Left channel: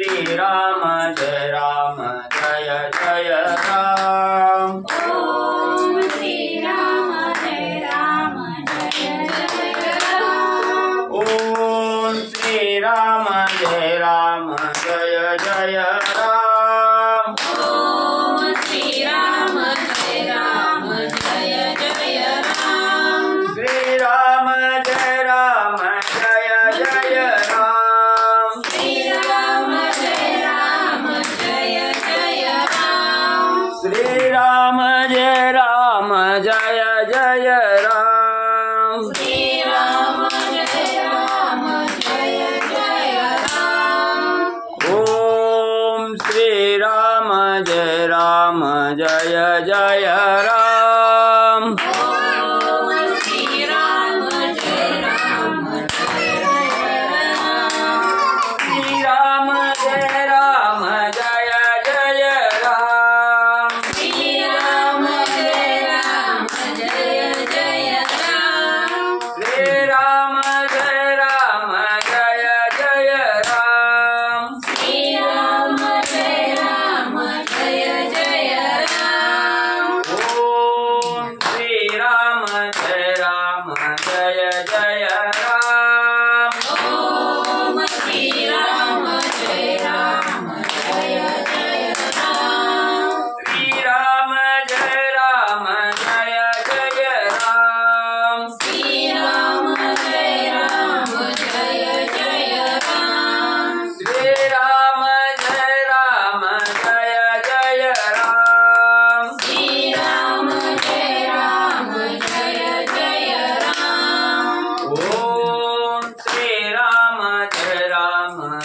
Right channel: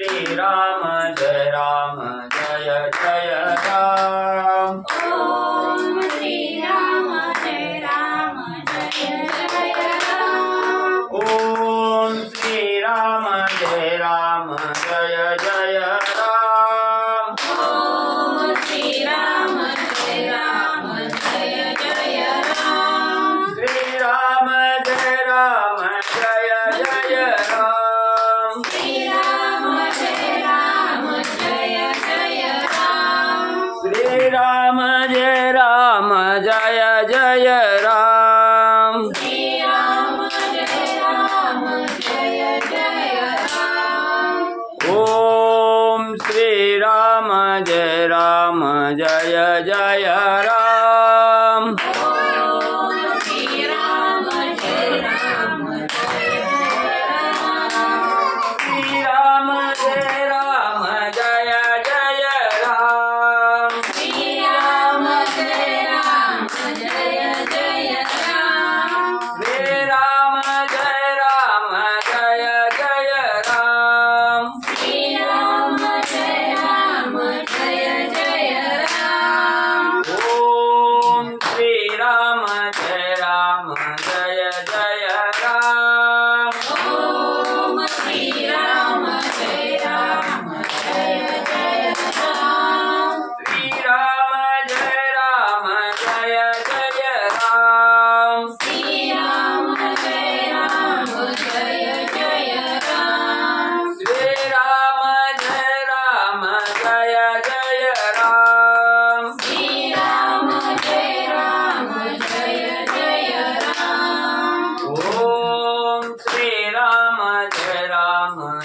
श्री राम जय जय राम। ओम श्री राम जय जय राम। ओम श्री राम जय जय राम। ओम श्री राम जय जय राम। श्री राम जय जय राम। श्री राम जय जय राम। श्री राम जय जय राम। श्री राम जय जय राम। ओम श्री राम जय जय राम। ओम श्री राम जय जय राम। श्री राम जय जय राम। श्री राम जय जय राम। श्री राम जय जय राम। श्री राम जय जय राम। ओम श्री राम जय जय राम। ओम श्री राम जय जय राम। श्री राम जय जय राम। श्री राम जय जय राम। श्री राम जय जय राम। श्री राम जय जय राम। ओम श्री राम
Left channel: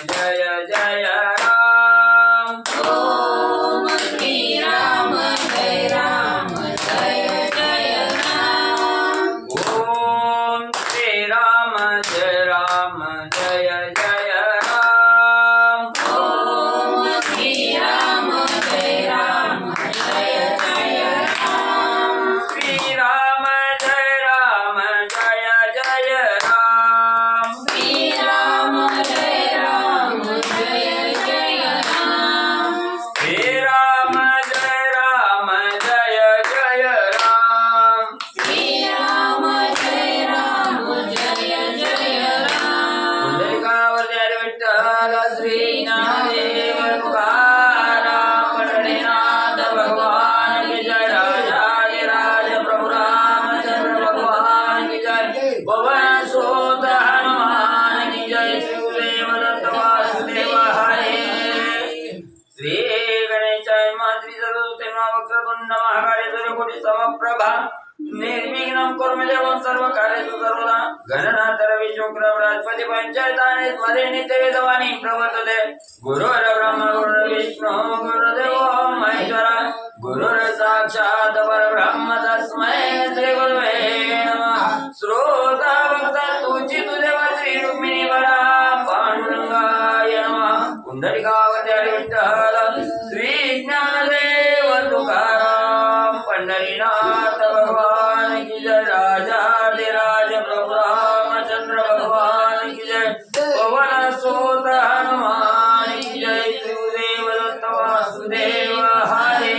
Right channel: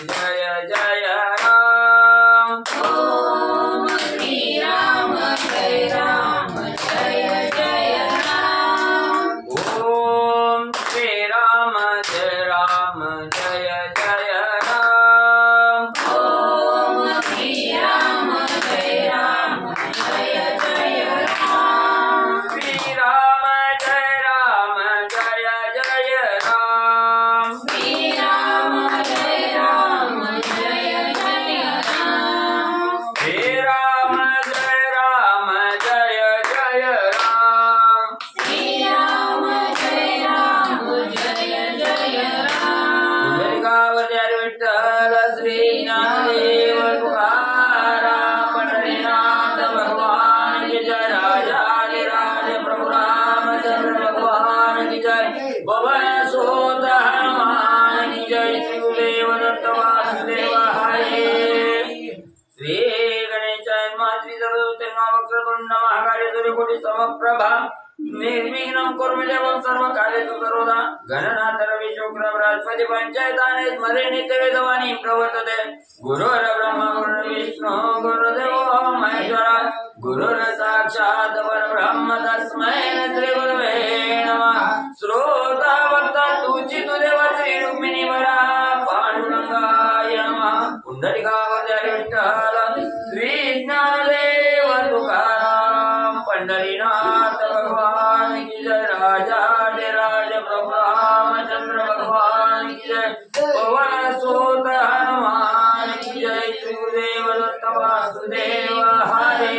जय जय राम। ओम श्री राम जय जय राम। ओम श्री राम जय जय राम। ओम श्री राम जय जय राम। श्री राम जय जय राम। श्री राम जय जय राम। श्री राम जय जय राम। श्री राम जय जय राम। पुंडलिकावरती हरी विठ्ठल श्री ज्ञानदेव तुकाराम पंढरीनाथ भगवान की जय। राजाधिराज प्रभु रामचंद्र भगवान की जय। पवन सुत हनुमान की जय। श्री गुरुदेव दत्त वासुदेव हरे। श्री गणेशाय मातृ सर्वोत्तम वक्रतुंड महाकाय सूर्यकोटि समप्रभा निर्विघ्नं कुरु मे देवं सर्वकार्येषु सर्वदा। गणनाथ रविशुक्र बृहस्पति पंचायताने मध्ये नित्यवेदवाणी प्रवर्तते। गुरुर्ब्रह्मा गुरुर्विष्णु गुरुर्देवो महेश्वरा। गुरुर् साक्षात् परब्रह्म तस्मै श्री गुरवे नमः। श्रोता भक्ता तुझी देव श्री रुक्मिणी वरा पांडुरंगाय नमः। पुंडलिकावरती हरी विठ्ठल श्री ज्ञानदेव तुकाराम पंढरीनाथ भगवान की जय। राजाधिराज प्रभु रामचंद्र भगवान की जय। पवन सुत हनुमान की जय। श्री गुरुदेव दत्त वासुदेव हरे।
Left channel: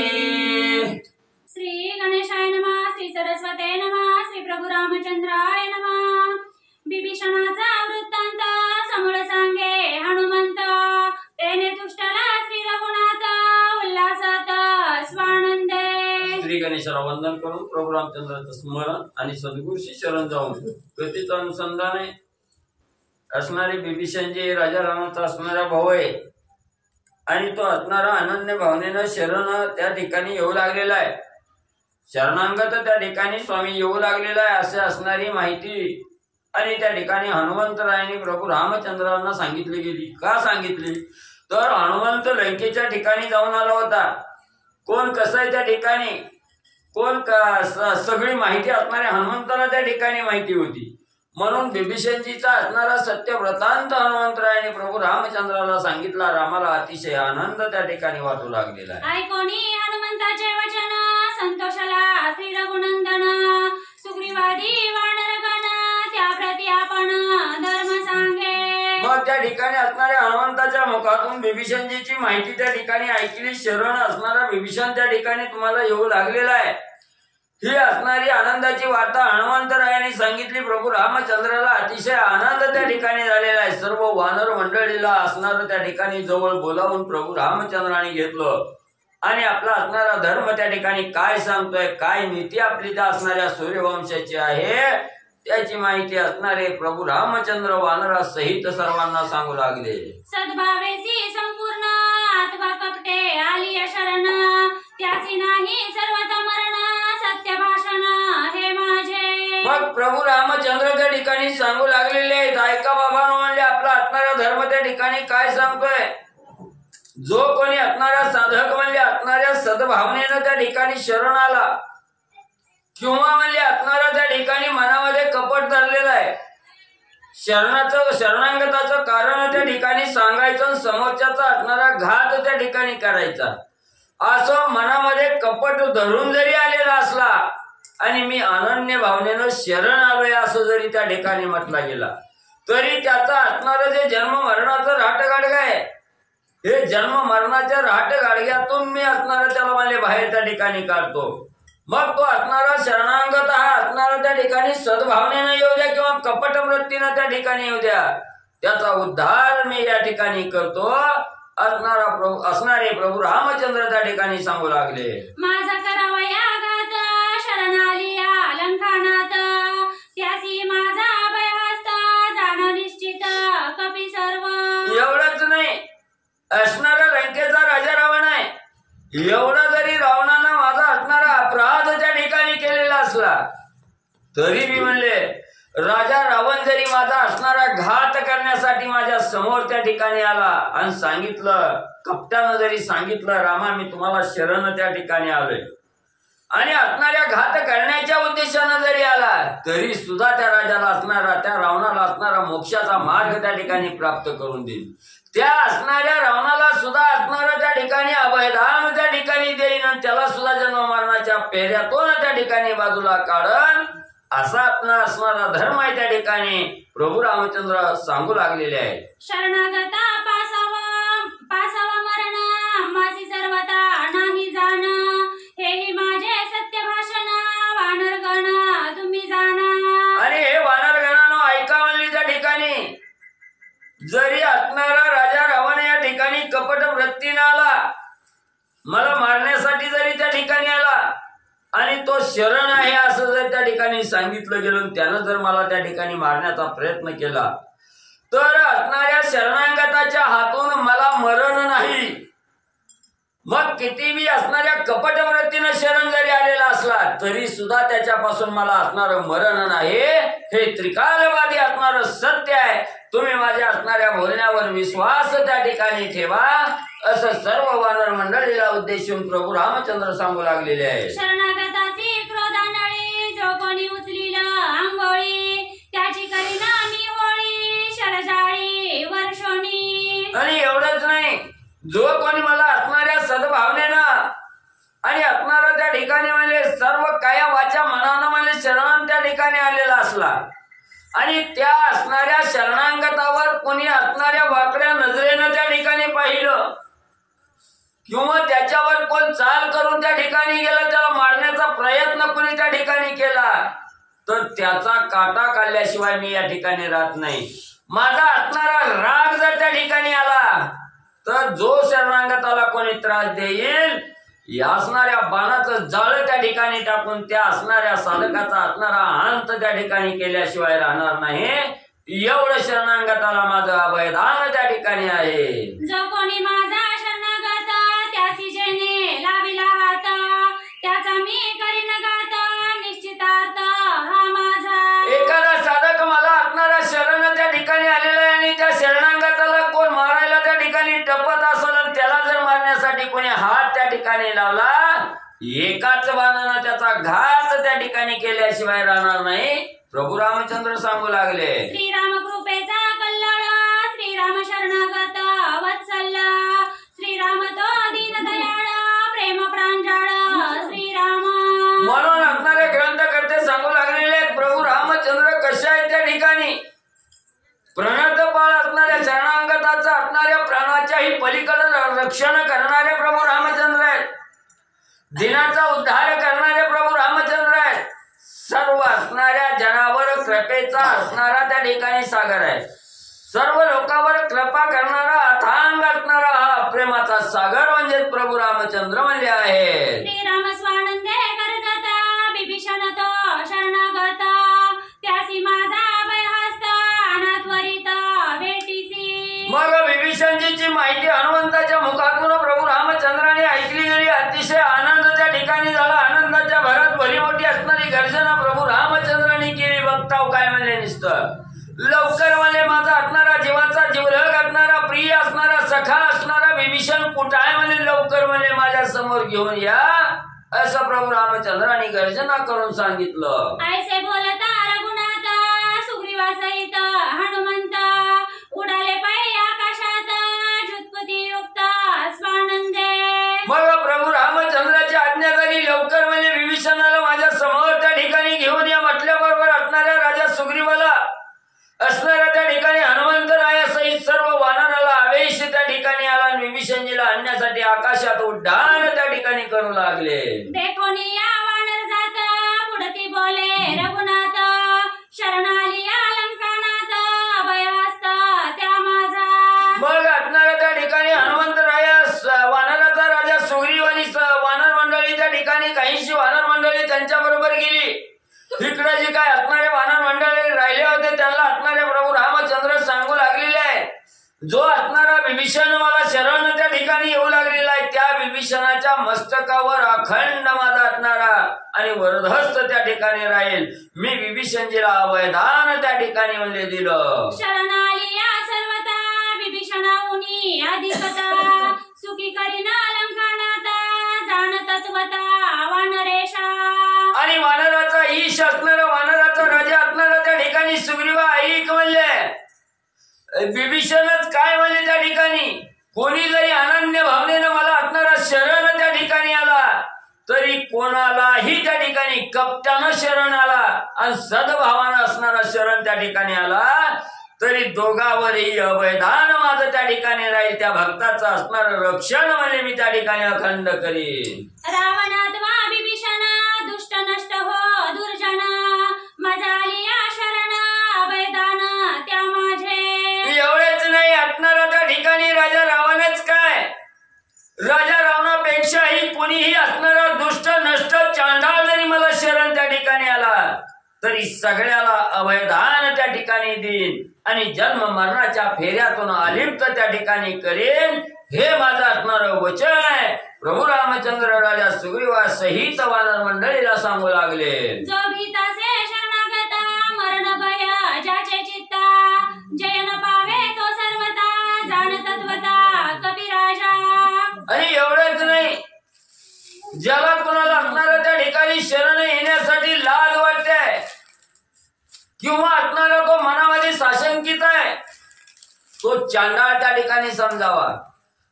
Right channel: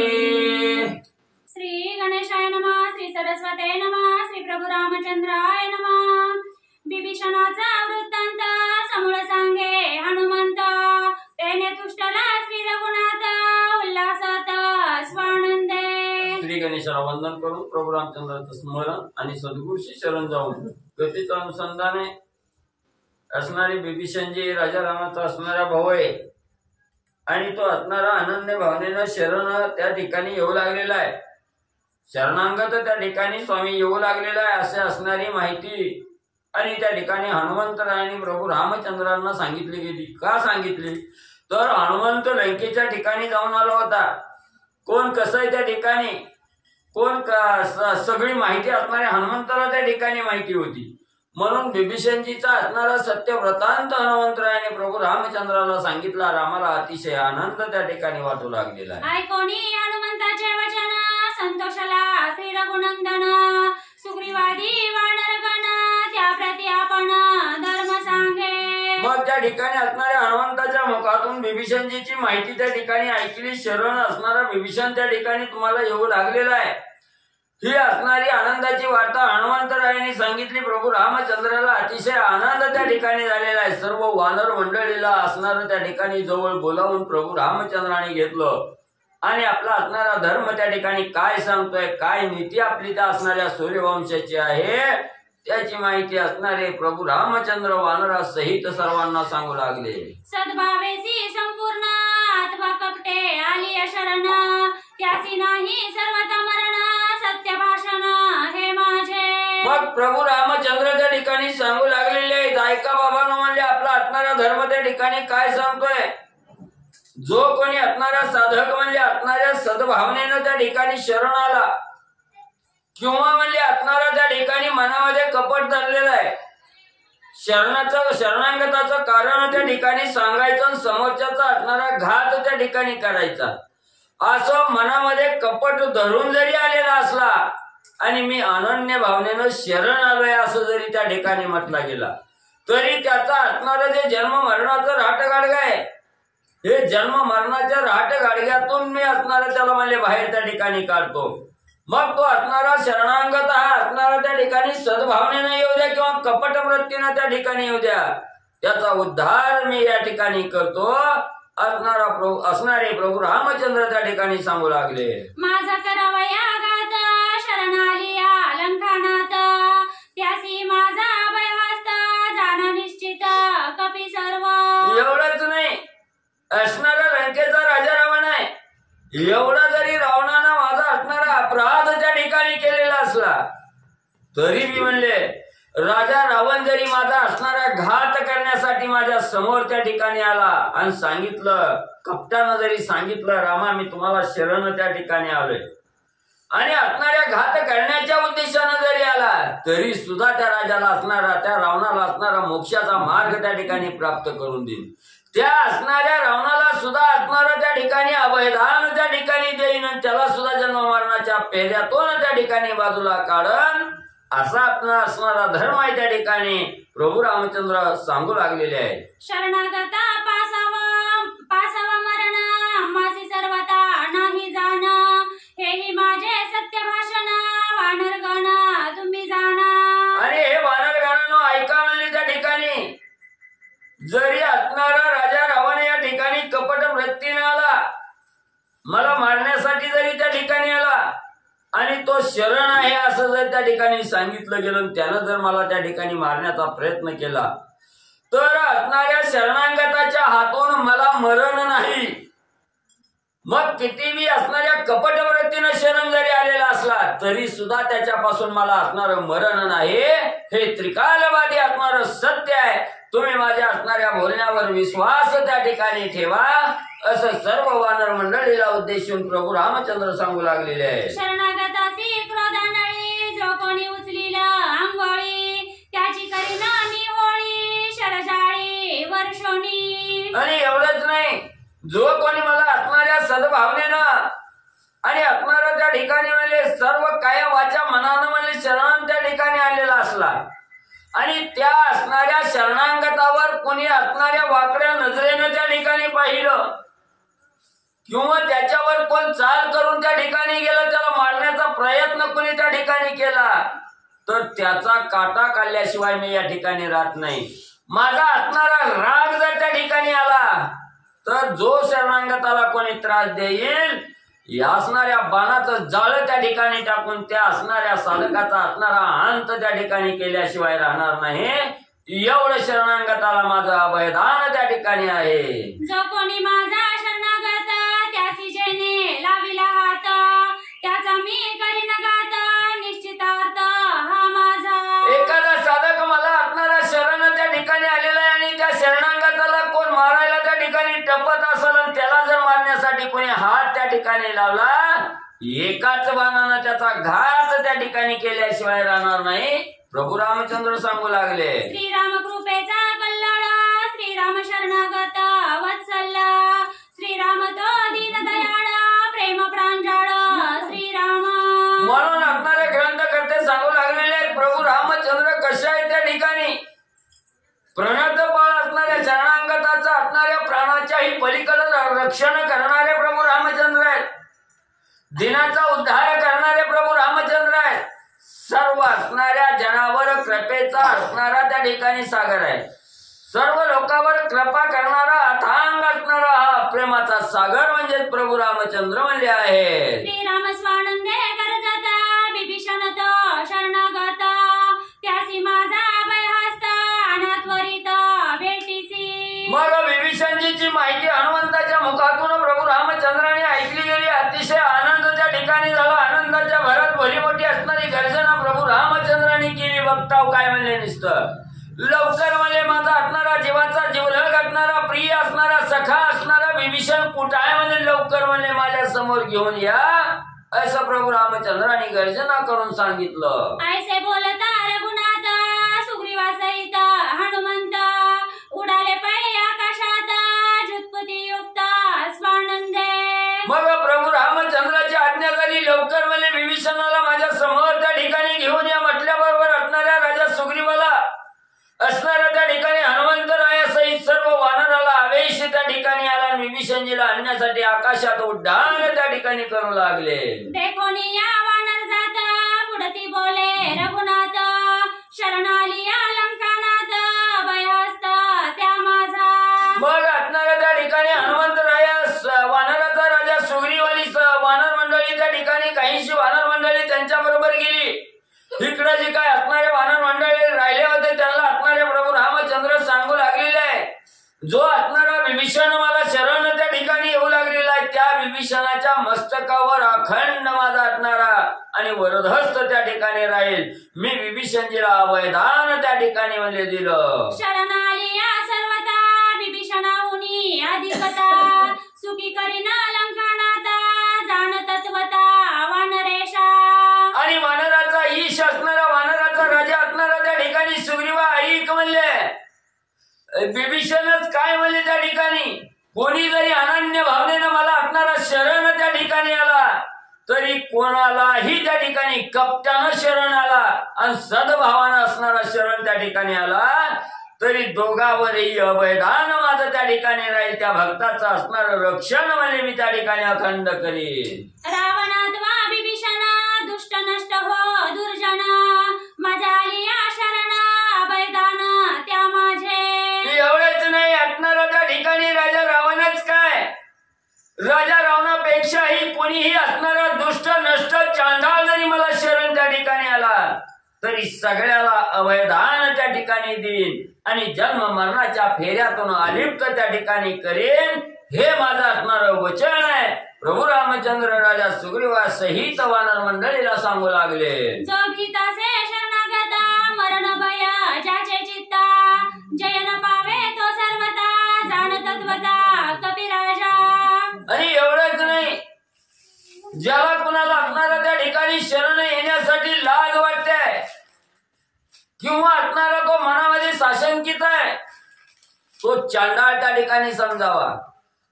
श्री गणेशाय नमः। श्री सरस्वते नमः। श्री प्रभु रामचंद्राय नमः। बिभीषणाचा वृत्तांत समूळ सांगे हनुमंत। तेने तुष्टला श्री रघुनाथ उल्हासात स्वानंदे। श्री गणेशाला वंदन करून प्रभू रामचंद्राचं स्मरण आणि सद्गुरूशी शरण जाऊन कथेचं अनुसंधान असणारे बिभीषण जे राजा रामाचा असणारा भाऊ आहे आणि तो असणारा अनन्य भावनेनं शरण त्या ठिकाणी येऊ लागलेला आहे। शरणांगत त्या ठिकाणी स्वामी येऊ लागलेला आहे असे असणारी माहिती आणि त्या ठिकाणी हनुमंतरायांनी प्रभू रामचंद्रांना सांगितली गेली। का सांगितली तर हनुमंत लंकेच्या ठिकाणी जाऊन आला होता। कोण कसं आहे त्या ठिकाणी कोण सगळी माहिती असणाऱ्या हनुमंताला त्या ठिकाणी माहिती होती। म्हणून बिभीषणजीचा असणारा सत्यव्रतांत हनुमंतरायाने प्रभू रामचंद्राला सांगितला। रामाला अतिशय आनंद त्या ठिकाणी वाटू लागलेला आहे। ऐकोनी हनुमंताचे वचन संतोषला श्री रघुनंदन। सुग्रीवादी वानरगण त्या प्रती आपण धर्म सांगे। मग त्या ठिकाणी असणाऱ्या हनुमंताच्या मुखातून बिभीषणजीची माहिती त्या ठिकाणी ऐकली. शरण असणारा बिभीषण त्या ठिकाणी तुम्हाला येऊ लागलेला आहे. ही असणारी आनंदाची वार्ता हनुमंतरायांनी सांगितली. प्रभू रामचंद्राला अतिशय आनंद त्या ठिकाणी झालेला आहे. सर्व वानर मंडळीला असणारं त्या ठिकाणी जवळ बोलावून प्रभू रामचंद्राने घेतलं आणि आपला असणारा धर्म त्या ठिकाणी काय सांगतोय, काय नीती आपली त्या असणाऱ्या सूर्यवंशाची आहे त्याची माहिती असणारे प्रभू रामचंद्र वानरा सहित सर्वांना सांगू लागले. सद्भावेसी संपूर्ण अथवा कपटे आली शरण, त्याची नाही सर्वथा मरण, सत्य भाषण हे माझे. मग प्रभू रामचंद्र त्या ठिकाणी सांगू लागलेले आहेत. ऐका बाबांनो, म्हणले आपला असणारा धर्म त्या ठिकाणी काय सांगतोय. जो कोणी असणारा साधक म्हणले असणाऱ्या सद्भावनेनं त्या ठिकाणी शरण आला किंवा म्हणले असणारा त्या ठिकाणी मनामध्ये कपट धरलेलं आहे, शरणागताचं कारण त्या ठिकाणी सांगायचं, समोरच्याचा असणारा घात त्या ठिकाणी करायचा, असं मनामध्ये कपट धरून जरी आलेला असला आणि मी अनन्य भावनेनं शरण आलोय असं जरी त्या ठिकाणी म्हटला गेला तरी त्याचा असणारं जे जन्म मरणाचं राटगाडगा आहे, हे जन्म मरणाच्या राटगाडग्यातून मी असणारा त्याला म्हणले बाहेर त्या ठिकाणी काढतो. मग तो असणारा शरणांगत हा असणारा त्या ठिकाणी सद्भावनेनं येऊ द्या किंवा कपट वृत्तीनं त्या ठिकाणी येऊ द्या, त्याचा उद्धार मी या ठिकाणी करतो असणारे प्रभू रामचंद्र त्या ठिकाणी सांगू लागले. माझा करावया घात शरण आली अलंकानात, त्यासी माझा अभयहस्त जाण निश्चित कपी सर्व. एवढंच नाही, असणारा लंकेचा राजा रावण आहे, एवढा जरी रावणानं माझा असणारा अपराध त्या ठिकाणी केलेला असला तरी मी म्हणले राजा रावण जरी माझा असणारा घात करण्यासाठी माझ्या समोर त्या ठिकाणी आला आणि सांगितलं, कपटानं जरी सांगितलं रामा मी तुम्हाला शरण त्या ठिकाणी आलोय आणि असणाऱ्या घात करण्याच्या उद्देशानं जरी आला तरी सुद्धा त्या राजाला असणारा, त्या रावणाला असणारा मोक्षाचा मार्ग त्या ठिकाणी प्राप्त करून देईन. त्या असणाऱ्या रावणाला सुद्धा असणारं त्या ठिकाणी अभयदान त्या ठिकाणी देईन आणि त्याला सुद्धा जन्म मरणाच्या पेऱ्यातून त्या ठिकाणी बाजूला काढन, असा आपला असणारा धर्म आहे त्या ठिकाणी प्रभू रामचंद्र सांगू लागलेले आहे. शरणागता पासावा मरण, माझी सर्वता नाही जाण, हेही माझे सत्य भाषण वानरगण तुम्ही जाणा. आणि हे वानरगणांनो ऐका म्हणली त्या ठिकाणी जरी असणारा राजा रावण या ठिकाणी कपट वृत्तीने आला, मला मारण्यासाठी जरी त्या ठिकाणी आला आणि तो शरण आहे असं जर त्या ठिकाणी सांगितलं गेलं, त्यानं जर मला त्या ठिकाणी मारण्याचा प्रयत्न केला तर असणाऱ्या शरणांगताच्या हातून मला मरण नाही. मग किती बी असणाऱ्या कपट वृत्तीनं शरण जरी आलेला असला तरी सुद्धा त्याच्यापासून मला असणारं मरण नाही. हे त्रिकालवादी असणारं सत्य आहे. तुम्ही माझ्या असणाऱ्या बोलण्यावर विश्वास त्या ठिकाणी ठेवा, असं सर्व वानर मंडळीला उद्देशून प्रभू रामचंद्र सांगू लागलेले आहे. शरणागताची क्रोधानळी जो कोणी उचलील आंघोळी, त्याची करीना मी होळी शरजाळी वर्षोनी. आणि एवढंच नाही, जो कोणी मला असणाऱ्या सद्भावनेनं आणि असणारा त्या ठिकाणी म्हणजे सर्व काया वाचा मनानं म्हणजे शरण त्या ठिकाणी आलेला असला आणि त्या असणाऱ्या शरणांगतावर कोणी असणाऱ्या वाकड्या नजरेनं त्या ठिकाणी पाहिलं किंवा त्याच्यावर कोण चाल करून त्या ठिकाणी गेलं, त्याला मारण्याचा प्रयत्न कोणी त्या ठिकाणी केला तर त्याचा काटा काढल्याशिवाय मी या ठिकाणी राहत नाही. माझा असणारा राग जर त्या ठिकाणी आला तर जो शरणांगताला कोणी त्रास देईल या असणाऱ्या बाणाचं जाळं त्या ठिकाणी टाकून त्या असणाऱ्या साधकाचा असणारा अंत त्या ठिकाणी केल्याशिवाय राहणार नाही. एवढं शरणांगताला माझं अभयदान त्या ठिकाणी आहे. जो कोणी माझा शरणागत त्यासी जेणे लाविला हात, त्याचा मी करीन घात निश्चितार्थ हा माझा. एखादा साधक मला असणारा शरण त्या ठिकाणी आलेला आहे आणि त्या शरणांगताला कोण मारायला त्या ठिकाणी टपत असेल आणि त्याला जर मारण्यासाठी कोणी हात त्या ठिकाणी लावला, एकाच बाणानं त्याचा घात त्या ठिकाणी केल्याशिवाय राहणार नाही. प्रभू रामचंद्र सांगू लागले. श्रीराम कृपेचा कल्लाळ, श्रीराम शरणागत वत्सल, श्रीराम तो दीनदयाळ प्रेम प्रांजळ श्रीराम. म्हणून असणारे ग्रंथकर्ते सांगू लागलेले प्रभू रामचंद्र कशा आहेत त्या ठिकाणी प्रणतपाळ असणाऱ्या शरणागताचा असणाऱ्या प्राणाच्याही पलीकडे रक्षण करणारे प्रभू रामचंद्र आहेत. दिनाचा उद्धार करणारे प्रभू रामचंद्र आहेत. सर्व असणाऱ्या जनावर कृपेचा असणारा त्या ठिकाणी सागर आहे. सर्व लोकांवर कृपा करणारा अथांग असणारा हा प्रेमाचा सागर म्हणजे प्रभू रामचंद्र म्हणले आहे. श्रीराम स्वानंदे करजाता बिभीषण तो शरणागत त्यासी माझा अभयहस्त अनात्वरित भेटीसी. मग विभीषणजीची माहिती हनुमंताच्या मुखातून प्रभू रामचंद्राने ऐकली गेली. अतिशय आनंद त्या ठिकाणी झाला. आनंदाच्या भरात भली मोठी असणारी गर्जना प्रभू रामचंद्राने केली. बघताव काय म्हणले नुसतं लवकर म्हणले माझा असणारा जीवाचा जीवलग असणारा प्रिय असणारा सखा असणारा विभीषण कुठं आहे म्हणले लवकर म्हणले माझ्या समोर घेऊन या असं प्रभू रामचंद्राने गर्जना करून सांगितलं. ऐसे बोलता रघुनाथ सुग्रीवासहित हनुमंत उडाले पै आकाशात जुत्पती युक्त स्वानंदे. मग प्रभू रामचंद्राची आज्ञा झाली. लवकर म्हणजे विभीषणाला माझ्या समोर त्या ठिकाणी घेऊन या म्हटल्याबरोबर असणाऱ्या राजा सुग्रीवाला असणाऱ्या त्या ठिकाणी हनुमंतरायासहित सर्व वानराला आवेश त्या ठिकाणी आला. विभीषणजीला आणण्यासाठी आकाशात उड्डाण त्या ठिकाणी करू लागले. देखोनी या वानर जात पुढती बोले रघुनाथ शरणाली या लंकानाथ अभयहस्त त्या माझा. मग असणाऱ्या त्या ठिकाणी हनुमंतरायास वानराचा राजा सुग्रीवाली वानर मंडळी त्या ठिकाणी काहीशी वानर मंडळी त्यांच्या बरोबर गेली. इकडे जे काय असणारे वानर मंडळी राहिले होते त्यांना असणारे प्रभू रामचंद्र सांगू लागलेले आहे जो असणारा विभीषण मला शरण त्या ठिकाणी येऊ लागलेला आहे त्या विभीषणाच्या मस्तकावर अखंड माझा असणारा आणि वरदहस्त त्या ठिकाणी राहील. मी विभीषणजीला अवयदान त्या ठिकाणी म्हणले दिलं. शरणाली या सर्वता विभीषणाहुनी अधिपता सुखी करीना लंकानाथा जाण तत्वता वानरेशा. आणि वानराचा ईश असणारा वानराचा राजा असणारा त्या ठिकाणी सुग्रीवा ऐक म्हणले विभीषणच काय म्हणले त्या ठिकाणी कोणी जरी अनन्य भावनेनं मला असणारा शरण त्या ठिकाणी आला तरी कोणालाही त्या ठिकाणी कपटानं शरण आला आणि सद्भावानं असणारा शरण त्या ठिकाणी आला तरी दोघावरही अवयदान माझं त्या ठिकाणी राहील. त्या भक्ताचं असणार रक्षण म्हणजे मी त्या ठिकाणी अखंड करीन. रावणात्वा विभीषण दुष्ट नष्ट हो दुर्जन मजा आली या शरण अभयदान त्या माझे. एवढेच नाही असणारा त्या ठिकाणी राजा रावणच काय राजा रावणापेक्षाही कोणीही असणारा दुष्ट नष्ट चांडाळ जरी मला शरण त्या ठिकाणी आला तरी सगळ्याला अभयदान त्या ठिकाणी देईन आणि जन्म मरणाच्या फेऱ्यातून अलिप्त त्या ठिकाणी करेन हे माझं असणार वचन आहे. प्रभू रामचंद्र राजा सुग्रीवा सहित वानर मंडळीला सांगू लागले. जो भीतासे शरणागता मरण भय ज्याचे चित्ता जयन पावे तो सर्वता जाण तत्वता कपिराजा. आणि एवढंच नाही ज्याला कुणाला असणारा त्या ठिकाणी शरण येण्यासाठी लाज वाटते किंवा असणारा तो मनामध्ये साशंकित आहे तो चांडाळ त्या ठिकाणी समजावा.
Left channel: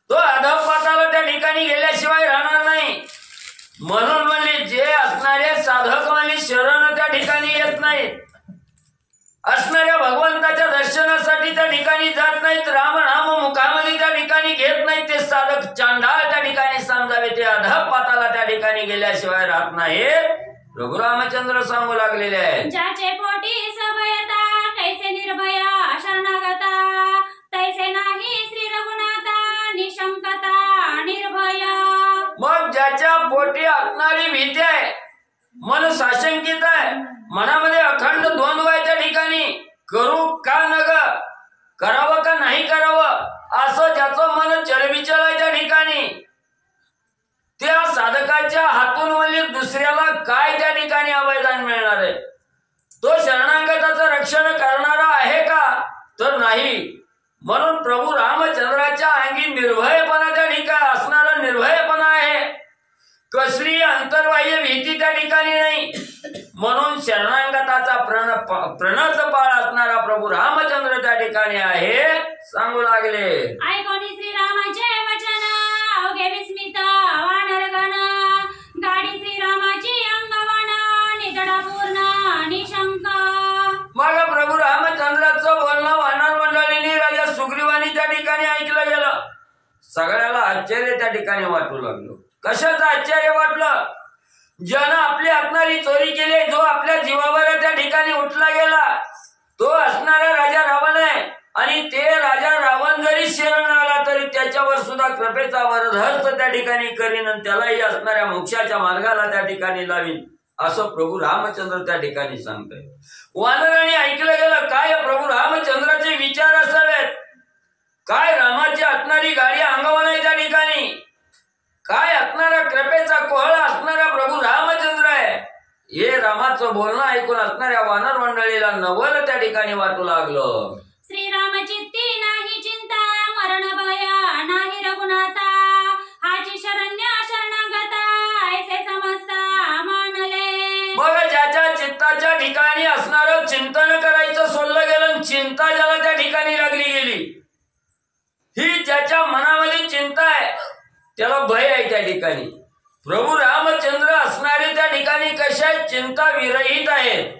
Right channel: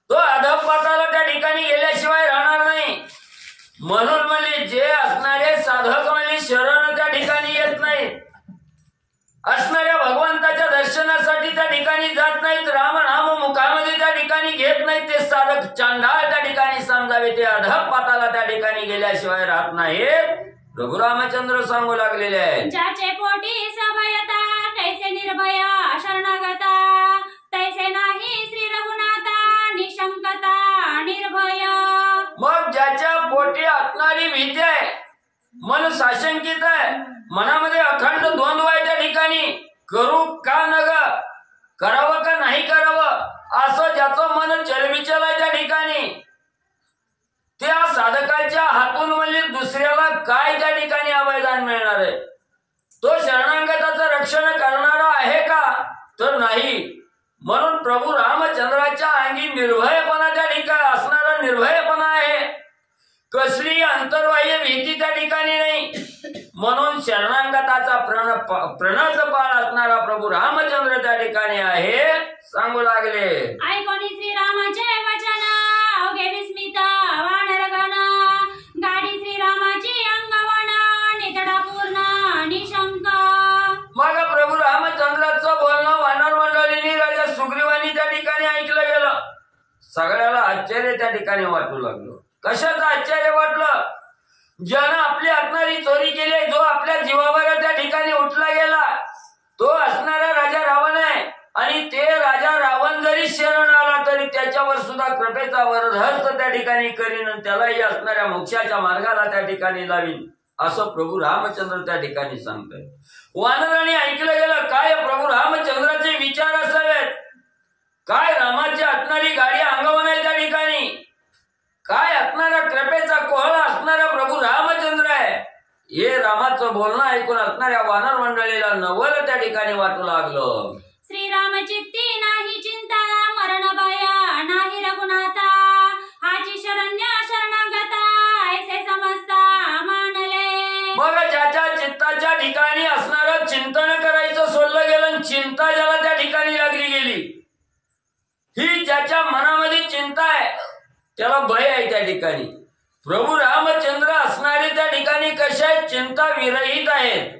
तो अधपाताला त्या ठिकाणी गेल्याशिवाय राहणार नाही. म्हणून म्हणले जे असणारे साधक म्हणले शरण त्या ठिकाणी येत नाहीत असणाऱ्या भगवंताच्या दर्शनासाठी त्या ठिकाणी जात नाहीत राम नाम मुखामध्ये त्या ठिकाणी घेत नाहीत ते साधक चांडाळ त्या ठिकाणी समजावे. ते अधपाताला त्या ठिकाणी गेल्याशिवाय राहत नाहीत प्रभू रामचंद्र सांगू लागलेले आहेत. ज्याचे पोटी सभयता कैसे निर्भय शरणागता तैसे नाही श्री रघुनाथा निशंकता निर्भय. मग ज्याच्या पोटी असणारी भीती आहे मन साशंकित आहे मनामध्ये अखंड द्वंद्व आहे त्या ठिकाणी करू का न ग करावं का नाही करावं असं ज्याचं मन चलबिचल आहे त्या ठिकाणी त्या साधकाच्या हातून म्हणजे दुसऱ्याला काय त्या ठिकाणी अवयदान मिळणार आहे. तो शरणागताचं रक्षण करणारा आहे का तर नाही. म्हणून प्रभू रामचंद्राच्या अंगी निर्भयपणा त्या ठिकाणी असणारा निर्भयपणा आहे. कसली अंतर्बाह्य भीती त्या ठिकाणी नाही. म्हणून शरणागताचा प्रणत पाळ असणारा प्रभू रामचंद्र त्या ठिकाणी आहे सांगू लागले. ऐकोनी श्रीरामाचे वचन अवघे विस्मित वानरगण गाडी श्रीरामाची अंगवण नितडा पूर्ण निशंक. मग प्रभू रामचंद्राचं बोलणं वानर मंडळींनी राजा सुग्रीवानी त्या ठिकाणी ठिकाणी ऐकलं गेलं. सगळ्याला आश्चर्य त्या ठिकाणी वाटू लागलं. कशाचं आश्चर्य वाटलं? ज्यानं आपली असणारी चोरी केली, जो आपल्या जीवावर त्या ठिकाणी उठला गेला, तो असणारा राजा रावण आहे. आणि ते राजा रावण जरी शरण आला तरी त्याच्यावर सुद्धा कृपेचा वरदहस्त त्या ठिकाणी करीन आणि त्यालाही असणाऱ्या मोक्षाच्या मार्गाला त्या ठिकाणी लावीन, असं प्रभू रामचंद्र त्या ठिकाणी सांगताय. वानरांनी ऐकलं गेलं काय प्रभू रामचंद्राचे विचार असावेत, काय रामाची असणारी गाडी अंगावर आहे त्या ठिकाणी, काय असणारा कृपेचा कोहळा असणारा प्रभू रामचंद्र आहे. हे रामाचं बोलणं ऐकून असणाऱ्या वानर मंडळीला नवल त्या ठिकाणी वाटू लागलं. श्रीराम चित्ती नाही चिंता, मरण भय नाही रघुनाथा, हाची शरण्य शरणागता, ऐसे समजता मानले. मग ज्याच्या चित्ताच्या ठिकाणी असणारं चिंतन करायचं सोडलं गेलं, चिंता ज्याला त्या ठिकाणी लागली गेली, ही ज्याच्या मनामध्ये चिंता आहे त्याला भय आहे त्या ठिकाणी. प्रभू रामचंद्र असणारे त्या ठिकाणी कशा चिंता विरहित आहेत.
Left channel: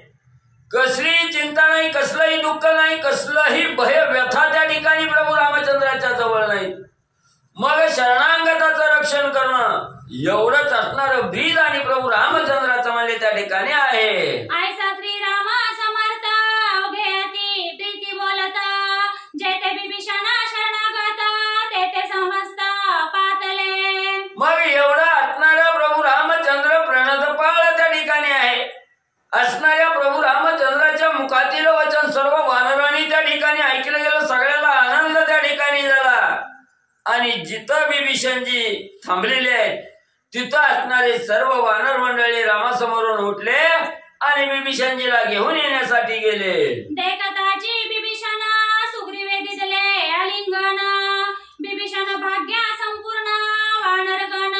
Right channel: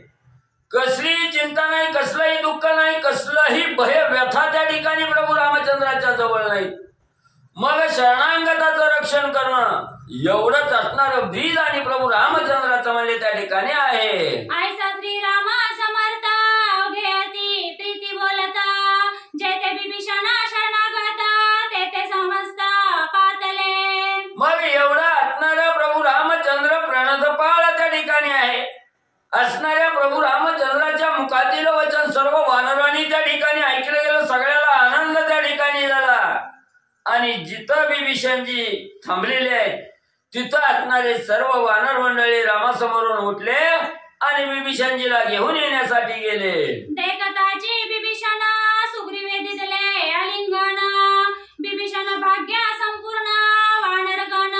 कसलीही चिंता नाही, कसलंही दुःख नाही, कसलंही भय व्यथा त्या ठिकाणी प्रभू रामचंद्राच्या जवळ नाही. मग शरणांगताचं रक्षण करणं एवढंच असणारं ब्रीद आणि प्रभू रामचंद्राचं म्हणजे त्या ठिकाणी आहे. ऐसा श्रीराम समर्थ घेती प्रीती बोलता, जेथे विभीषण शरणागता, तेथे समजता पातले. मग एवढा असणारा प्रभू रामचंद्र प्रणतपाळ त्या ठिकाणी आहे. असणाऱ्या प्रभू रामचंद्राच्या मुखातील वचन सर्व वानरांनी त्या ठिकाणी ऐकलं गेलं. सगळ्याला आनंद त्या ठिकाणी झाला. आणि जिथं विभीषणजी थांबलेले आहेत तिथं असणारे सर्व वानर मंडळी रामासमोरून उठले आणि विभीषणजीला घेऊन येण्यासाठी गेले. देखताची विभीषण सुग्रीवे दिदले आलिंगन, विभीषण भाग्य संपूर्ण वानरगण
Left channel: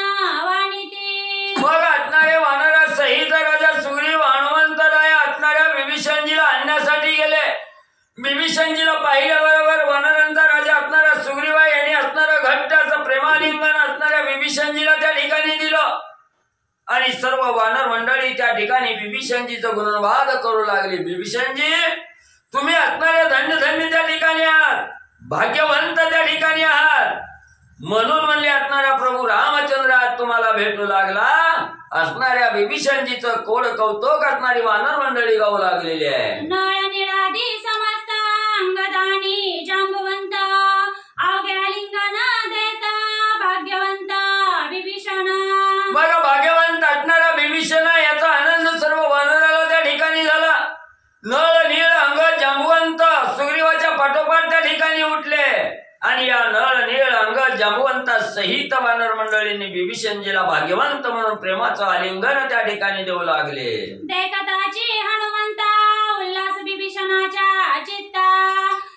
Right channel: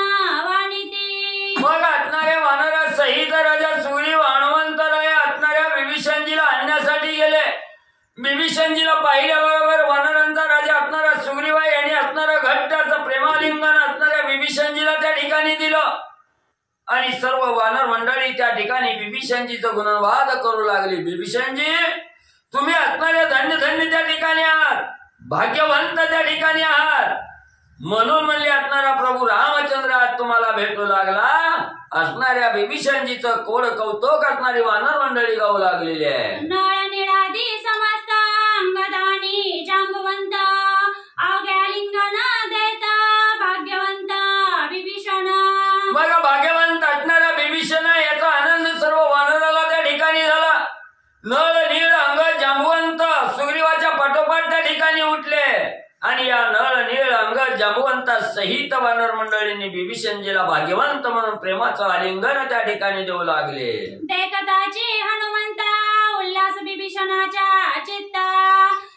वाणिती. मग असणारे वानरा सहित राजा सुग्रीव हनुमंतराय असणाऱ्या विभीषणजीला आणण्यासाठी गेले. विभीषणजीला पाहिल्याबरोबर वानरांचा राजा असणारा सुग्रीवा यांनी असणारं घट्ट असं प्रेमालिंगन असणाऱ्या विभीषणजीला त्या ठिकाणी दिलं. आणि सर्व वानर मंडळी त्या ठिकाणी विभीषणजीचं गुणवाद करू लागली. विभीषणजी तुम्ही असणारे धन्य धन्य त्या ठिकाणी आहात, भाग्यवंत त्या ठिकाणी आहात. म्हणून म्हणले असणारा प्रभू रामचंद्र आज तुम्हाला भेटू लागला. असणाऱ्या विभीषणजीचं कोड कौतुक असणारी वानर मंडळी गाऊ लागलेली आहे. नळ निळादी समस्त अंगदानी जांबवंत, अवघ्या लिंगन देता भाग्यवंत विभीषण. मग भाग्यवंत असणारा विभीषण याचा आनंद सर्व वानराला त्या ठिकाणी झाला. नळ नीळ अंग जांबवंत सुग्रीवाच्या पाठोपाठ त्या ठिकाणी उठले. आणि या नळ नीळ अंग जांबवंता सहित वानर मंडळींनी विभीषणजीला भाग्यवंत म्हणून प्रेमाचं आलिंगन त्या ठिकाणी देऊ लागले. देखताची हनुमंता उल्हास विभीषणाच्या चित्ता,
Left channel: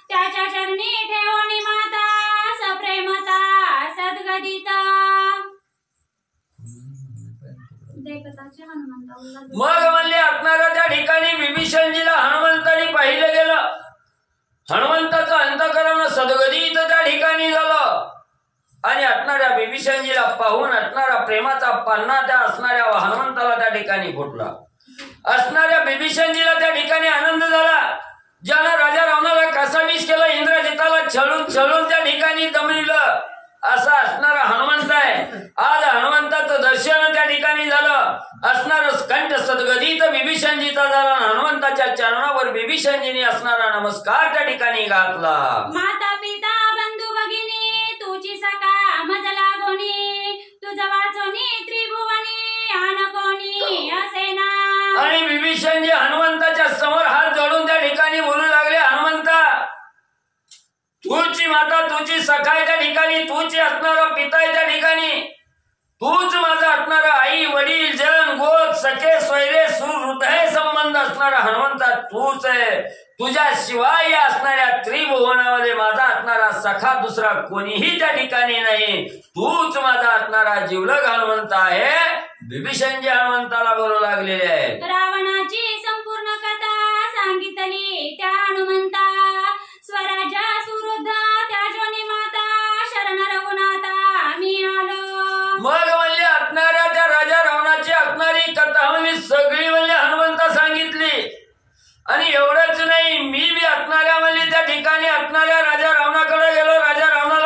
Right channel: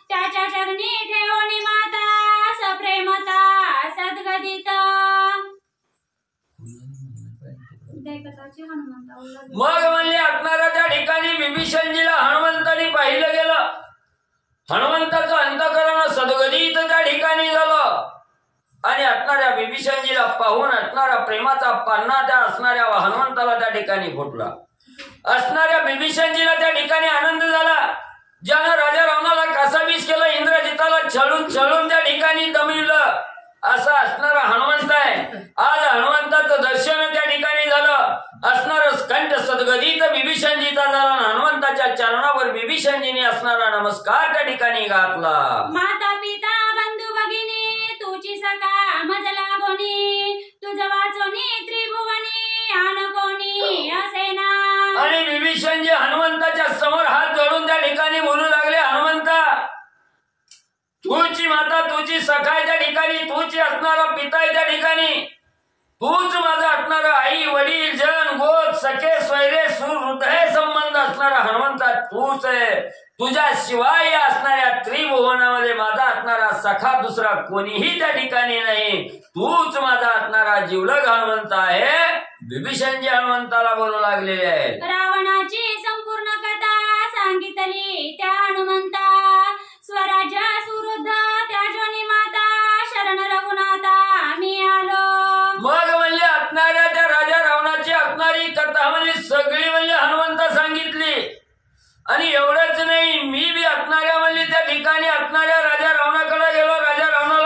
त्याच्या चरणी ठेवणी माता सप्रेमता सद्गदित. देखताची हनुमंता उल्हास. मग म्हणले असणारा त्या ठिकाणी विभीषणजीला हनुमंतानी पाहिलं गेलं. हनुमंताचं अंतःकरण सद्गदित त्या ठिकाणी झालं. आणि असणाऱ्या विभीषणजीला पाहून असणारा प्रेमाचा पान्हा त्या असणाऱ्या हनुमंताला त्या ठिकाणी फुटला. असणाऱ्या विभीषणजीला त्या ठिकाणी आनंद झाला. ज्यानं राजा रावणाला कासावीस केलं, इंद्रजिताला छळून छळून त्या ठिकाणी दमविलं, असा असणारा हनुमंत आहे. आज हनुमंताचं दर्शन त्या ठिकाणी झालं. असणार कंठ सद्गदित विभीषणजीचा झाला. हनुमंताच्या चरणावर विभीषणजीने असणारा नमस्कार त्या ठिकाणी घातला. माता पिता बंधू भगिनी तुझी सखा मज लागोनी, तुझ वाचोनी त्रिभुवनी आन कोणी असे ना. आणि विभीषणजी हनुमंताच्या समोर हात जोडून त्या ठिकाणी बोलू लागले, हनुमंता तूची माता तुझी सखा आहे त्या ठिकाणी, तूची असणारा पिता आहे त्या ठिकाणी, तूच माझा असणारा आई वडील जन गोत सखे स्वैरे सुहृदय संबंध असणारा हनुमंता तूच आहे. तुझ्या शिवाय या असणाऱ्या त्रिभुवनामध्ये माझा असणारा सखा दुसरा कोणीही त्या ठिकाणी नाही. तूच माझा असणारा जीवलग हनुमंत आहे. विभीषणजी हनुमंताला बोलू लागलेले आहे. रावणाची संपूर्ण कथा सांगितली त्या हनुमंता, स्वराज्य सुरुद्ध त्या जोनी माता शरण रघुनाथा मी आलो. मग म्हणले असणाऱ्या त्या राजा रावणाची असणारी कथा म्हणजे सगळी म्हणले हनुमंता सांगितली. आणि एवढंच नाही, मी बी असणाऱ्या म्हणजे त्या ठिकाणी असणाऱ्या राजा रावणाकडे गेलो. राजा रावणा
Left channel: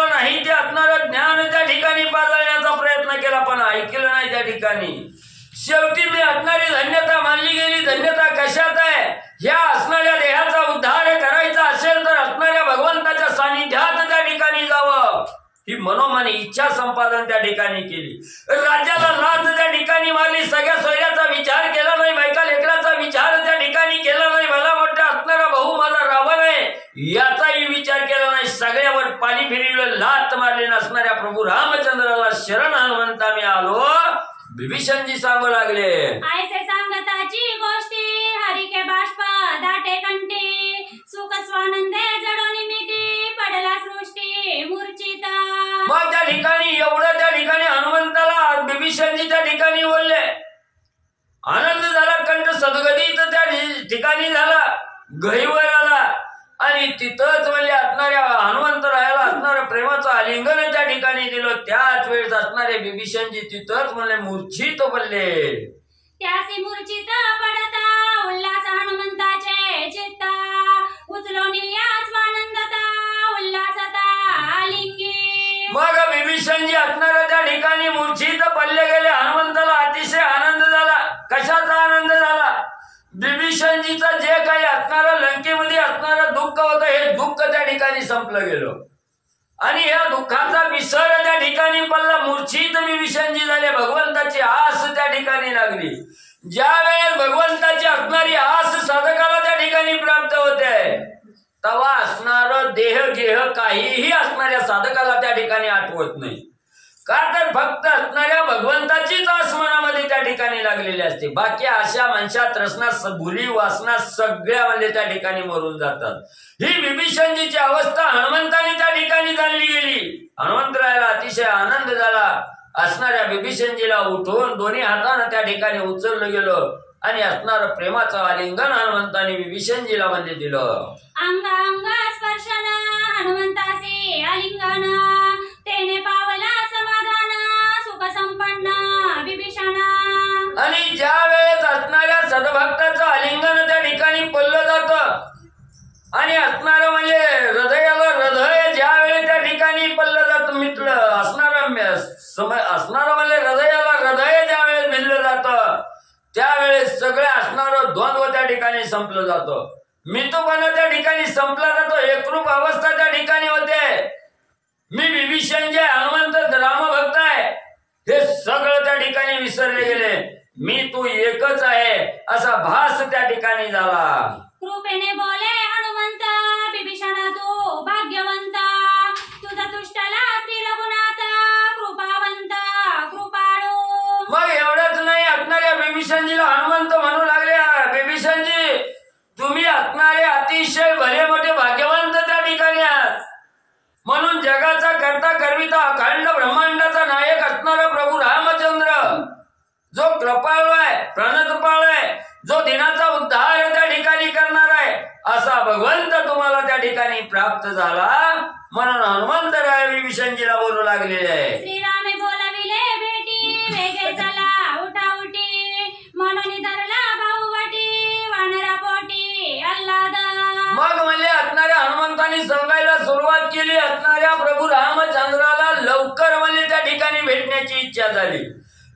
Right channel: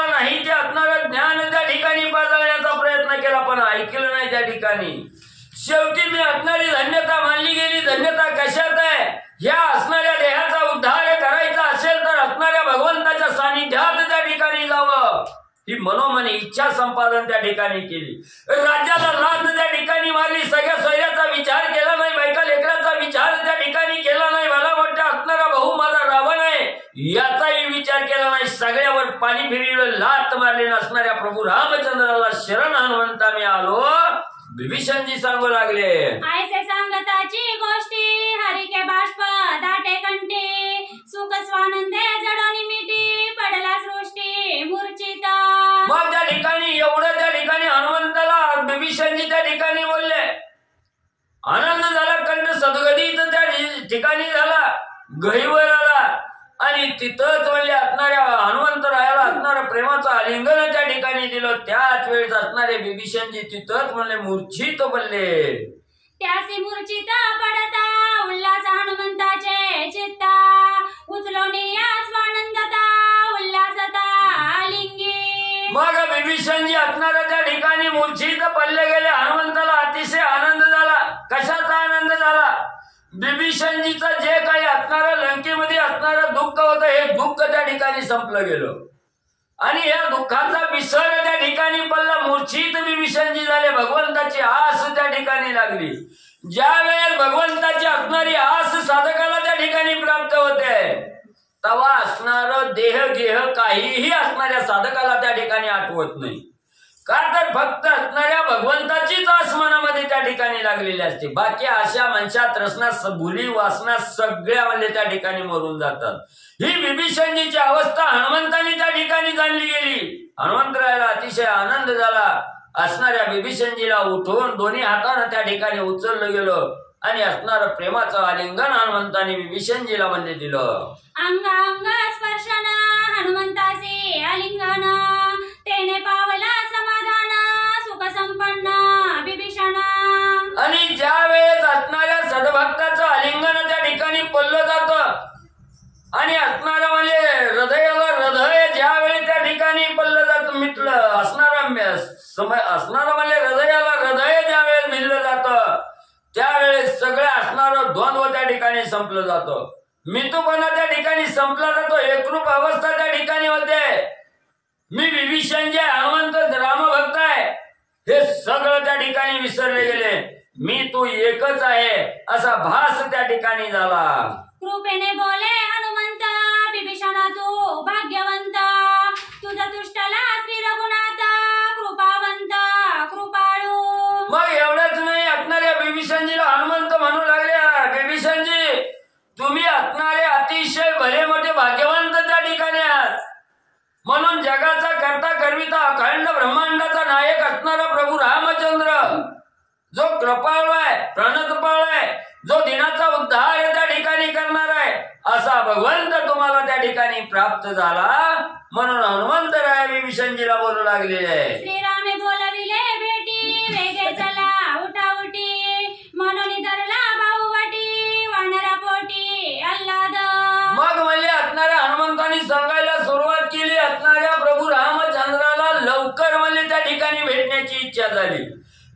शेवटी मी असणारी धन्यता मानली गेली. धन्यता कशात आहे? ह्या असणाऱ्या देहाचा उद्धार करायचा असेल तर असणाऱ्या भगवंताच्या सानिध्यात त्या ठिकाणी जावं. ही मनोमन इच्छा संपादन त्या ठिकाणी केली. राज्याला लाद त्या ठिकाणी मारली. सगळ्या सोयऱ्याचा विचार केला नाही. बायका लेकराचा विचार त्या ठिकाणी केला नाही. मला मोठा असणारा भाऊ माझा रावण आहे याचाही विचार केला नाही. सगळ्यावर पाणी फिरवलं, लात मारले नसणाऱ्या प्रभू रामचंद्राला शरण हनुमंता मी आलो. विभीषणजी सांगू लागले, ऐसे सांगताची गोष्टी हरी के बाष्प दाटे कंठी सुख स्वानंदे जडोनी मिठी पडला सृष्टी मूर्छित. मग त्या ठिकाणी एवढं त्या ठिकाणी हनुमंताला विभीषणजी त्या ठिकाणी बोलले. आनंद झाला, कंठ सद्गदित त्या ठिकाणी झाला, गहिवर आला आणि तिथंच म्हणले असणाऱ्या हनुमंतरायाला असणारं प्रेमाचं आलिंगन त्या ठिकाणी दिलं. त्याच वेळेस असणारे विभीषणजी तिथंच म्हणले मूर्छित पडले. त्यासी मूर्छित पडता उल्हास हनुमंताचे चित्ता उचलोनी स्वानंदता उल्हासता आलिंगी. मग विभीषणजी असणाऱ्या त्या ठिकाणी मूर्छित पडले गेले. हनुमंताला अतिशय आनंद झाला. कशाचा आनंद झाला? विभीषणजीचा जे काही असणारं लंकेमध्ये असणारं दुःख होतं हे दुःख त्या ठिकाणी संपलं गेलं आणि या दुःखाचा विसर त्या ठिकाणी पडला. मूर्छित विभीषणजी झाले. भगवंताची आस त्या ठिकाणी लागली. ज्या वेळेस भगवंताची असणारी आस साधकाला त्या ठिकाणी प्राप्त होते तेव्हा असणारं देह गेह काहीही असणाऱ्या साधकाला त्या ठिकाणी आठवत नाही. का तर फक्त असणाऱ्या भगवंताचीच आस मनामध्ये त्या ठिकाणी लागलेली असते. बाकी आशा मनशा तृष्णा भुली वासना सगळ्या म्हणजे त्या ठिकाणी मरून जातात. ही विभीषणजीची अवस्था हनुमंतांनी त्या ठिकाणी जाणली गेली. हनुमंतरायाला अतिशय आनंद झाला. असणाऱ्या विभीषणजीला उठवून दोन्ही हाताने त्या ठिकाणी उचललं गेलं आणि असणारं प्रेमाचं आलिंगन हनुमंतांनी विभीषणजीला म्हणजे दिलं. अंग अंग स्पर्शन हनुमंताचे आलिंगन तेने पावला समाधान सुख संपन्न विभीषण. आणि ज्या वेळेस असणाऱ्या सद्भक्ताचं आलिंगन त्या ठिकाणी पडलं जातं आणि असणारं म्हणजे हृदयाला हृदय ज्या वेळेस त्या ठिकाणी पडलं जातं मिटलं असणारं म्हणजे हृदयाला हृदय ज्या वेळेस मिळलं जातं त्यावेळेस सगळे असणारं द्वंद्व त्या ठिकाणी संपलं जातं. मितूपणा त्या ठिकाणी संपला जातो. एकरूप अवस्था त्या ठिकाणी होते. मी विभीषण जे हनुमंत रामभक्त आहे हे सगळं त्या ठिकाणी विसरले गेले. मी तू एकच आहे असा भास त्या ठिकाणी झाला. कृपेने बोले हनुमंत विभीषणा तू भाग्यवंत तुझा तुष्टला श्री रघुनाथ कृपावंत कृपाळू. मग एवढंच नाही असणाऱ्या विभीषणजीला हनुमंत म्हणू लागले, विभीषणजी तुम्ही असणारे अतिशय भले मोठे भाग्यवंत त्या ठिकाणी आहात. म्हणून जगाचा करता करविता अखंड ब्रह्मांडाचा नायक असणारा प्रभू रामचंद्र जो कृपाळू आहे प्रणतपाळ आहे जो दिनाचा उद्धार त्या ठिकाणी करणार आहे असा भगवंत तुम्हाला त्या ठिकाणी प्राप्त झाला. म्हणून हनुमंतराय विभीषणजीला बोलू लागलेले आहे. श्रीरामे बोलविले भेटी वेगे चला उठा उठी म्हणून धरला भाऊ वाटी वानरा पोटी अल्लाद. मग म्हणले असणाऱ्या हनुमंतांनी सांगायला सुरुवात केली. असणाऱ्या प्रभू रामचंद्राला लवकर म्हणजे त्या ठिकाणी भेटण्याची इच्छा झाली.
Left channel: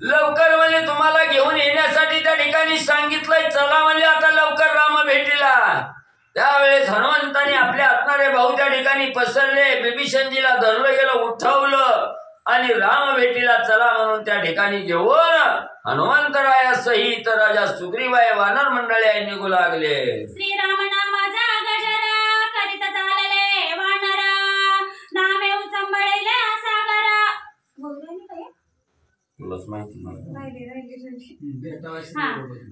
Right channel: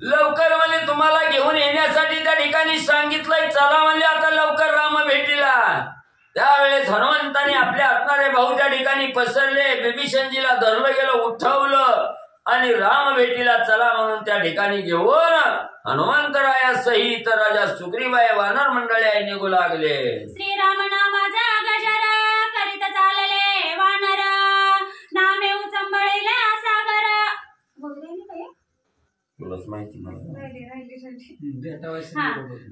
लवकर म्हणजे तुम्हाला घेऊन येण्यासाठी त्या ठिकाणी सांगितलंय. चला म्हणजे आता लवकर राम भेटीला. त्यावेळेस हनुमंतांनी आपल्या असणारे भाऊ त्या ठिकाणी पसरले. विभीषणजीला धरलं गेलं उठवलं आणि राम भेटीला चला म्हणून त्या ठिकाणी घेऊन हनुमंतराया सहित राजा सुग्रीवाय वानर मंडळी निघू लागले. श्रीराम नामाचा गजरा करीत चालले वानर नामे उचंबळीला सागर. तुलाच माहिती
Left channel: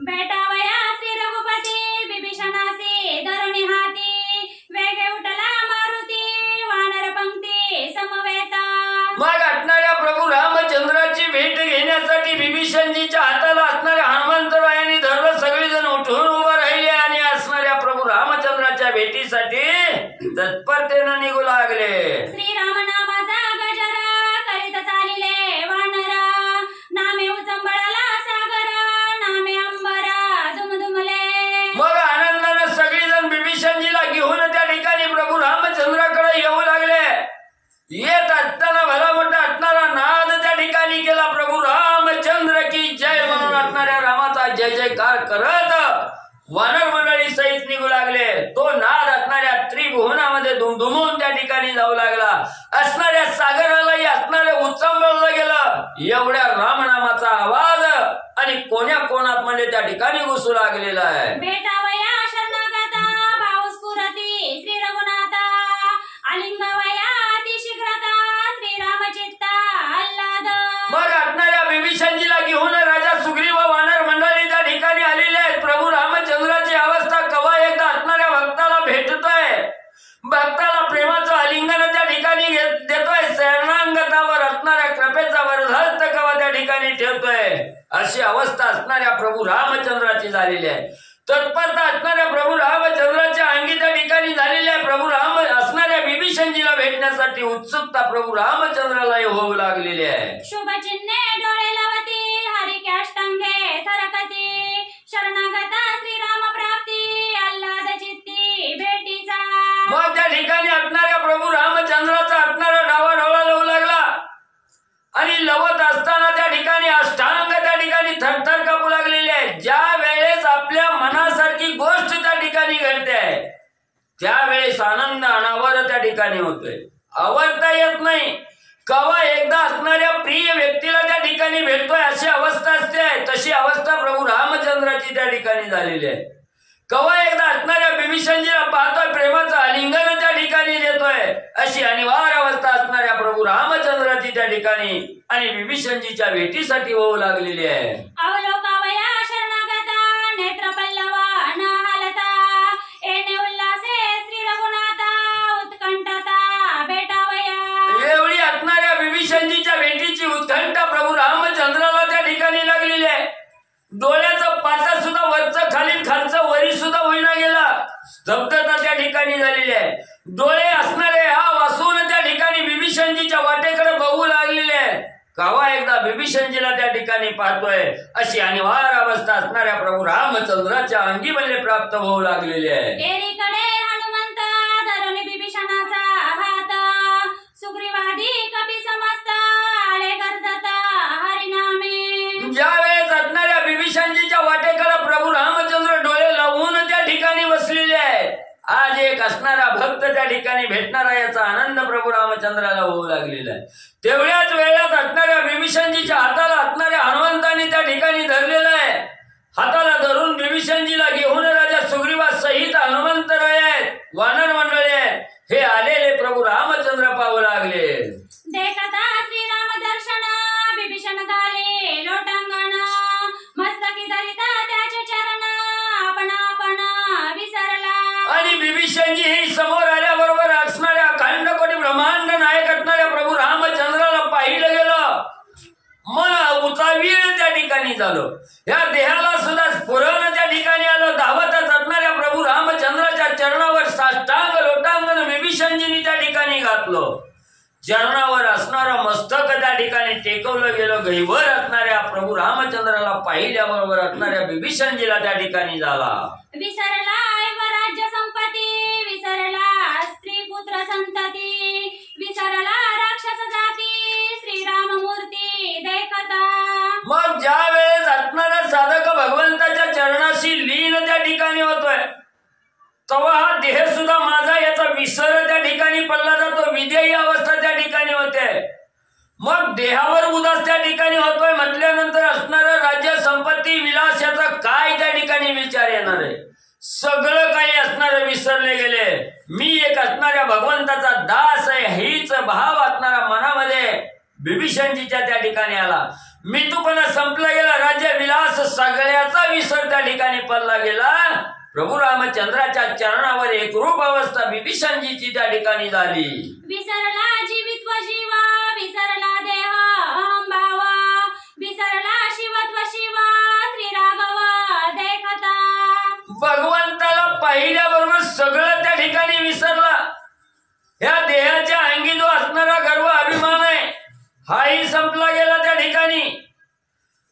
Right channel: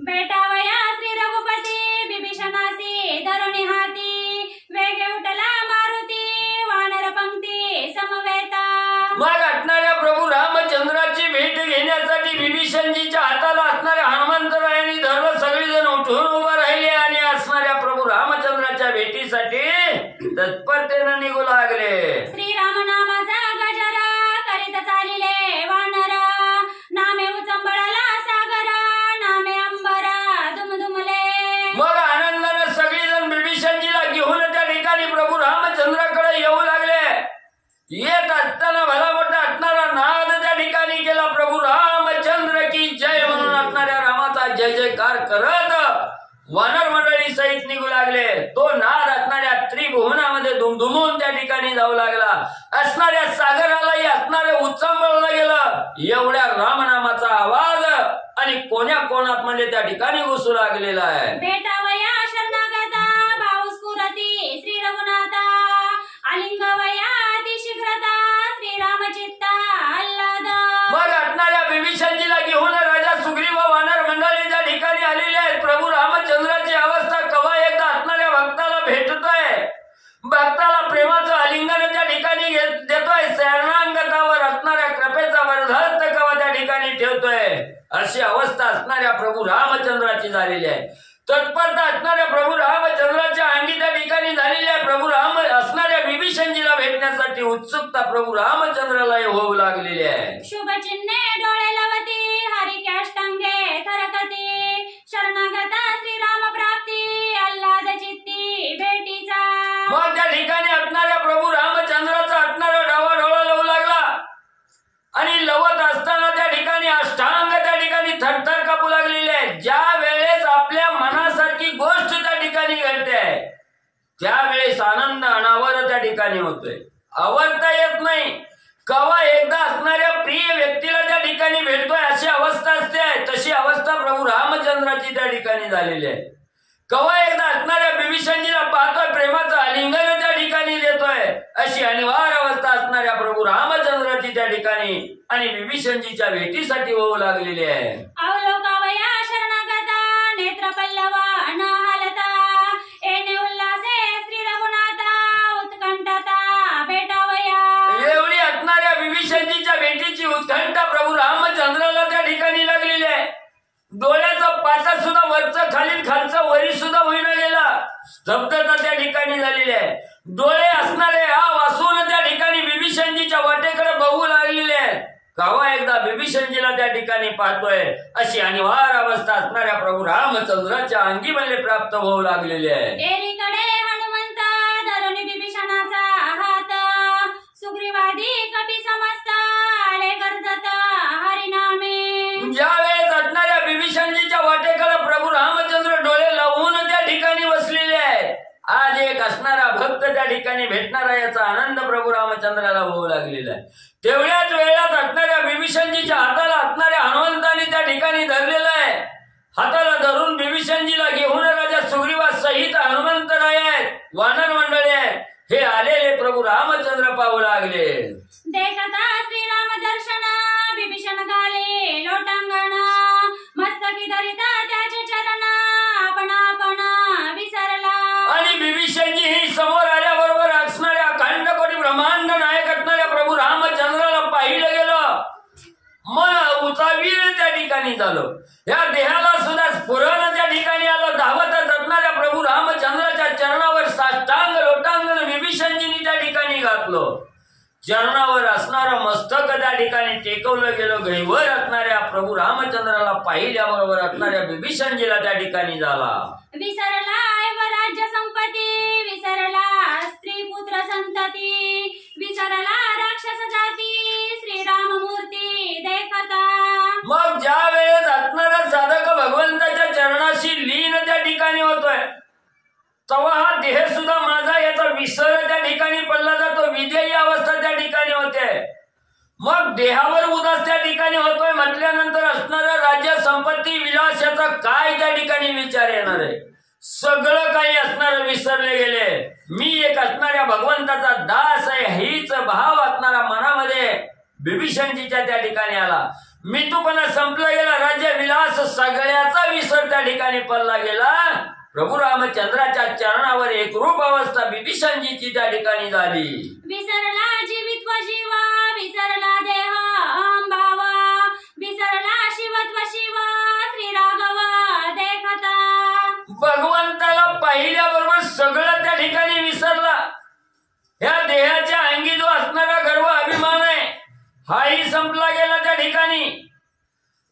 बेटावया श्री रघुपती विभीषणासी धरुणी हाती वेगे उठला मारुती वानर पंक्ती समवेता. मग असणाऱ्या प्रभू रामचंद्राची भेट घेण्यासाठी विभीषणजीच्या हाताला असणाऱ्या हनुमंतरायांनी धरलं. सगळेजण उठून उभं राहिले आणि असणाऱ्या प्रभू रामचंद्राच्या भेटीसाठी तत्परतेनं निघू लागले. श्रीराम नामाचा गजरा करीत चालिले वानर नामे उचंबळाला सागर नामे अंबरा दुमदुमले. मग आनंदानं सगळेजण विभीषणजीला घेऊन त्या ठिकाणी प्रभू रामचंद्राकडे येऊ लागले. येत असताना भला मोठा असणारा नाद त्या ठिकाणी केला. प्रभू रामचंद्र की जय म्हणून असणाऱ्या जयकार करत वानर मंडळी सहित निघू लागले. तो नाद असणाऱ्या त्रिभुवनामध्ये दुमदुमून त्या ठिकाणी जाऊ लागला. असणाऱ्या सागरालाही असणाऱ्या उच्चांबळला गेलं. एवढ्या रामनामाचा आवाज आणि कोण्या कोणात म्हणजे त्या ठिकाणी घुसू लागलेला आहे. भेटावया शरणागता भाव स्फुरती श्री रघुनाथा आलिंगवया अतिशीघ्रता श्री रामचित्ता आल्हाद. मग असणाऱ्या विभीषणजीला घेऊन राजा सुग्रीव वानर मंडळी त्या ठिकाणी आलेले आहेत. प्रभू रामचंद्राची अवस्था कवा एकदा असणाऱ्या भक्ताला भेटतोय. भक्ताला प्रेमाचं आलिंगन त्या ठिकाणी देतोय. शरणागतावर असणाऱ्या कृपेचा वरदहस्त कवा त्या ठिकाणी ठेवतोय. अशी अवस्था असणाऱ्या प्रभू रामचंद्राची झालेली आहे. तत्परता असणाऱ्या प्रभू रामचंद्राच्या अंगी त्या ठिकाणी झालेली आहे. प्रभू राम असणाऱ्या विभीषणजीला भेटण्यासाठी उत्सुकता प्रभू रामचंद्राला होऊ लागलेली आहे. शुभ चिन्हे डोळे लावती हरी काष्टांगे थरकती शरणागता श्रीराम प्राप्ती आल्हाद चित्ती भेटीचा. मग त्या ठिकाणी असणाऱ्या प्रभू रामचंद्राचा असणारा डावा डोळा लावू लागला आणि लवत असताना त्या ठिकाणी अष्टांग त्या ठिकाणी थरथर कापू लागलेले आहे. ज्या वेळेस आपल्या मनासारखी गोष्ट त्या ठिकाणी घडते त्यावेळेस आनंद अनावर त्या ठिकाणी होतोय. आवडता येत नाही. कवा एकदा असणाऱ्या प्रिय व्यक्तीला त्या ठिकाणी भेटतोय अशी अवस्था असते. तशी अवस्था प्रभू रामचंद्राची त्या ठिकाणी झालेली आहे. कवा एकदा असणाऱ्या विभीषणजीला पाहतोय. प्रेमाचं आलिंगन त्या ठिकाणी देतोय. अशी अनिवार्य अवस्था असणाऱ्या प्रभू रामचंद्राची त्या ठिकाणी आणि विभीषणजीच्या भेटीसाठी होऊ लागलेली आहे. अवलोकावया शरणागता नेत्र पल्लवा न हालता येणे उल्हासे श्री रघुनाथा उत्कंठता भेटावया. एवढी असणाऱ्या विभीषणजीच्या भेटीची उत्कंठा प्रभू रामचंद्राला त्या ठिकाणी लागलेली आहे. डोळ्याचं पाता सुद्धा वरचं खाली खालचं वरी सुद्धा होईना गेला. स्तब्धता त्या ठिकाणी झालेली आहे. डोळे असणारे हा वासून त्या ठिकाणी विभीषणजीच्या वाटेकडे बघू लागलेले आहेत. कवा एकदा विभीषणजीला त्या ठिकाणी पाहतोय अशी अनिवार्य अवस्था असणाऱ्या प्रभू रामचंद्राच्या अंगी बल्ले प्राप्त होऊ लागलेली आहे. एकीकडे हनुमंत धरून विभीषणाचा हात सुग्रीवादी कपी समस्त आले गरजत हरिनामे. ज्यावेळेस असणाऱ्या विभीषणजीच्या वाटेकडे प्रभू रामचंद्र डोळे लावून त्या ठिकाणी बसलेले आहेत. आज एक असणारा भक्त त्या ठिकाणी भेटणारा याचा आनंद प्रभू रामचंद्राला होऊ लागलेला आहे. तेवढ्याच वेळात असणाऱ्या विभीषणजीच्या हाताला असणाऱ्या हनुमंतांनी त्या ठिकाणी धरलेलं आहे. हाताला धरून विभीषणजीला घेऊन राजा सुग्रीवा सहित हनुमंतराय आहेत, वानर मंडळी आहेत, हे आलेले प्रभू रामचंद्र पाहू लागले. देखता श्रीराम दर्शन विभीषण घाले लोटांगण मस्तकी धरिता त्याचे चरण आपण आपण विसरला. आणि विभीषणजी हे समोर आल्याबरोबर असणाऱ्या अखंड कोटी ब्रह्मांड नायक असणाऱ्या प्रभू रामचंद्राला पाहिलं गेलं. मन उतावीर त्या ठिकाणी झालं. या देहाला सुद्धा स्फुरण त्या ठिकाणी आलं. धावतच असणाऱ्या प्रभू रामचंद्राच्या चरणावर साष्टांग लोटांगण विभीषणजींनी त्या ठिकाणी घातलं. चरणावर असणारं मस्तक त्या ठिकाणी टेकवलं गेलं. गैवर असणाऱ्या प्रभू रामचंद्राला पाहिल्याबरोबर असणाऱ्या विभीषणजीला त्या ठिकाणी झाला. विसरला राज्य संपत्ती विसरला स्त्री पुत्र संतती विसरला राक्षस जाती श्रीराम मूर्ती देखता. मग ज्या वेळेस असणारा साधक भगवंताच्या चरणाशी लीन त्या ठिकाणी होतोय तेव्हा हा देह सुद्धा माझा याचा विसर त्या ठिकाणी पडला जातो. विदेही अवस्था त्या ठिकाणी होते. मग देहावर उदास त्या ठिकाणी होतोय म्हटल्यानंतर असणारा राज्य संपत्ती विलास याचा काय त्या ठिकाणी विचार येणार आहे. सगळं काही असणारं विसरले गेले. मी एक असणाऱ्या भगवंताचा दास आहे हीच भाव असणारा मनामध्ये विभीषणजीच्या त्या ठिकाणी आला. मितूपणा संपला गेला. राज्य विलास सगळ्याचा विसर त्या ठिकाणी पडला गेला. प्रभू रामचंद्राच्या चरणावर एक रूप अवस्था विभीषणजीची त्या ठिकाणी झाली. विसरला जीवित्व जीवा विसरला देह भाव विसरला शिवत्व शिवा श्री राघव देखता. भगवंताला पाहिल्याबरोबर सगळं त्या ठिकाणी विसरला. ह्या देहाच्या अंगी जो असणारा गर्व अभिमान आहे हाही संपला गेला त्या ठिकाणी.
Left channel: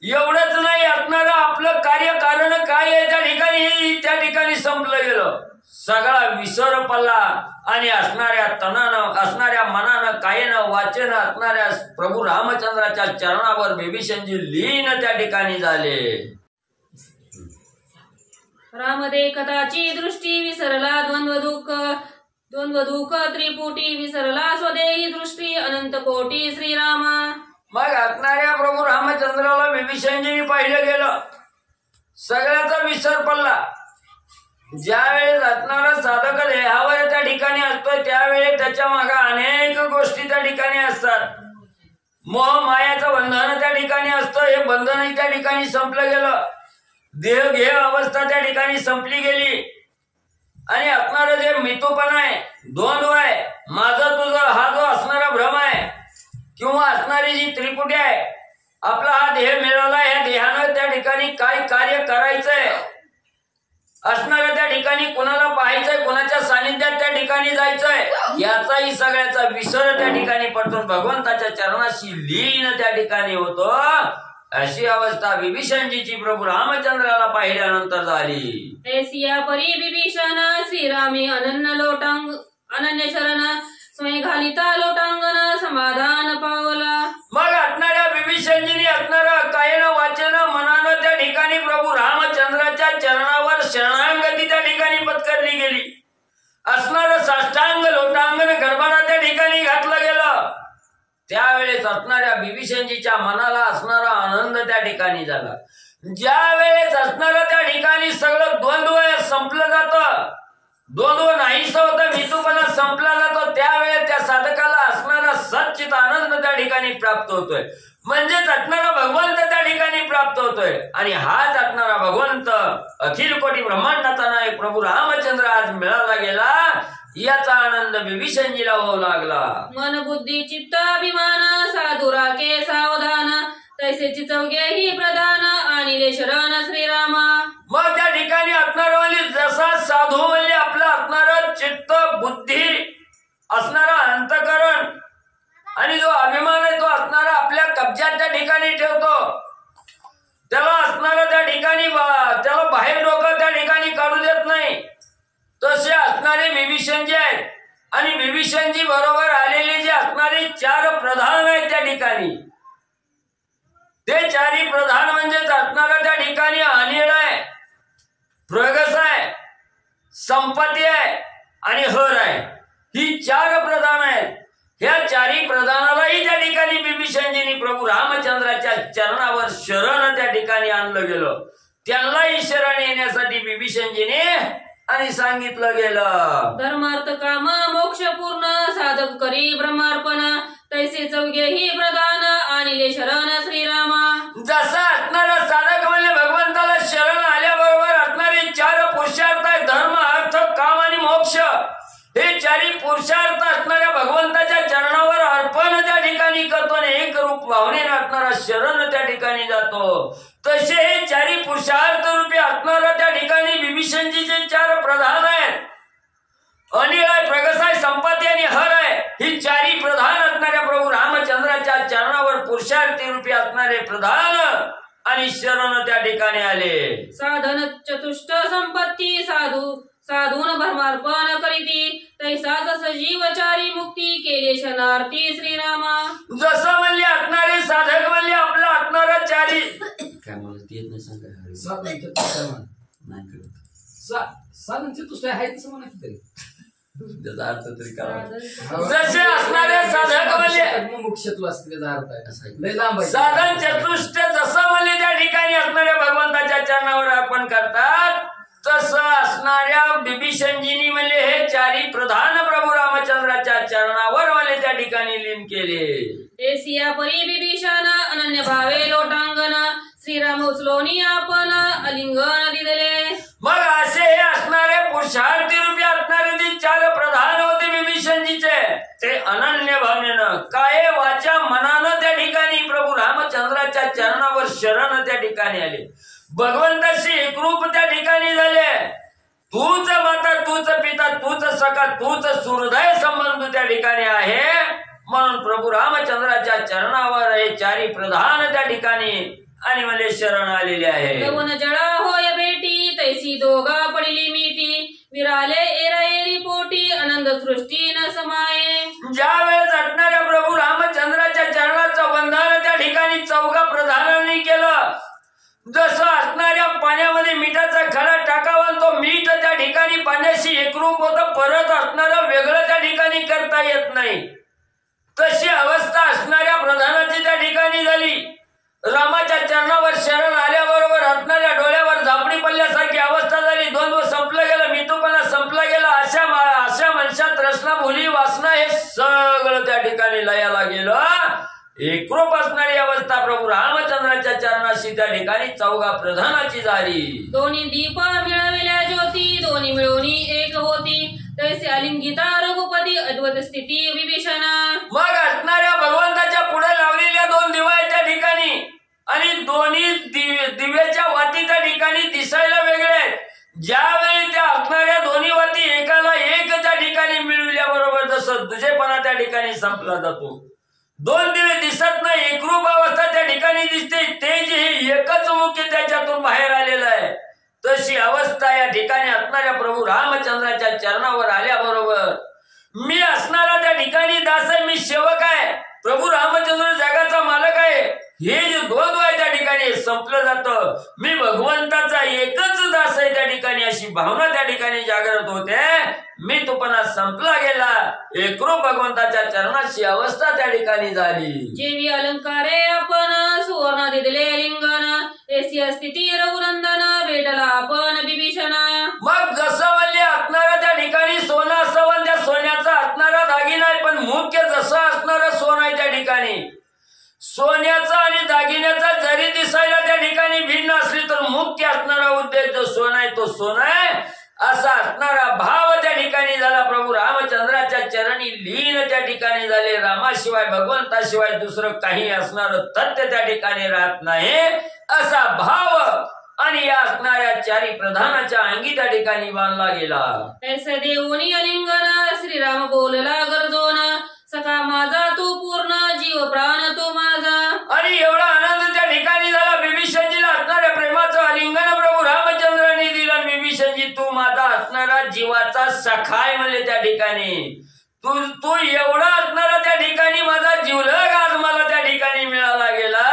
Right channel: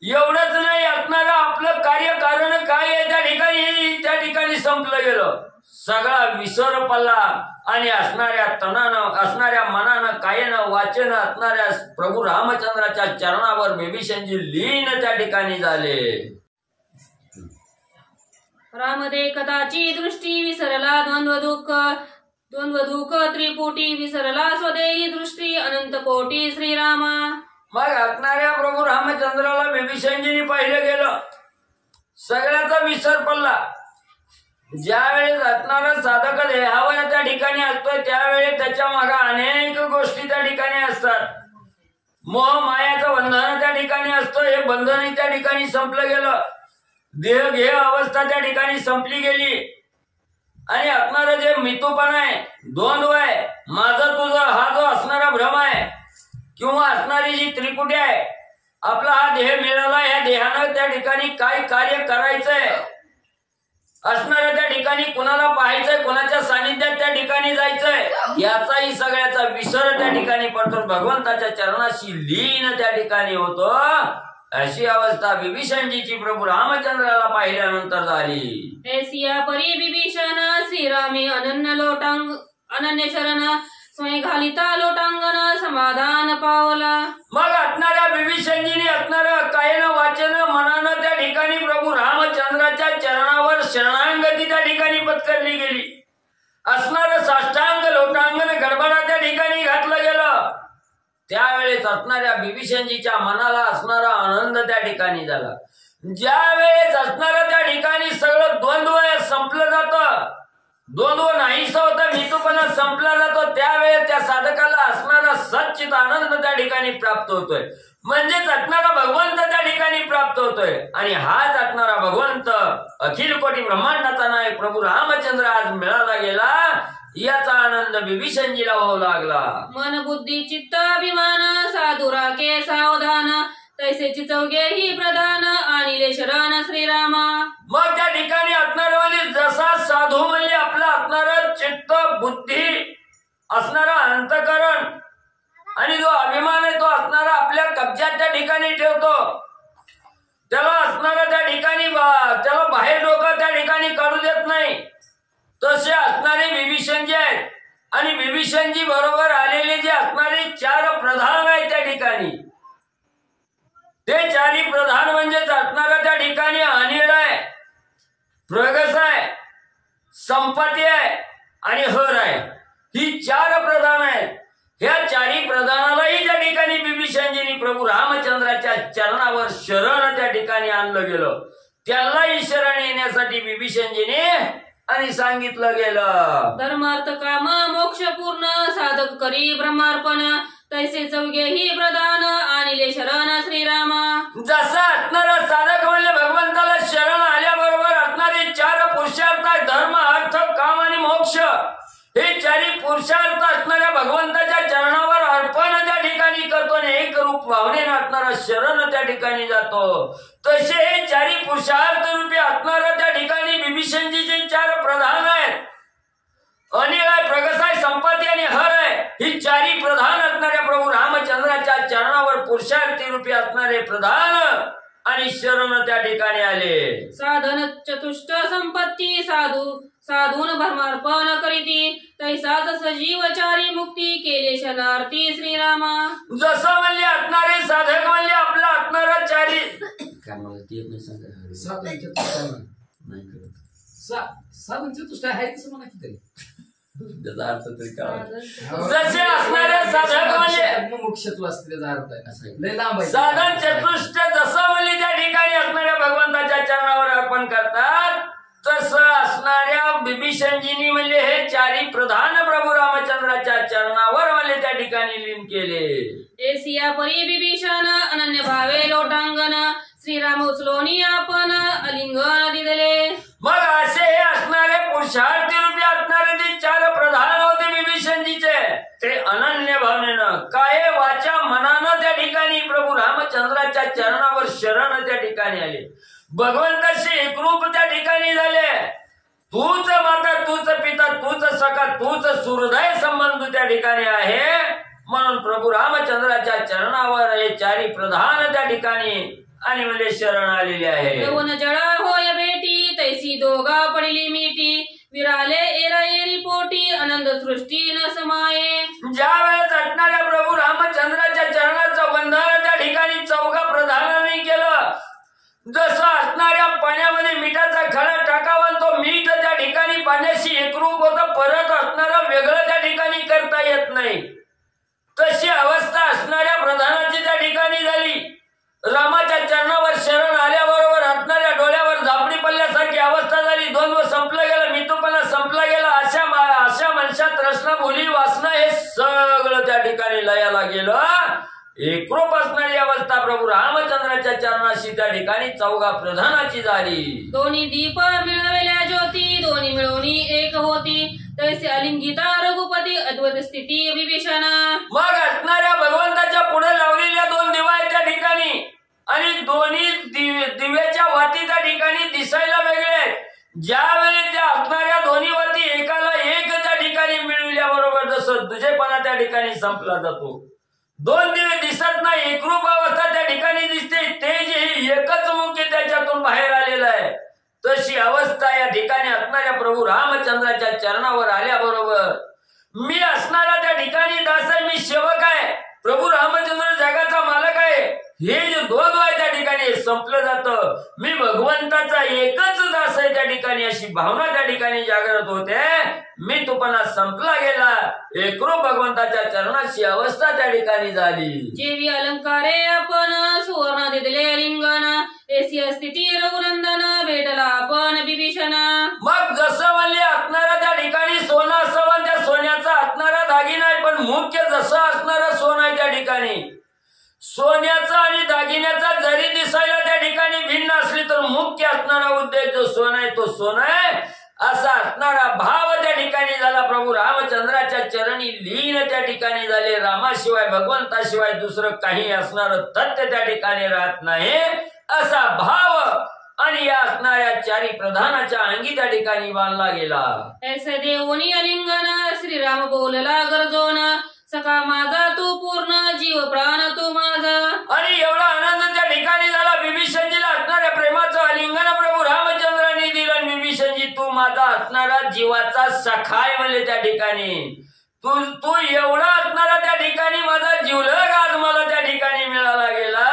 एवढंच नाही असणारं आपलं कार्य कारण काय आहे त्या ठिकाणी हे त्या ठिकाणी संपलं गेलं. सगळा विसर पडला आणि असणाऱ्या तनानं असणाऱ्या मनानं कायनं वाचेनं असणाऱ्या प्रभू रामचंद्राच्या चरणावर विभीषणजी लीन त्या ठिकाणी झाले. राम देखताची दृष्टी विसरला द्वंद्व दुःख त्रिपुटी विसरला स्वदेही दृष्टी अनंत कोटी श्रीरामा. मग असणाऱ्या प्रभू रामचंद्राला विभीषणजीने पाहिलं गेलं, सगळ्याचा विसर पडला. ज्यावेळेस असणारा साधक देहावर त्या ठिकाणी असतो त्यावेळेस त्याच्या मागे अनेक गोष्टी त्या ठिकाणी असतात. मोह मायाचं बंधन त्या ठिकाणी असतं, हे बंधन त्या ठिकाणी संपलं गेलं. देह घेह अवस्था त्या ठिकाणी संपली गेली आणि असणारं जे मितूपण आहे, द्वंद्व आहे, माझं तुझं हा जो असणारा भ्रम आहे किंवा असणारी जी त्रिपुटी आहे, आपला हा देह मिळाला, या देहानं त्या ठिकाणी काय कार्य करायचंय, असणारं त्या ठिकाणी कुणाला पाहायचंय, कुणाच्या सानिध्यात त्या ठिकाणी जायचंय, याचाही सगळ्याचा विसर त्या ठिकाणी पडतो. भगवंताच्या चरणाशी लीन त्या ठिकाणी होतो. अशी अवस्था विभीषणजीची प्रभू रामचंद्राला पाहिल्यानंतर झाली. ऐसिया परी विभीषण श्रीरामी अनन्य शरण स्वयं घालिता लोटांगण समाधान पावला. मग असणाऱ्या विभीषणजीने असणारं कायनं वाचन मनानं त्या ठिकाणी प्रभू रामचंद्राच्या चरणावर शरणांगती त्या ठिकाणी पत्करली गेली. असणारं साष्टांग लोटांगण गडबडा त्या ठिकाणी घातलं गेलं. त्यावेळेस असणाऱ्या विभीषणजीच्या मनाला असणारा आनंद त्या ठिकाणी झाला. ज्या वेळेस असणारं त्या ठिकाणी सगळं द्वंद्व संपलं जातं, द्वंद्व नाहीस होतं, मितूपणा संपला जातो, त्यावेळेस त्या साधकाला असणारा सच्चित आनंद त्या ठिकाणी प्राप्त होतोय. म्हणजेच असणारा भगवंत त्या ठिकाणी प्राप्त होतोय. आणि हाच असणारा भगवंत अखिल कोटी ब्रह्मांडाचा नायक प्रभू रामचंद्र आज मिळाला गेला, याचा आनंद विभीषणजीला होऊ लागला. मन बुद्धी चित्त अभिमान साधुरा के सावधान तैसेची चौघे ही प्रधान आणिले शरण श्रीरामा. मग त्या ठिकाणी असणार म्हणजे जसा साधू म्हणजे आपला असणारं चित्त बुद्धी असणारा अंतकरण आणि जो अभिमान आहे तो असणारा आपल्या कब्जात त्या ठिकाणी ठेवतो. त्याला असणारं त्या ठिकाणी त्याला बाहेर डोकं त्या ठिकाणी काढू देत नाही. तसे असणारे विभीषणजी आहेत आणि विभीषणजी बरोबर आलेले जे असणारे 4 प्रधान आहेत त्या ठिकाणी, ते 4 प्रधान म्हणजे असणारा त्या ठिकाणी अनिळ आहे, प्रगस आहे, संपत्ती आहे आणि हर आहे. ही 4 प्रधान आहेत. ह्या 4 प्रधानालाही त्या ठिकाणी विभीषणजींनी प्रभू रामचंद्राच्या चरणावर शरण त्या ठिकाणी आणलं गेलं. त्यांनाही शरण येण्यासाठी विभीषणजीने आणि सांगितलं गेलं. धर्मार्थ काम मोक्ष पूर्ण साधक करी ब्रह्मार्पण तैसे चौघे ही प्रधान आणिले शरण श्रीरामा. जसा असणारा साधक म्हणजे भगवंताला शरण आल्याबरोबर असणारे 4 पुरुषार्थ आहेत, धर्म अर्थ काम आणि मोक्ष. हे 4 पुरुषार्थ असणाऱ्या भगवंताच्या चरणावर अर्पण त्या ठिकाणी करतो आणि एक रूप भावनेनं असणारा शरण त्या ठिकाणी जातो. तसे हे 4 पुरुषार्थ रूपी असणारा त्या ठिकाणी विभीषणजीचे 4 प्रधान आहेत. अनिळ आहे, प्रगस आहे, संपत्ती आणि हर आहे. ही 4 प्रधान असणाऱ्या प्रभू रामचंद्राच्या चरणावर पुरुषार्थी रूपी असणारे प्रधान आणि शरण त्या ठिकाणी आले. साधन चतुष्ट संपत्ती साधून धर्मार्पण करीती तैसाच सजीव 4 मुक्ती केले शरणार्थी श्रीरामा. जसं म्हणले असणारे साधक म्हणले आपला असणारा 4 काय मला ते येत नाही सांगा. साधन चतुष्ट नाही करत साधन चतुष्ट आहे तसं म्हणा की त्याचा अर्थ तरी काय. जसे असणारे साधक म्हणले मुमुक्षत्व असते त्याचा अर्थ आहे. असं आहे. लय लांब आहे. साधन चतुष्ट जसं म्हणले त्या ठिकाणी असणाऱ्या भगवंताच्या चरणावर अर्पण करतात, तसं असणाऱ्या विभीषणजींनी म्हणले हे 4 प्रधान प्रभू रामचंद्राच्या चरणावर म्हणले त्या ठिकाणी लीन केले. एसिया परी विभीषण अनन्य भावे लोटांगण श्रीराम उचलोनी आपण अलिंगन दिले. मग असे हे असणारे पुरुषार्थी रूपी असणारे जे 4 प्रधान होते विभीषणजीचे, ते अनन्य भावनेनं काय वाचा मनानं त्या ठिकाणी प्रभू रामचंद्राच्या चरणावर शरण त्या ठिकाणी आले. भगवंताशी एकरूप त्या ठिकाणी झाले. तूच माता, तूच पिता, तूच सखा, तूच सुहृदय संबंध त्या ठिकाणी आहे. म्हणून प्रभू रामचंद्राच्या चरणावर हे 4 प्रधान त्या ठिकाणी आणि मला शरण आलेले आहे. यवन जळा होय भेटी तैसी दोघा पडली मिठी विराले एराएरी पोटी आनंद सृष्टी न समाये. ज्या वेळेस असणाऱ्या प्रभू रामचंद्राच्या चरणाचं बंधन त्या ठिकाणी 4 प्रधानांनी केलं, जसं असणाऱ्या पाण्यामध्ये मिठाचा खडा टाकावा होतं, परत असणारं वेगळं त्या ठिकाणी करता येत नाही. तशी अवस्था असणाऱ्या प्रधानाची त्या ठिकाणी झाली. रामाच्या चरणावर शरण आल्याबरोबर असणाऱ्या डोळ्यावर झापडी पडल्यासारखी अवस्था झाली. द्वंद्व संपलं गेलं, मितूपणा संपला गेला. अशा मनुष्यात रचना, भुली, वासना हे सगळं त्या ठिकाणी लयाला गेलं. एकरूप असणारी अवस्था प्रभू रामचंद्राच्या चरणाशी त्या ठिकाणी चौघा प्रधानाची झाली. दोन्ही दीप मिळवल्या ज्योती, दोन्ही मिळून एक होती. तैसे अलिंगिता रघुपती, अद्वैत स्थिती विभीषण. मग असणाऱ्या भगवंताच्या पुढे लावलेल्या दोन दिवा आहेत त्या ठिकाणी, आणि दोन्ही दिव्याच्या वाती त्या ठिकाणी दिसायला वेगळे आहेत. ज्यावेळी त्या असणाऱ्या दोन्ही वाती एकाला एक त्या ठिकाणी मिळविल्याबरोबर जसं दुजेपणा त्या ठिकाणी संपला जातो, दोन दिवे दिसत नाही, एकरूप अवस्था त्या ठिकाणी दिसते. तेज ही एकच मुख्य त्याच्यातून बाहेर आलेलं आहे. तशी अवस्था या ठिकाणी असणाऱ्या प्रभू रामचंद्राच्या चरणावर आल्याबरोबर मी असणारा त्या ठिकाणी दास आहे, मी सेवक आहे, प्रभू रामचंद्र जगाचा मालक आहे, हे जे द्वंद्व आहे त्या ठिकाणी संपलं जातं. मी भगवंताचा एकच दास आहे त्या ठिकाणी, अशी भावना त्या ठिकाणी जागृत होते. मी तुपणा संपला गेला, एकरूप भगवंताच्या चरणाची अवस्था त्या ठिकाणी झाली. जेवी अलंकारे आपण सुवर्ण दिले लिंगन, ऐसी स्थिती रघुनंदन भेटला आपण विभीषण. मग जसं म्हणले असणारा त्या ठिकाणी सोनं असावं, त्या सोन्याचा असणारा दागिना आहे, पण मुख्य जसं असणारा सोनं आहे त्या ठिकाणी, सोन्याचा आणि दागिन्याचा जरी दिसायला त्या ठिकाणी भिन्न असली तर मुख्य असणारा उद्देश जो सोनं आहे तो सोनं आहे, असा असणारा भाव त्या ठिकाणी झाला. प्रभू रामचंद्राच्या चरणी लीन त्या ठिकाणी झाले. रामाशिवाय, भगवंताशिवाय दुसरं काही असणार तथ्य त्या ठिकाणी राहत नाही, असा भाव आणि या असणाऱ्या चारी प्रधानाच्या अंगी त्या ठिकाणी बांधला गेला. ऐसे देऊनी अलिंगन, श्रीराम बोलला गरजोन, सखा माझा तू पूर्ण, जीव प्राण तू माझा. आणि एवढा आनंद त्या ठिकाणी झाला. विभीषणजीला असणाऱ्या प्रेमाचं आलिंगन प्रभू रामचंद्रांनी दिलं. विभीषणजी तू माझा असणारा जीवाचा सखाय म्हणले त्या ठिकाणी, तू एवढा असणारा त्या ठिकाणी माझा जीवलग आज मला त्या ठिकाणी मिळाला गेला,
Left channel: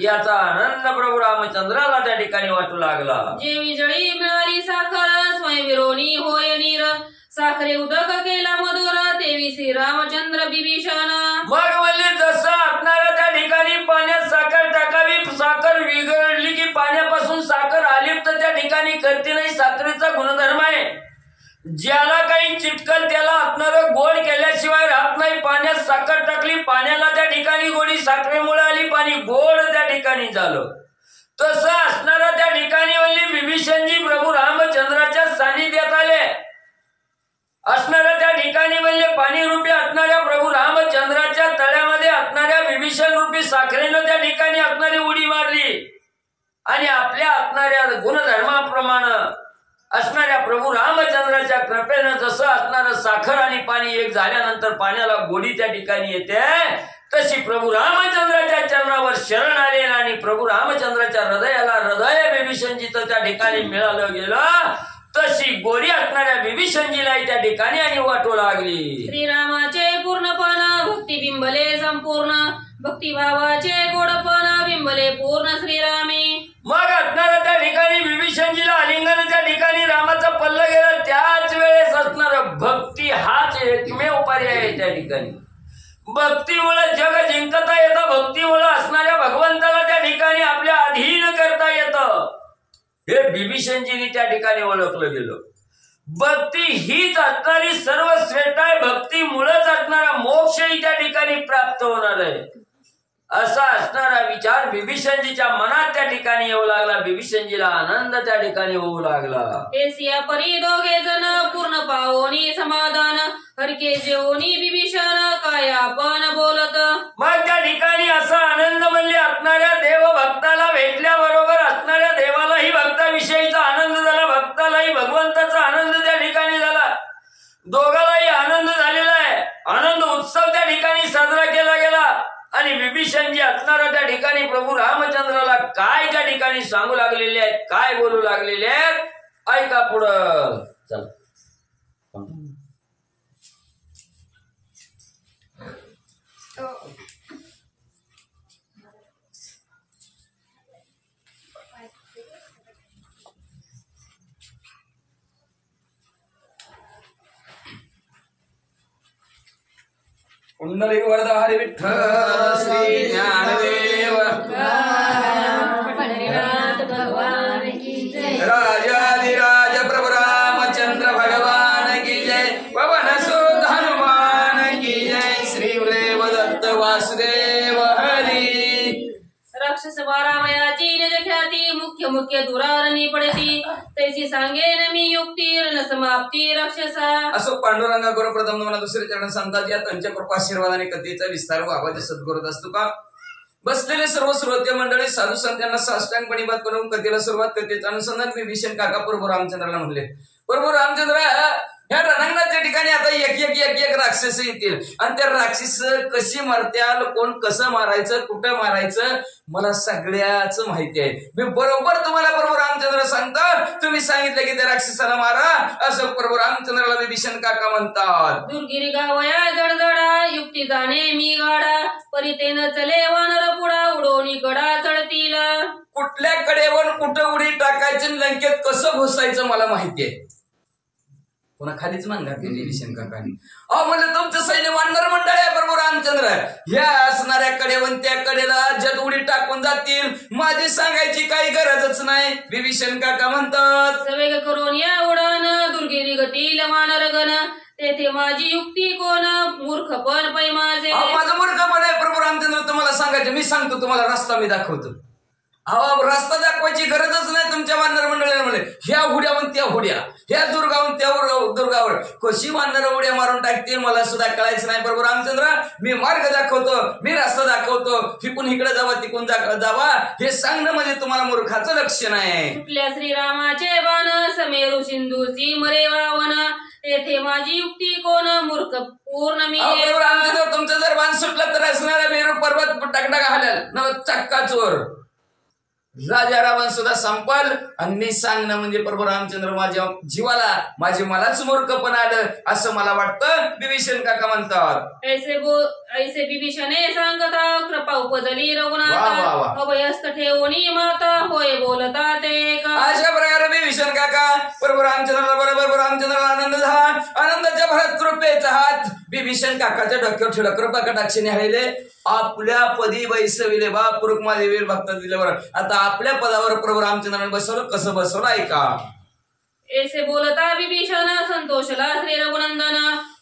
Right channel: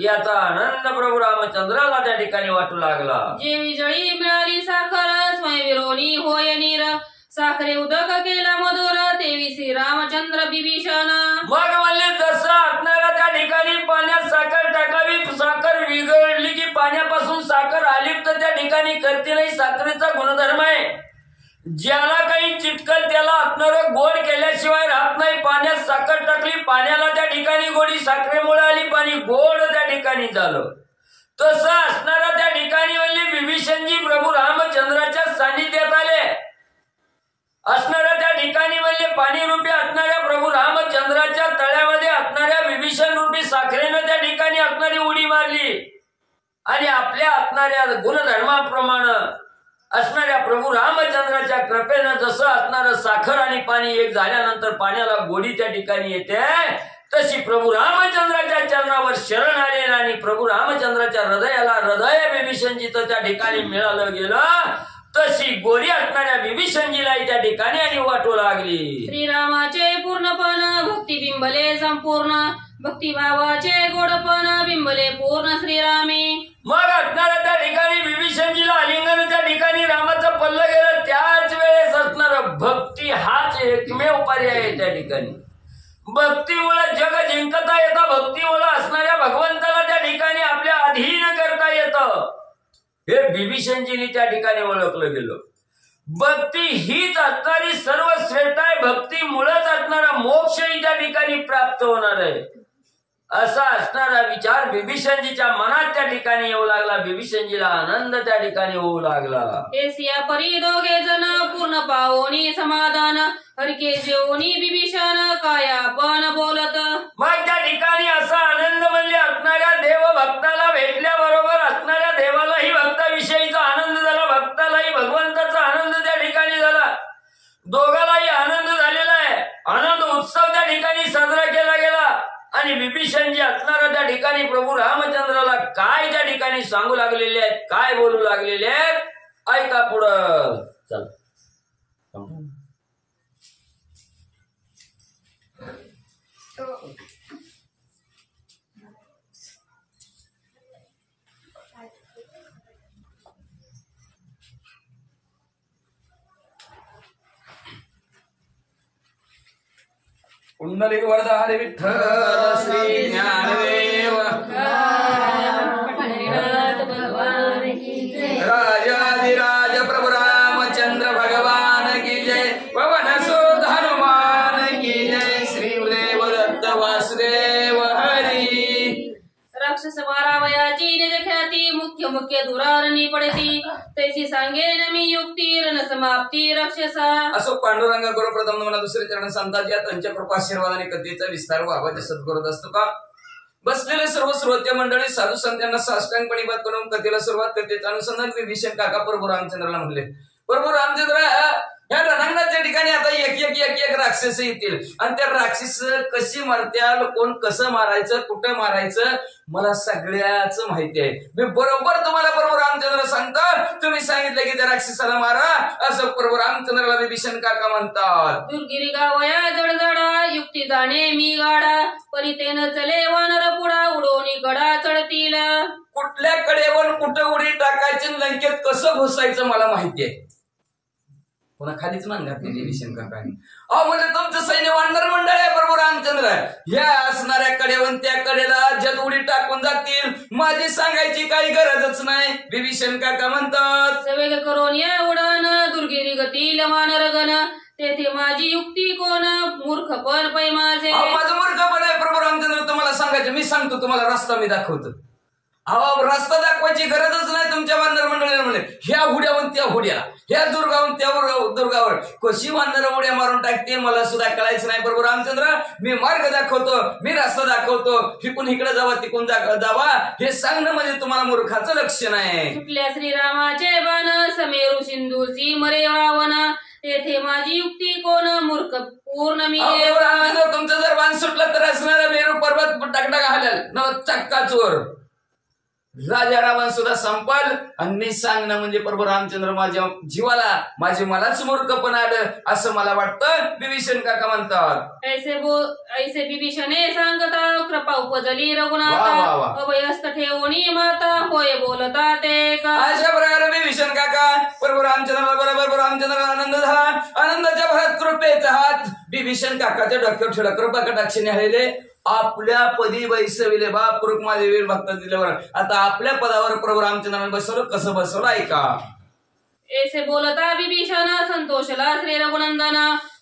याचा आनंद प्रभू रामचंद्राला त्या ठिकाणी वाटू लागला. जेवी जळी मिळाली साखर, स्वयंविरोनी होय नीर, साखरे उदक केला मधुर, देवी श्री रामचंद्र विभीषण. मग म्हणले जसं असणारा त्या ठिकाणी पाण्यात साखर टाकावी, साखर विघळली की पाण्यापासून साखर आलिप्त त्या ठिकाणी करते नाही, साखरेचा गुणधर्म आहे. ज्याला काही चिटकल त्याला असणार गोड केल्याशिवाय राहत नाही. पाण्यात साखर टाकली, पाण्याला त्या ठिकाणी गोडी, साखरेमुळे आली, पाणी गोड त्या ठिकाणी झालं. तसं असणारा त्या ठिकाणी म्हणली विभीषणजी प्रभू रामचंद्राच्या सानिध्यात आले. असणाऱ्या त्या ठिकाणी म्हणजे पाणी रूपी असणाऱ्या प्रभू रामचंद्राच्या तळ्यामध्ये असणाऱ्या विभीषण रूपी साखरेनं त्या ठिकाणी असणारी उडी मारली आणि आपल्या असणाऱ्या गुणधर्माप्रमाणे असणाऱ्या प्रभू रामचंद्राच्या कृपेनं जसं असणारं साखर आणि पाणी एक झाल्यानंतर पाण्याला गोडी त्या ठिकाणी येते, तशी प्रभू रामचंद्राच्या चरणावर शरण आले आणि प्रभू रामचंद्राच्या हृदयाला हृदय विभीषणजीचं त्या ठिकाणी मिळालं गेलं. तशी गोडी असणाऱ्या विभीषणजीला त्या ठिकाणी आणि वाटू लागली. श्रीरामाचे पूर्णपण भक्ती बिंबले संपूर्ण, भक्तिभावाचे गोडपण बिंबले पूर्ण श्रीरामी. मग असणाऱ्या त्या ठिकाणी विभीषणजीला आलिंगन त्या ठिकाणी रामाचं पल्लं गेलं. त्याच वेळेस असणार भक्ती हाच एकमेव पर्याय आहे त्या ठिकाणी. भक्तीमुळे जग जिंकता येतं, भक्तीमुळे असणाऱ्या भगवंताला त्या ठिकाणी आपल्या अधीन करता येतं, हे विभीषणजीने त्या ठिकाणी ओळखलं गेलं. भक्ती हीच असणारी सर्वश्रेष्ठ आहे, भक्तीमुळेच असणारा मोक्षही त्या ठिकाणी प्राप्त होणार आहे, असा असणारा विचार विभीषणजीच्या मनात त्या ठिकाणी येऊ लागला. विभीषणजीला आनंद त्या ठिकाणी होऊ लागला. एसिया परी दोघे जण पूर्ण पावोनी समाधान, हरके जेवणी विभीषण काय आपण बोलत. मग त्या ठिकाणी असा आनंद म्हणले असणाऱ्या देव भक्ताला भेटल्याबरोबर असणाऱ्या देवालाही भक्ताविषयीचा आनंद झाला, भक्तालाही भगवंताचा आनंद त्या ठिकाणी झाला. दोघालाही आनंद झालेला आहे. आनंद उत्सव त्या ठिकाणी साजरा केला गेला आणि विभीषणजी असणारा त्या ठिकाणी प्रभू रामचंद्राला काय त्या ठिकाणी सांगू लागलेले आहेत, काय बोलू लागलेले आहेत, ऐका पुढं. चल पुंडलिक वरदा हरी विठ्ठल श्री ज्ञानदेव राजाधिराज प्रभु रामचंद्र भगवान की जय पवन सुत हनुमान की जय श्री देवदत्त वासुदेव हरी राक्षस बारावयाची निज ख्याती मुख्य मुख्य दुरारणी पडती त्याची सांगेन मी युक्ती रण समाप्ती राक्षसा. असो पांडुरंगा गुरु प्रथम मला दुसरे चरण सांगतात या त्यांच्या कृपाशीर्वादाने कथेचा विस्तार व्हावा जे सद्गुरुत असतो का. बसलेले सर्व श्रोते मंडळी साधू संतांना साष्टांगपणी बात करून कथेला सुरुवात कथेचं अनुसंधान विभीषण काका प्रभू रामचंद्राला म्हणले. प्रभू रामचंद्र ह्या रणांगणाच्या ठिकाणी आता एक राक्षस येतील आणि त्या राक्षस कशी मरत्याल कोण कसं मारायचं कुठं मारायचं मला सगळ्याच माहिती आहे. मी बरोबर तुम्हाला प्रभू रामचंद्र सांगतो तुम्ही सांगितलं की त्या राक्षसाला मारा असं प्रभू रामचंद्राला विभीषण काका म्हणतात. दुर्गिरी गावया जडजडा युक्ती जाणे मी गाडा परितेन चले वानर पुढा उडवणी गडा चढतील. कुठल्या कडेवर कुठं उडी टाकायची लंकेत कसं घुसायचं मला माहिती आहे. पुन्हा खालीच मान घातली विभीषण काकाने. म्हणलं तुमचं सैन्य वानर मंडळ आहे प्रभू रामचंद्र ह्या असणाऱ्या कडेवर त्या कडेला जत उडी टाकून जातील माझी सांगायची काही गरजच नाही. विभीषण काका म्हणतात सवेग करून या उडान दुर्गिरी गतील वानर गण तेथे माझी युक्ती कोण मूर्ख पण पै माझे. माझं मूर्खपण आहे प्रभू रामचंद्र तुम्हाला सांगायचं मी सांगतो तुम्हाला रस्ता मी दाखवतो. रस्ता दाखवायची गरजच नाही तुमच्या वानर मंडळीने म्हणले ह्या हुड्याहून त्या हुड्या ह्या दुर्गाहून त्या दुर्गावर कशी वानर उड्या मारून टाकतील मला सुद्धा कळायचं नाही. प्रभू रामचंद्र मी मार्ग दाखवतो मी रस्ता दाखवतो तिकून इकडे जावा तिकून जावा हे सांगणं म्हणजे तुम्हाला मूर्खाचं लक्षण आहे. सुटल्या श्रीरामाचे बाण समेरू सिंधूची मरे रावण तेथे माझी युक्ती कोण मूर्ख पूर्ण मी. तुमचं जर बाण सुटलं तर असणारा मेरू पर्वत टकटक हालेल न चक्का चोर राजा रावण सुद्धा संपल आणि मी सांगणं म्हणजे प्रभू रामचंद्र माझ्या जीवाला मलाच मूर्खपण आलं असं मला वाटतं. विभीषण काका म्हणतात ऐसे विभीषणे सांगता कृपा उपजली रघुनाथा अभयस्थ ठेवणी माता होय बोलता ते का. अशा प्रकारे विभीषण काका प्रभू रामचंद्राला बरोबर रामचंद्राला आनंद झाला. आनंदाच्या भरात कृपेचा हात विभीषण काकाच्या डोक्यावर ठेवला. कृपा कटाक्षाने आलेले आपल्या पदी बैसविले बाप रुक्मादेवी भक्त दिल्यावर आता आपल्या पदावर प्रभू रामचंद्राने बसवलं कसं बसवलं ऐका. ऐसे बोलता विभीषण संतोषला श्री रघुनंदन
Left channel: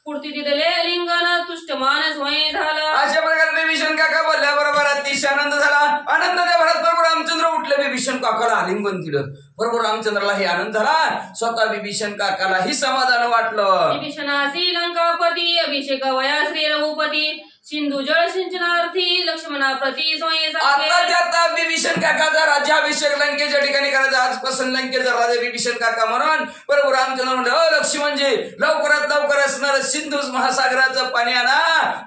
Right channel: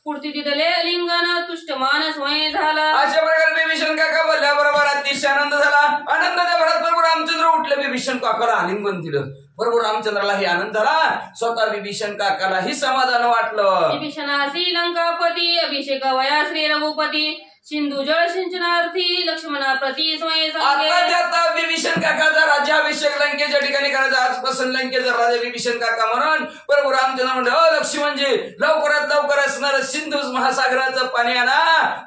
पुढती तिथले लिंगन तुष्ट मानस होय झाला. अशा प्रकारे विभीषण काका बोलल्याबरोबर अतिशय आनंद झाला. आनंदाच्या भरात प्रभू रामचंद्र उठले विभीषण काकाला आलिंगन दिलं. प्रभू रामचंद्रालाही आनंद झाला स्वतः विभीषण काकालाही समाधान वाटलं. विभीषणासी लंकापती अभिषेक वया श्री रघुपती सिंधू जळ सिंचनार्थी लक्ष्मणा प्रती आता विभीषण काकाचा राज्याभिषेक लंकेच्या ठिकाणी करायचा. आजपासून लंकेचा राजा विभीषण काका म्हणून प्रभू रामचंद्र म्हणले लक्ष्मणजी लवकरात लवकर असणार सिंधू महासागराचं पाणी आणा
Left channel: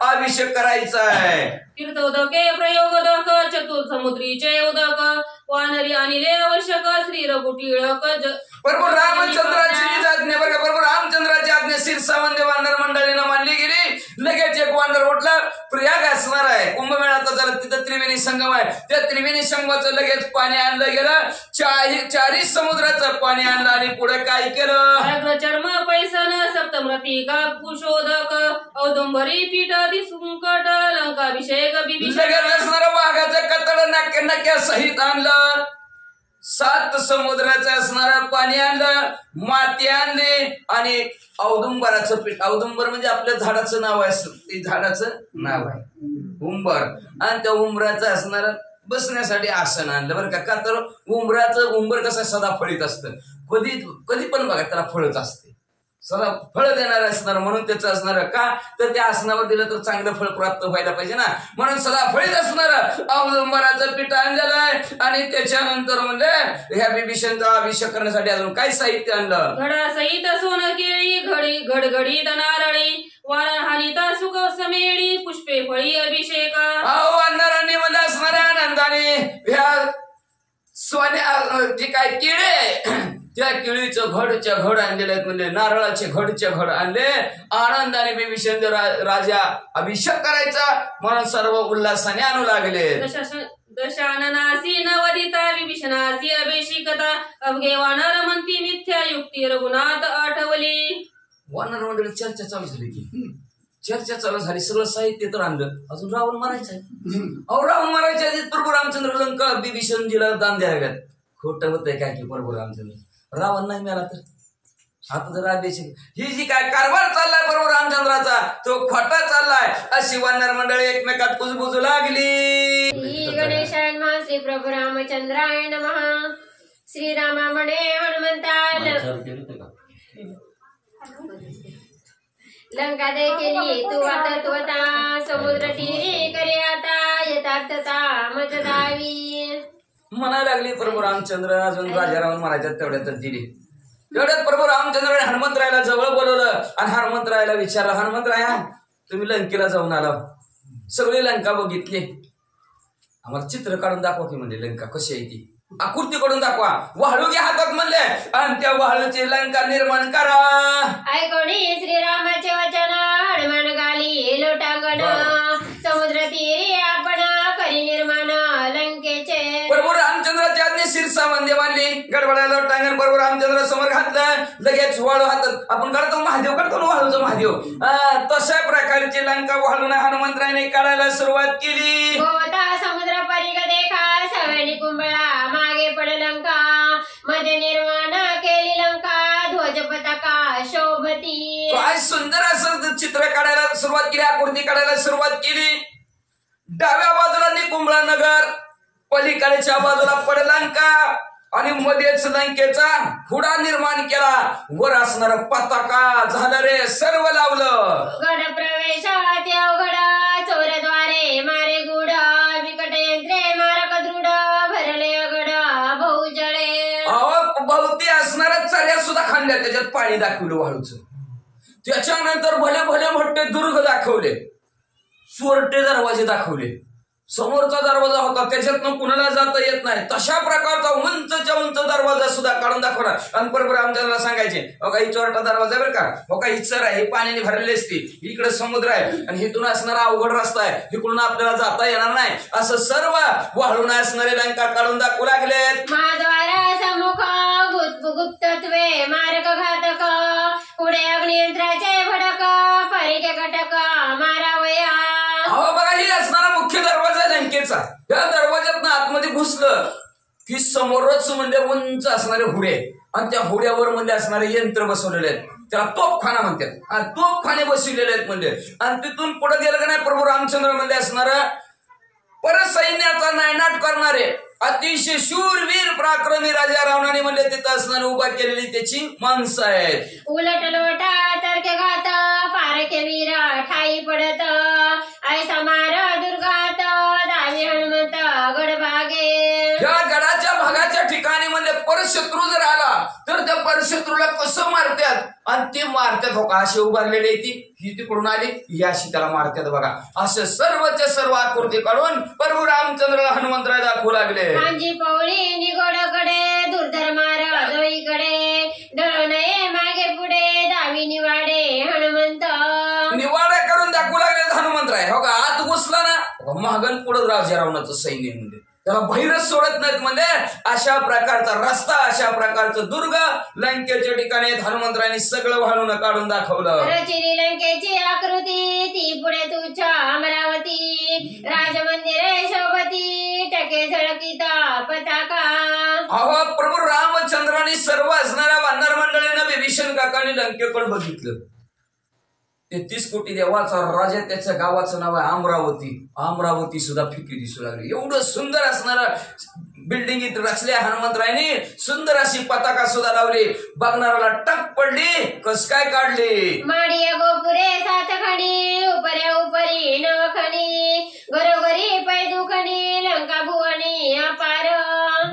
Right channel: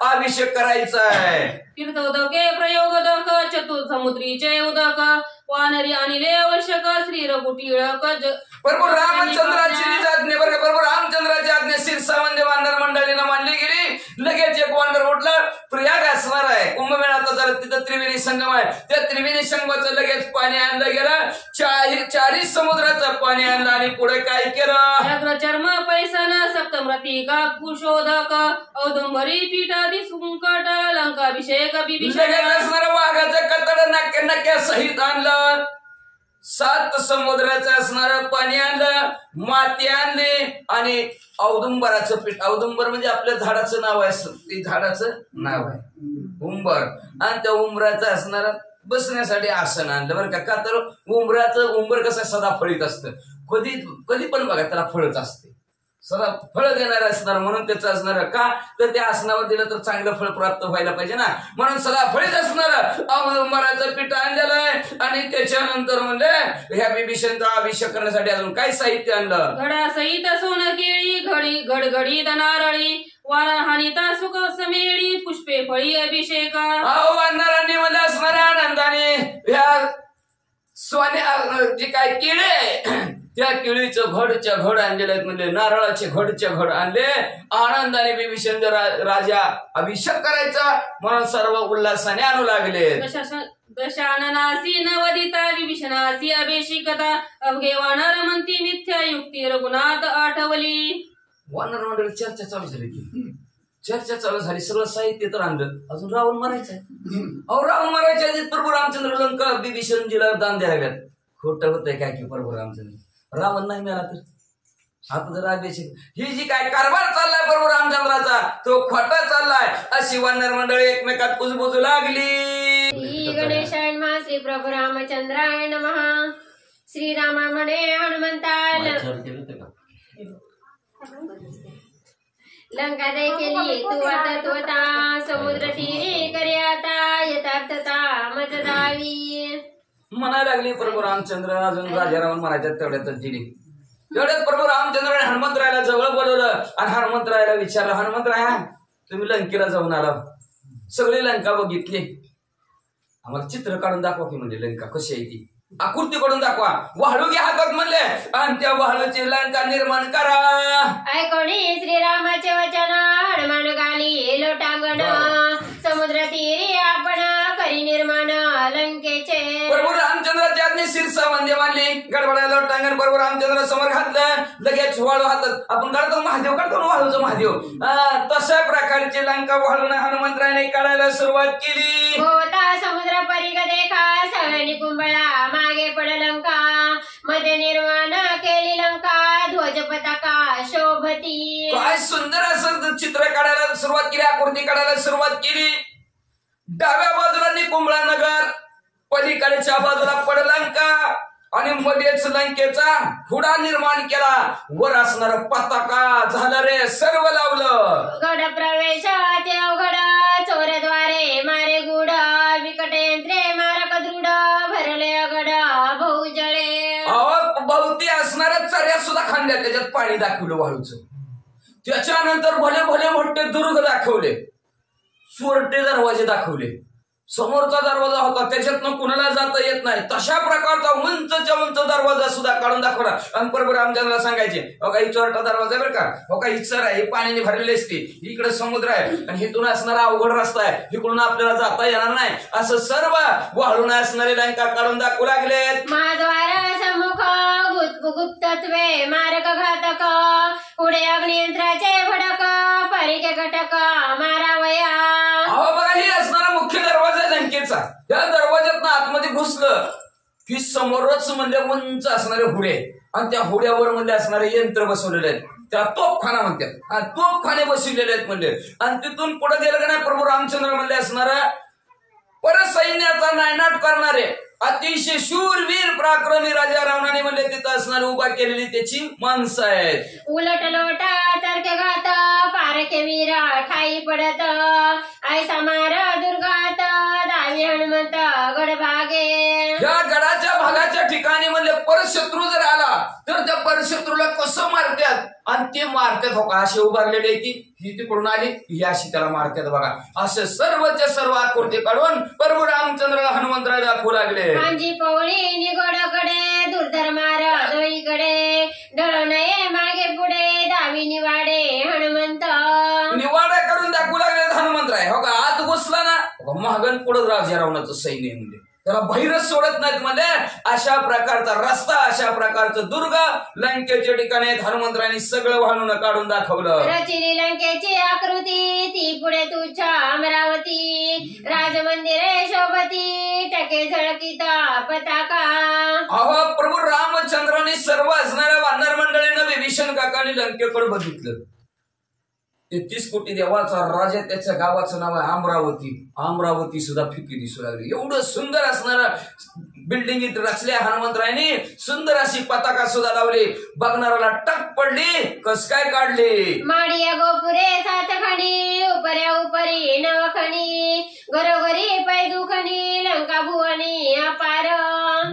अभिषेक करायचा आहे. तीर्थ उदके प्रयोग उदक चतुर्थ समुद्रीचे उदक वानरी आणले आवश्यक श्री रघु टिळक. प्रभू रामचंद्राची आज्ञा बरं प्रभू रामचंद्राची आज्ञा शिरसावंदे वानर मंडळीनं मानली गेली. लगेच एक वानर उठलं प्रयाग असणार आहे कुंभमेळ्यात जरा तिथं त्रिवेणी संगम आहे त्या त्रिवेणी संगमाचं लगेच पाणी आणलं गेलं. चारी समुद्राचं पाणी आणलं आणि पुढे काय केलं चर्म पैसन सप्तमरती का कुशोदक औदुंबरी पीठ दिसुंकट लंकाभिषेक लगेच असणारं वाघाचं कतड नक्या सहित आणलं. 7 समुद्राचं असणारं पाणी आणलं माती आणली आणि औदुंबराचं पीठ. औदुंबर म्हणजे आपल्या झाडाचं नाव आहे ते झाडाचं नाव आहे उंबर आणि त्या उंबराचं असणार बसण्यासाठी आसन आणलं बरं का. तर उंबर कसं सदा फळीत असतं कधी पण बघा त्याला फळच असते सदा फळ देणार असणार म्हणून त्याचं असणार का तर त्या आसनावर दिलं तर चांगलं फळ प्राप्त व्हायला पाहिजे ना म्हणून सदा फळीत असणार औदुंबराचं पीठ आणलेलं आहे. आणि त्याच्यानंतर म्हणजे ह्या विभीषणचा अभिषेक करण्यासाठी अजून काय साहित्य आणलं घडा सहित सोन केळी घडघडीत नारळी वाराहानिता सुख समेळी पुष्पे फळी अभिषेका. वानरांनी म्हणजे असणाऱ्या आनंदाने ह्या सोन्या जे काय किडे त्या केळीचं घड आणलेले आहेत म्हणजे नारळाचे घड आणले. आनंदाने विभीषण राजा अभिषेक करायचा म्हणून सर्व उल्हासाने आणू लागले. दशाननासी नवदिता विभीषणासी अभिषेकता अवघे वानर म्हणती मिथ्या युक्ती रघुनाथ आठवली. वानर मंडळी चर्चा चालू झाली की चर्चा चालू झाली, सगळं साहित्य तर आणलं, अजून रावण मारायचं आहे. अहो रावण मारायच्या आधी प्रभू रामचंद्र लंका विभीषणजीला दान द्यायला लागल्यात. खोटं होतंय काय की प्रभू रामचंद्र रावण नाही मिळाला तर आता जर आदेश ही जी काय कारभार चाललाय प्रभू रामचंद्राचा तो खोटा चाललाय अशी वानर मंडळी एकमेकात कुजबुजू लागली. श्री गणेशाय नमः. श्री प्रभू रामचंद्राय नमः. श्रीरामा म्हणे हनुमंताय लंका दय केली तू आता त्वता समुद्र तीरे करे आता यथार्थता मज दावी. म्हणायला लागली प्रभू रामचंद्र अजून राजा रावण मारायच्यात तेवढ्यातच दिली. तेवढ्यात प्रभू रामचंद्राने हनुमंतरायाला जवळ बोलवलं आणि हनुमंतरायाला विचारलं, हनुमंतराया तुम्ही लंकेला जाऊन आला, सगळी लंका बघितली, आम्हाला चित्र काढून दाखवा की म्हणजे लंका कशी आहे ती, आकृती कडून दाखवा, वाळू घ्या हातात म्हणले आणि त्या वाळूची लंका निर्माण करा. ऐकोणी श्रीरामाचे वचन हनुमान गाली लोटांगण समुद्र तीरे आपण करी निर्माण लंकेचे. प्रभू रामचंद्राच्या आज्ञे शिरसा वंदे मानली, गडबडायला लोटांगण प्रभू रामचंद्र समोर घातलं, लगेच वाळू हातात आपण काढतो महादेव काढतो वाळूचं महादेव तशा प्रकारची लंका वाळून हनुमंतराने काढायला सुरुवात केली. भोवता समुद्र परिग देखा सवनी कुंभळा मागे पड लंका मध्ये निर्माण केली लंका ध्वज पताका शोभती. काय सुंदर असं चित्र काढायला सुरुवात केली, आकृती काढायला सुरुवात केली. डाव्या बाजूला निकुंभळा नगर, पलीकडच्या बाजूला पड लंका आणि मध्येच लंकेचा हुडा निर्माण केला. वर असणारा पताका झालं रे सर्व लावलं. गड प्रवेश ते अवघड चोरद्वारे मारे गुड विकट यंत्रे मारक दृढ भरले अगड बहुजळे. भोवती असणाऱ्या चर्या सुद्धा खांद्या त्याच्यात पाणी दाखवलं वाळूचं. त्याच्यानंतर भले भले मोठे दुर्ग दाखवले, चोरटे दरवाजे दाखवले. समोरचा दरवाजा होता त्याच्यातनं कुणाला जाता येत नाही तशा प्रकारचा उंचच्या उंच दरवाजा सुद्धा काढून दाखवला. आणि प्रभू रामचंद्रला सांगायचे हो काही चोरटा दरवाजा बरं का, हो काही इच्छर आहे, हे पाण्याने भरलेली असते, इकडे समुद्र आहे आणि इथून असणारा अवघड रस्ता आहे, इकडून आपल्याला जाता येणार नाही, असं सर्व वाळून असणारे लंका काढून दाखवू लागलेत. महाद्वार सम्मुख गुप्तत्वे मारक घातक पुढे अग्नियंत्राचे भडक परिके घटक मारावया. अहो बघा ही असणारा मुख्य दरवाजा लंकेचा. या दरवाज्यातनं आतमध्ये घुसलं की समोरच म्हणजे उंच असणारे हुडे आणि त्या हुड्यावर म्हणजे असणारे यंत्र बसवलेले आहेत, त्याला तोफखाना म्हणतात, तोफखाने बसवलेले आहेत म्हणजे. आणि तिथून पुढे गेलं का नाही प्रभू रामचंद्र म्हणजे असणारा परसैन्याचा नायनाट करणारे अतिशय शूरवीर पराक्रमी राजा रावणाने म्हणजे तिथं असणारी उभा केलेली त्याची माणसं आहेत. उलट लोटा तर्के घात पारखे वीर ठाई पडत ऐसा मार दुर्गात दावी हनुमंत गडभागे. या गडाच्या भागाच्या ठिकाणी म्हणजे परशत्रू जर आला तर त्या परशत्रूला कसं मारतात आणि ते मारतात हो का, असे उभारलेले ती ही तिकडून आली ही अशी त्याला मारतात बघा. असं सर्वच्या सर्व आकृती काढून प्रभू रामचंद्र हनुमंतराय दाखवू लागले. माझी पवळी निगोडकडे दुर्धर मार दोईकडे डळ नये मागे पुढे दावी निवाडे हनुमंत. निवाडा करून दाखवू लागले हनुमंतराय हो का. आत घुसला ना महागण पुढं राजा रावणाचं सैन्य म्हणजे त्याला बहिरच सोडत नाहीत म्हणजे अशा प्रकारचा रस्ता, अशा प्रकारचं दुर्ग लंकेच्या ठिकाणी हनुमंतरायांनी सगळं वाळून काढून दाखवलं. रचिली लंकेची आकृती ती पुढे तुझ्या अमरावती राजमंदिरे शोभती टके झळकीत पताका. अहो प्रभू रामचंद्रांनी सर्व असणाऱ्या वानर मंडळीनं विभीषण काकांनी लंकेकडे बघितलं. 33 कोटी देवाचा राजा, त्याच्या गावाचं नाव आहे अमरावती. अमरावती सुद्धा फिकी दिसू लागली. एवढं सुंदर असणारं बिल्डिंग रचल्या हनुमंतरायांनी, सुंदर अशी पताका सुद्धा लावली. बघणाऱ्याला टक पडली, कस काय काढली. माडिया गोपुरे सात खणी उपऱ्या उपरी नवखणी घरोघरी पैदुखणी लंका भुवनी अपार.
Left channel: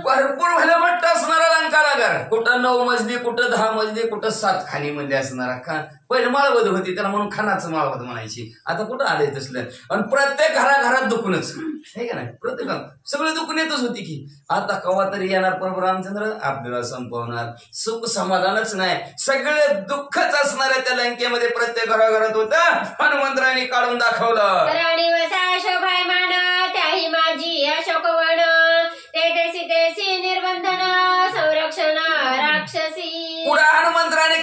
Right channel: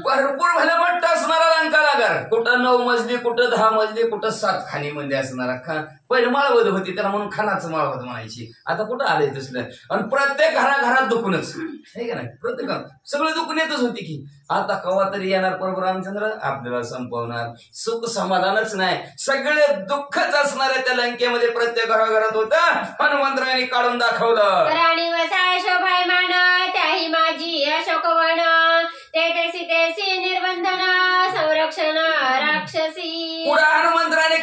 भरपूर भले मोठं असणारा लंका नगर, कुठं 9 मजली, कुठं 10 मजली, कुठं 7 खाणी मध्ये असणारा पहिले माळवद होती त्याला म्हणून खानाचं माळवद म्हणायची. आता कुठं आलंय तसलं. आणि प्रत्येक घराघरात दुखणच आहे का नाही, प्रत्येक सगळं दुखून येतच होती की. आता कवा तरी येणार प्रभू रामचंद्र आपल्याला संपवणार. सुख समाधानच नाही, सगळे दुःखच असणार आहे त्या लंकेमध्ये प्रत्येक घराघरात होतं. हनुमंतरायांनी काढून दाखवलं. राणी वसा शोभायमान त्याही माझी अशोकवण तेथेसी तेसी निर्बंधन संरक्षण राक्षसी. पुढे हनुमंतराने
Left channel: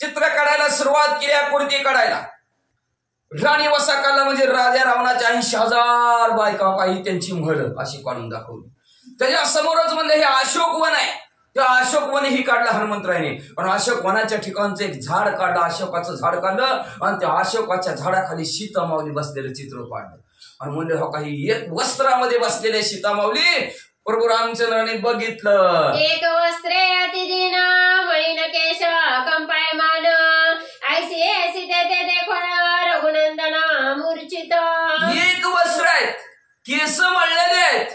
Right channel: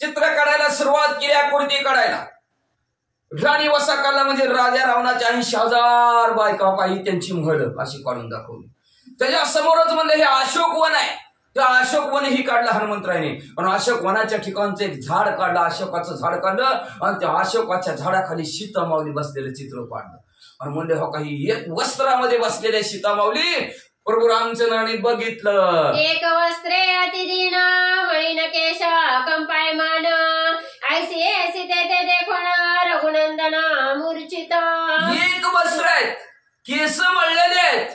चित्र काढायला सुरुवात केली, आकृती काढायला. राणी वसा काढला म्हणजे राजा रावणाच्या 80,000 बायका काही त्यांची म्हड अशी काढून दाखवली. त्याच्या समोरच म्हणलं हे अशोक वन आहे. त्या अशोक वन ही काढलं हनुमंतरायने. आणि अशोक वनाच्या ठिकाणचं एक झाड काढलं, अशोकाचं झाड काढलं आणि त्या अशोकाच्या झाडाखाली सीता माऊली बसलेलं चित्र काढलं. आणि म्हणले हो काही एक वस्त्रामध्ये बसलेले सीता माऊली प्रभू रामचंद्रांनी बघितलं. एक वस्त्रे अतिदीन मळीन केश कंपायमान ऐसी ऐसी ते देखून रघुनंदना मूर्छित. एक वस्त्र आहेत, केस मळलेले आहेत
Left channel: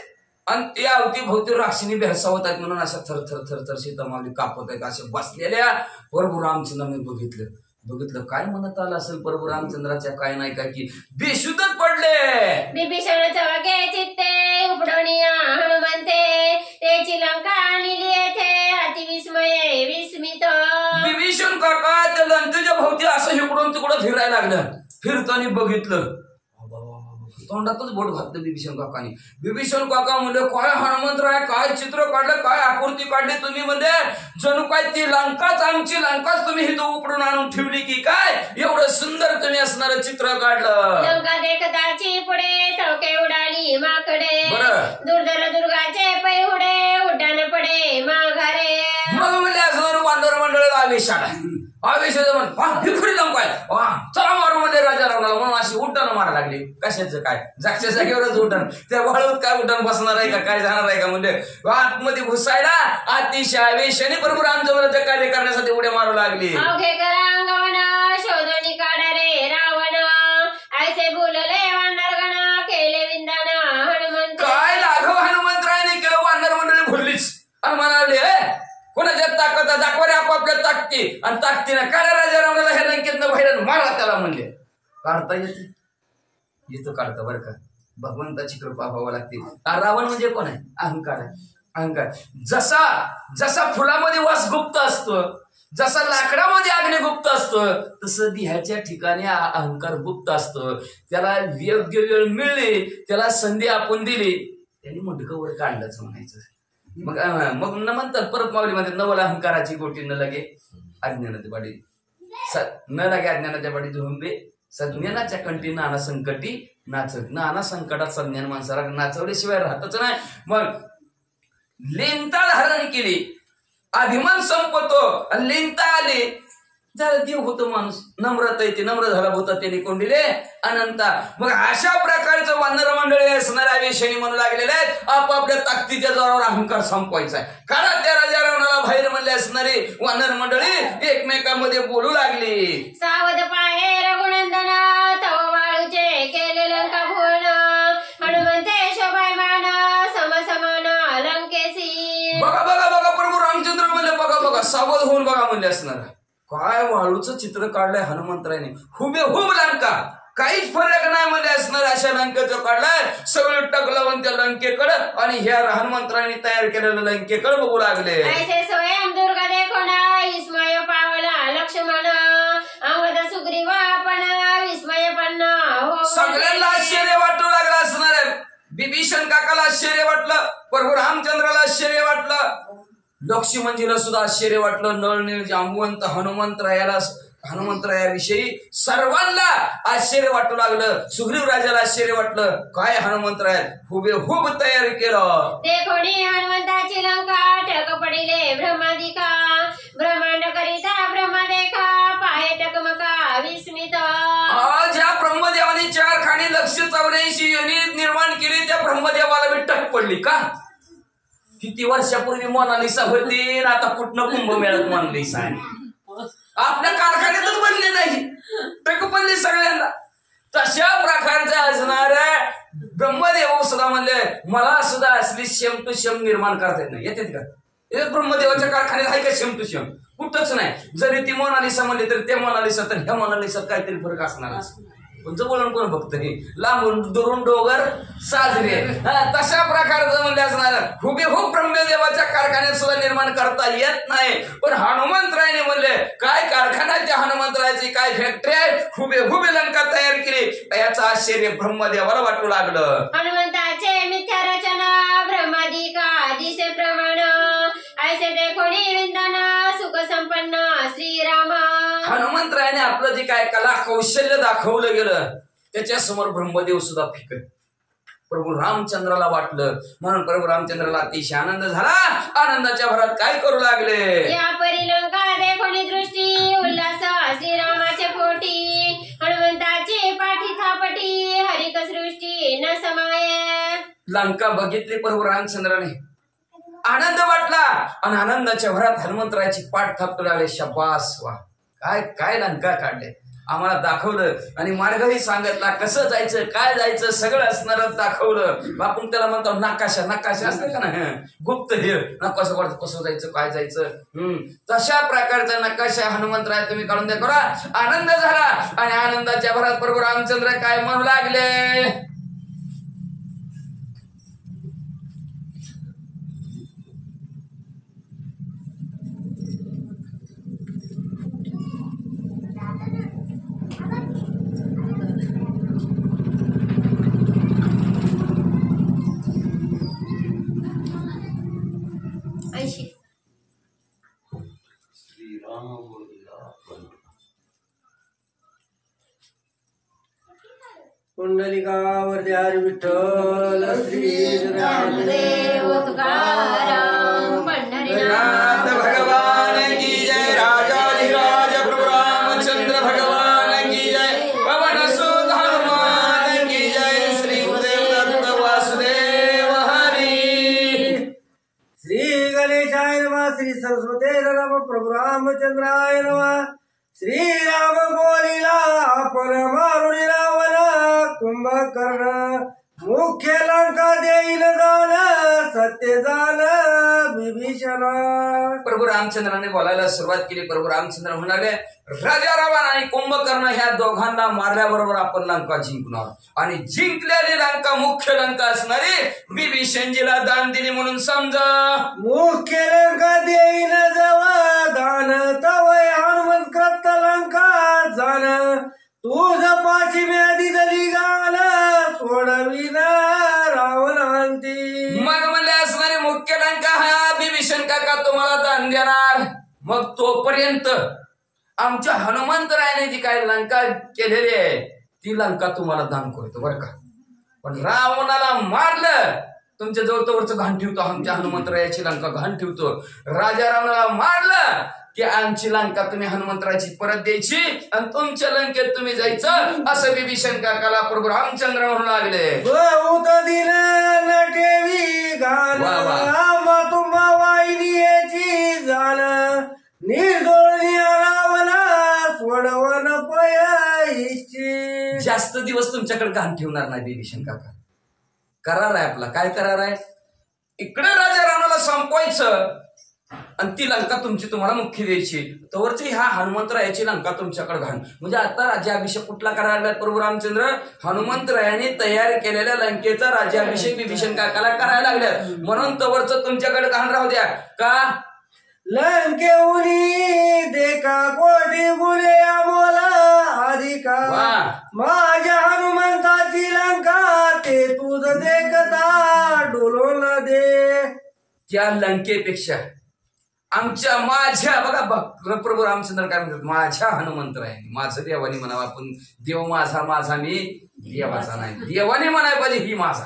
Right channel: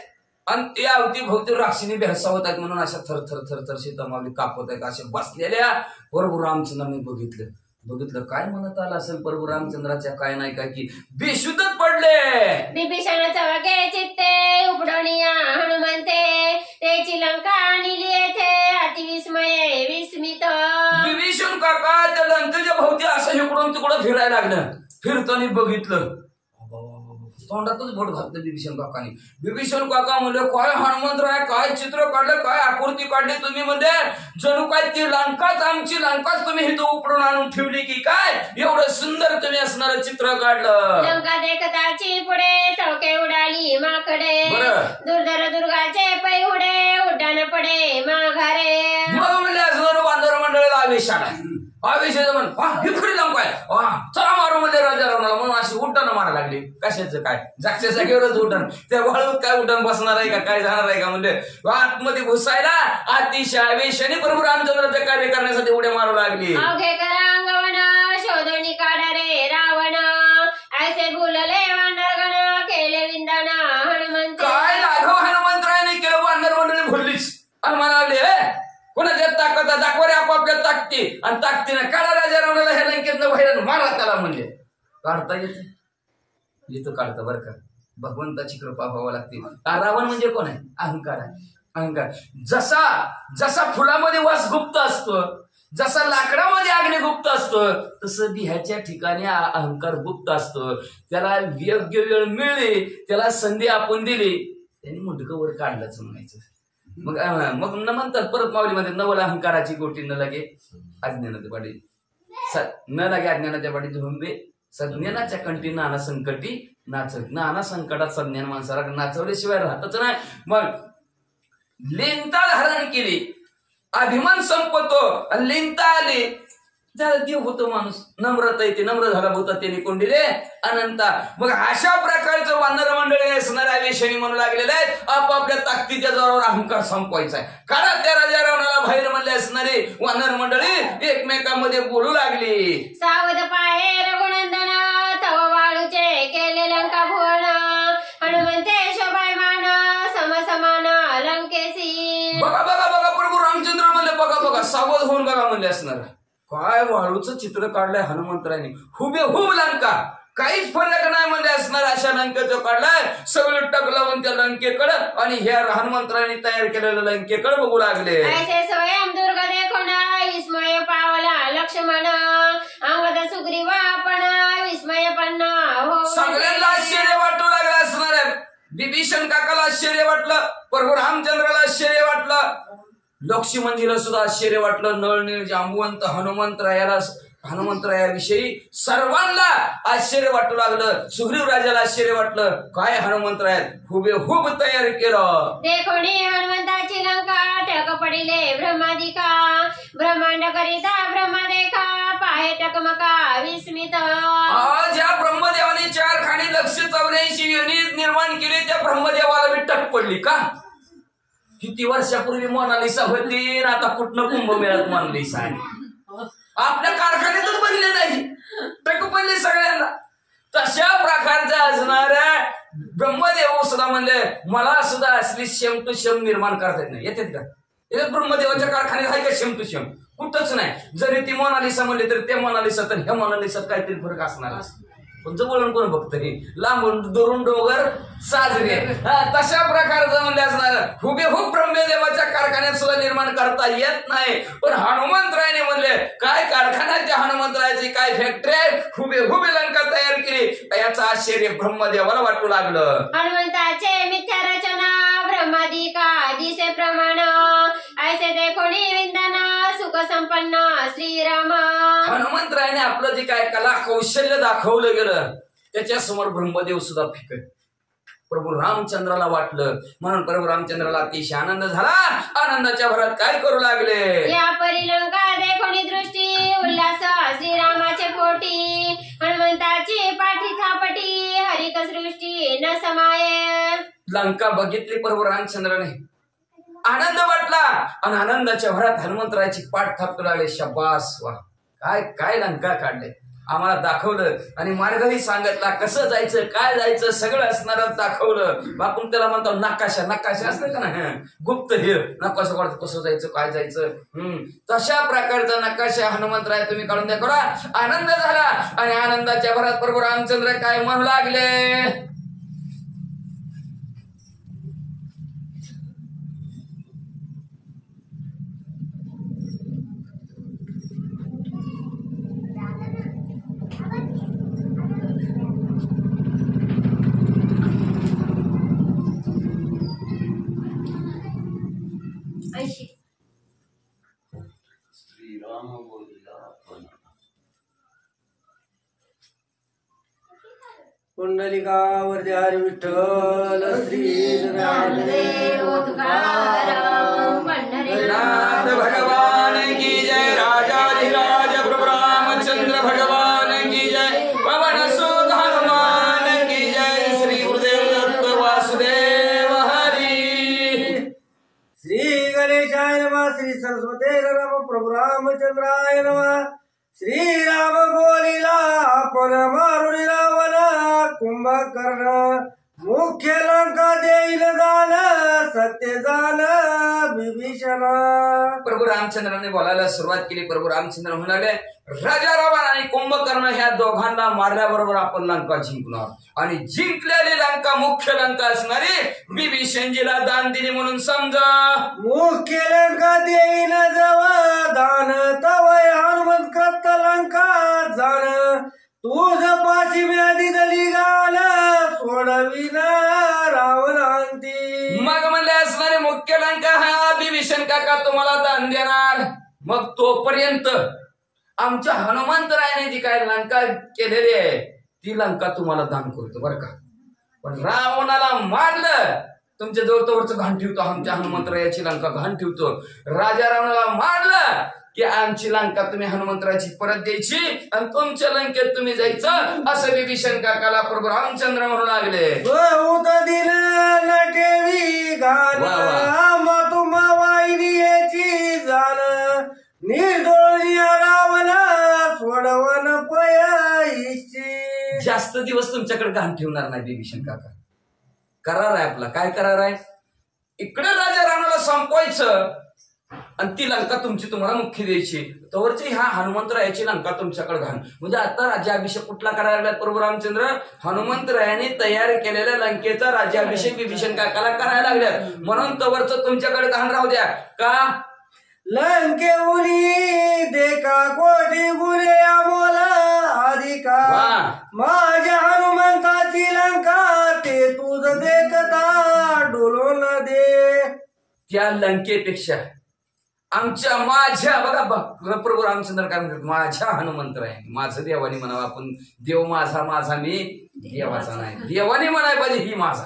आणि ते अवतीभोवती राक्षिणी भेळसावत आहेत म्हणून अशा थर थर थर थर सीता माऊली कापत आहेत. अशा बसलेल्या प्रभू रामचंद्रांनी बघितलं. काय म्हणत आलं असेल प्रभू रामचंद्राच्या काय नाही काय की बेशुद्धच पडले. बिभीषण चवके चित्ते उपडोनिया हनुमंते त्याची लंका आणली येथे अतिविस्मये विस्मित. बिभीषण काका त्या लंकेच्या भोवती असं इकडून तिकडं फिरायला लागलं. फिरताना बघितलं, तोंडातच बोट घातलं बिभीषण काकानी. बिभीषण काका म्हणले काय हनुमंतराय काय चित्र काढलं, काय आकृती काढली तुम्ही, म्हणजे जणू काय ती लंकाच आमची लंकाच तुम्ही इथं उपडून आणून ठेवली की काय, एवढं सुंदर तुम्ही असणारं चित्र काढलं. लंका देखताची पुढे तवके उडाली माकडे बरं. दुर्धर दुर्गाचे पै उडे उड्डाण पडे माघारे. मग म्हणले असणार वानर मंडळाला आवेश आला. आवेश म्हण ही खरी लंका आहे, चला मारू म्हणजे राजा रावणाला म्हणून अशी उड्डाणं मारा लागली. कशाचं काय, जागच्या जागेवरच उड्डाण. त्या वाळूत काय उड्डाण बसणार आहे का, काय जाणार आहे का, म्हणजे आतमध्ये घुसायला अतिशय आवेशाने प्रभू रामचंद्राचे कार्य करण्यासाठी उड्या मारू लागली. अवघे करांगवण शोधणी काढा रे रावण ऐसे बोलले वानरगण केले विंदाण हनुमंत. काय लाघव हनुमंतरायाने केलं, वानर मंडळी भरलीच आणि म्हणाले कोणाच्या ताकद दाखवा रे आपापल्या ताकदी, आणि ताकदीनं काढा राजा रावणाला ह्या लंकेतनं बाहेर मारा त्याला म्हणले. काढता येतं काढतं बरं का, भगवंताची कृपा व्हावं लागते. रावण म्हणजे कोण आहे, अहंकार आहे. अहंकार जसा फुलामध्ये वास गुप्त असतो, जसा लाकडामध्ये अग्नी गुप्त असतं, तसं ह्याच्या ठिकाणी अहंकार गुप्त असतो. त्याला योग्य वेळ मिळली, त्याला संधी आपण दिली, त्यांनी मुंडकं वर काढलंच म्हणायचं. मग न म्हणतात परत माऊलीमध्ये नवल अहंकाराची गोटी न लगे अज्ञानाच्या पाठी, न लागे अज्ञानाच्या पाठी झुंबे सज्ञानाच्या कंठी नाना संकटी नाचत. नाना संकटात सज्ञान माणसाला नाचवल्याशिवाय राहतच नाही. मग लिंता धारण केली, अभिमान संपतो आणि लिंता आली झालं देव होतो माणूस. नम्रता येते, नम्र झाला होता त्याने कोंडिले अनंता. मग अशा प्रकारचं वानर मंडळी असणाऱ्या आवेशाने म्हणू लागलेले आहेत आपापल्या ताकदीच्या जोरावर अहंकार संपवायचा आहे. कारण त्या राजा रावणाला बाहेर म्हणले असणारी वानर मंडळी एकमेकांमध्ये बोलू लागली. सावध पाहे रघुनंदन तव वाळूचे केले लंका भुवन हनुमंते शोभायमान समसमान लंकेसी. बघा बघा बघा प्रभू रामचंद्र म्हणले बघा बघा सावध होऊन बघा म्हणले असणार. काय वाळूचं चित्र काढलंय हनुमंतरायने, हुबेहूब लंका, काहीच फरक नाही म्हणजे असणार अशा लंकेचं काढलाय. सगळं टक लावून त्या लंकेकडं आणि ह्या हनुमंतरायने तयार केलेल्या लंकेकडे बघू लागले. ऐसे स्वयं दुर्ग देखून विस्मय पावला लक्ष्मण अंगद सुग्रीवा पण विस्मय पण हो. सगळ्यांना आश्चर्य वाटू लागलं असणार आहे. बिभीषण काकाला आश्चर्य वाटलं, प्रभू रामचंद्राला आश्चर्य वाटलं, लक्ष्मणजीला सुद्धा आश्चर्य वाटलं. नळनीळ जांबुवंत हनुमंतरायाविषयी सर्वांना आश्चर्य वाटू लागलं. सुग्रीव राजाला आश्चर्य वाटलं, काय हनुमंतराय हुबेहूब तयार केलं. देखोणी हनुमंताची लंका टक पडिले ब्रह्मादिका ब्रह्मांड करिता ब्रह्म देखा पाहे टकमका विस्मित. ज्या ब्रह्मदेवाने 4 खाणी 184 युनिट निर्माण केली त्या ब्रह्मदेवाला बी टक पडली का. किती वर्षापूर्वी मोनालिसा होती, आता कुठनं कुंभमेळ्यात मोनालिसा आहे. आपल्या कारखान्यातच बनले नाही, टक पडली सगळ्यांना. तशा प्रकारच्या असणाऱ्या ब्रह्मदेव सुद्धा म्हणले मला सुद्धा असली सेम टू सेम निर्माण करता येत नाही. येतात का हे ब्रह्मदेवाच्या कारखान्यात आहे का सेम टू सेम, कुठंच नाही. जरी ती मोनालिसा म्हणली तरी त्या मोनालिसा तर ह्या मोनालिसात काहीतरी फरक असणार. पण जवळून कोण बघत लांबून दुरून डोंगर साजरे. तशा प्रकारचं म्हणजे असणार हुबेहूब ब्रह्मदेवाच्या कारखान्यात सुद्धा निर्माण करता येत नाही. पण हनुमंतरायाने म्हणले काय कारखाना त्या हनुमंतरायाची काय फॅक्टरी आहे, हुबेहूब लंका तयार केली. याचं आश्चर्य ब्रह्मदेवाला वाटू लागलं. हनुमंताचे मिथ्या रचना ब्रह्मादिका दिसे प्रमाण ऐसे देखोणी विंदन सुख संपन्न श्रीराम. हनुमंतरायाने आपलं जे काय कला कौशल्य दाखवलं गेलं त्याच्या समोर ब्रह्मदेव सुद्धा फिकट. प्रभू रामचंद्राला वाटलं म्हणून प्रभू रामचंद्राला अतिशय आनंद झाला. आनंदाच्या भरात काय करू लागले, या परिलंका देखोनी दृष्टी उल्हास श्रीरामाचे पोटी. हनुमंताची पाठी थापटी हरिक सृष्टी न समाये. लंका बघितली प्रभू रामचंद्राने, आनंद वाटला आणि आनंदाच्या भरात हनुमंतरायाची पाठ थापू लागले. शब्बास, वा काय काय लंका काढले, आम्हाला दाखवलं आणि मार्गही सांगितला, कसं जायचं काय जायचं सगळं असणारच दाखवलं. आपण त्याला म्हणतो नकाशा, नकाशा असतं का ना, गुप्त हे नकाशा काढतो कसं जायचं काय जायचं. तशा प्रकारचा नकाशा हनुमंतराय तुम्ही काढून द्या करा. आनंद झाला आणि आनंदाच्या भरात प्रभू रामचंद्र काय म्हणू लागले, श्रीराम बोलिला पण पुंडलिकावरती हरी विठ्ठल श्री ज्ञानदेव तुकाराम नाथ भगवान की जय. राजाधिराज प्रभु रामचंद्र भगवान की जय. पवन सुत हनुमान की जय. श्री गुरुदेव दत्त वासुदेव हरी. श्री गणेशाय नमः. श्री सरस्वती नमः. प्रभु रामचंद्राय नमः. श्रीराम बोलिला आपण मारुणी रावण कुंभकर्ण. मुख्य लंका देईल दान सत्य जाण विभीषण. प्रभू रामचंद्राने बोलायला सुरुवात केली. प्रभू रामचंद्र म्हणाले, राजा रावण आणि कुंभकर्ण ह्या दोघांना मारल्याबरोबर आपण लंका जिंकणार आणि जिंकलेली लंका मुख्य लंका असणारी विभीषणजीला दान दिली म्हणून समजा. मुख्य लंका देईल जवळ दान तवय हनुमंत कृत लंका जाण. तुझ पाशी म्यादी दली गाल सोडविना रावणांती. मग म्हणले असणारे मुख्य लंका हा विभीषण काका तुम्हाला दान देणार. मग तोपर्यंत आमच्या हनुमंतरायाने जी काय लंका केलेली आहे ती लंका तुम्हाला दान करतो बरं का. पण रावणाला मारलं तुमच्या जवळवरच घाण ठेवतो, आमच्या हनुमंतरायाची लंका घाण ठेवतो. राजा रावणाला मारलं की आमची लंका तुम्ही हनुमंतरायाची परत द्यायची आणि तुमच्या लंकेत तुम्ही जायचं असं विभीषण काकाला प्रभू रामचंद्र म्हणू लागले. बहुत दिन न ठेवी गान तुम्हा वाहिनी याची जाण. निर्दोळी रावण सोडवण पयाची. जास्त दिवस तुमच्याकडे घाण ठेवणार नाही विभीषण काका. करार आहे आपला. काय करार आहे, इकडे राजा रावणाला संपवायचं आणि ती लंका तुमची तुम्हाला मुख्य द्यायची. तोवरची ह्या हनुमंतरायाची लंका तुमच्याकडे घाण. म्हणजे आता राज्याभिषेक कुठला करायला लागला प्रभू रामचंद्र, हनुमंतरायाने तयार केलेल्या लंकेचा राज्याभिषेक विभीषण काकाला करायला लागल्या. म्हणून तवरच तुमच्याकडे घाण राहू द्या का. लंकेउनी देखा कोटी गुणे अमोला अधिका. माझ्या हनुमंताची लंका ते तुझ देखता डोलून दे. त्या लंकेपेक्षा आमच्या माझ्या बघा प्रभू रामचंद्र काय म्हणतात, माझ्या हनुमंतरायाने, माझं देवाने म्हणावं आपण. देव माझा माझा मी देवाचा नाही, देवाने म्हणाय पाहिजे ही माझा.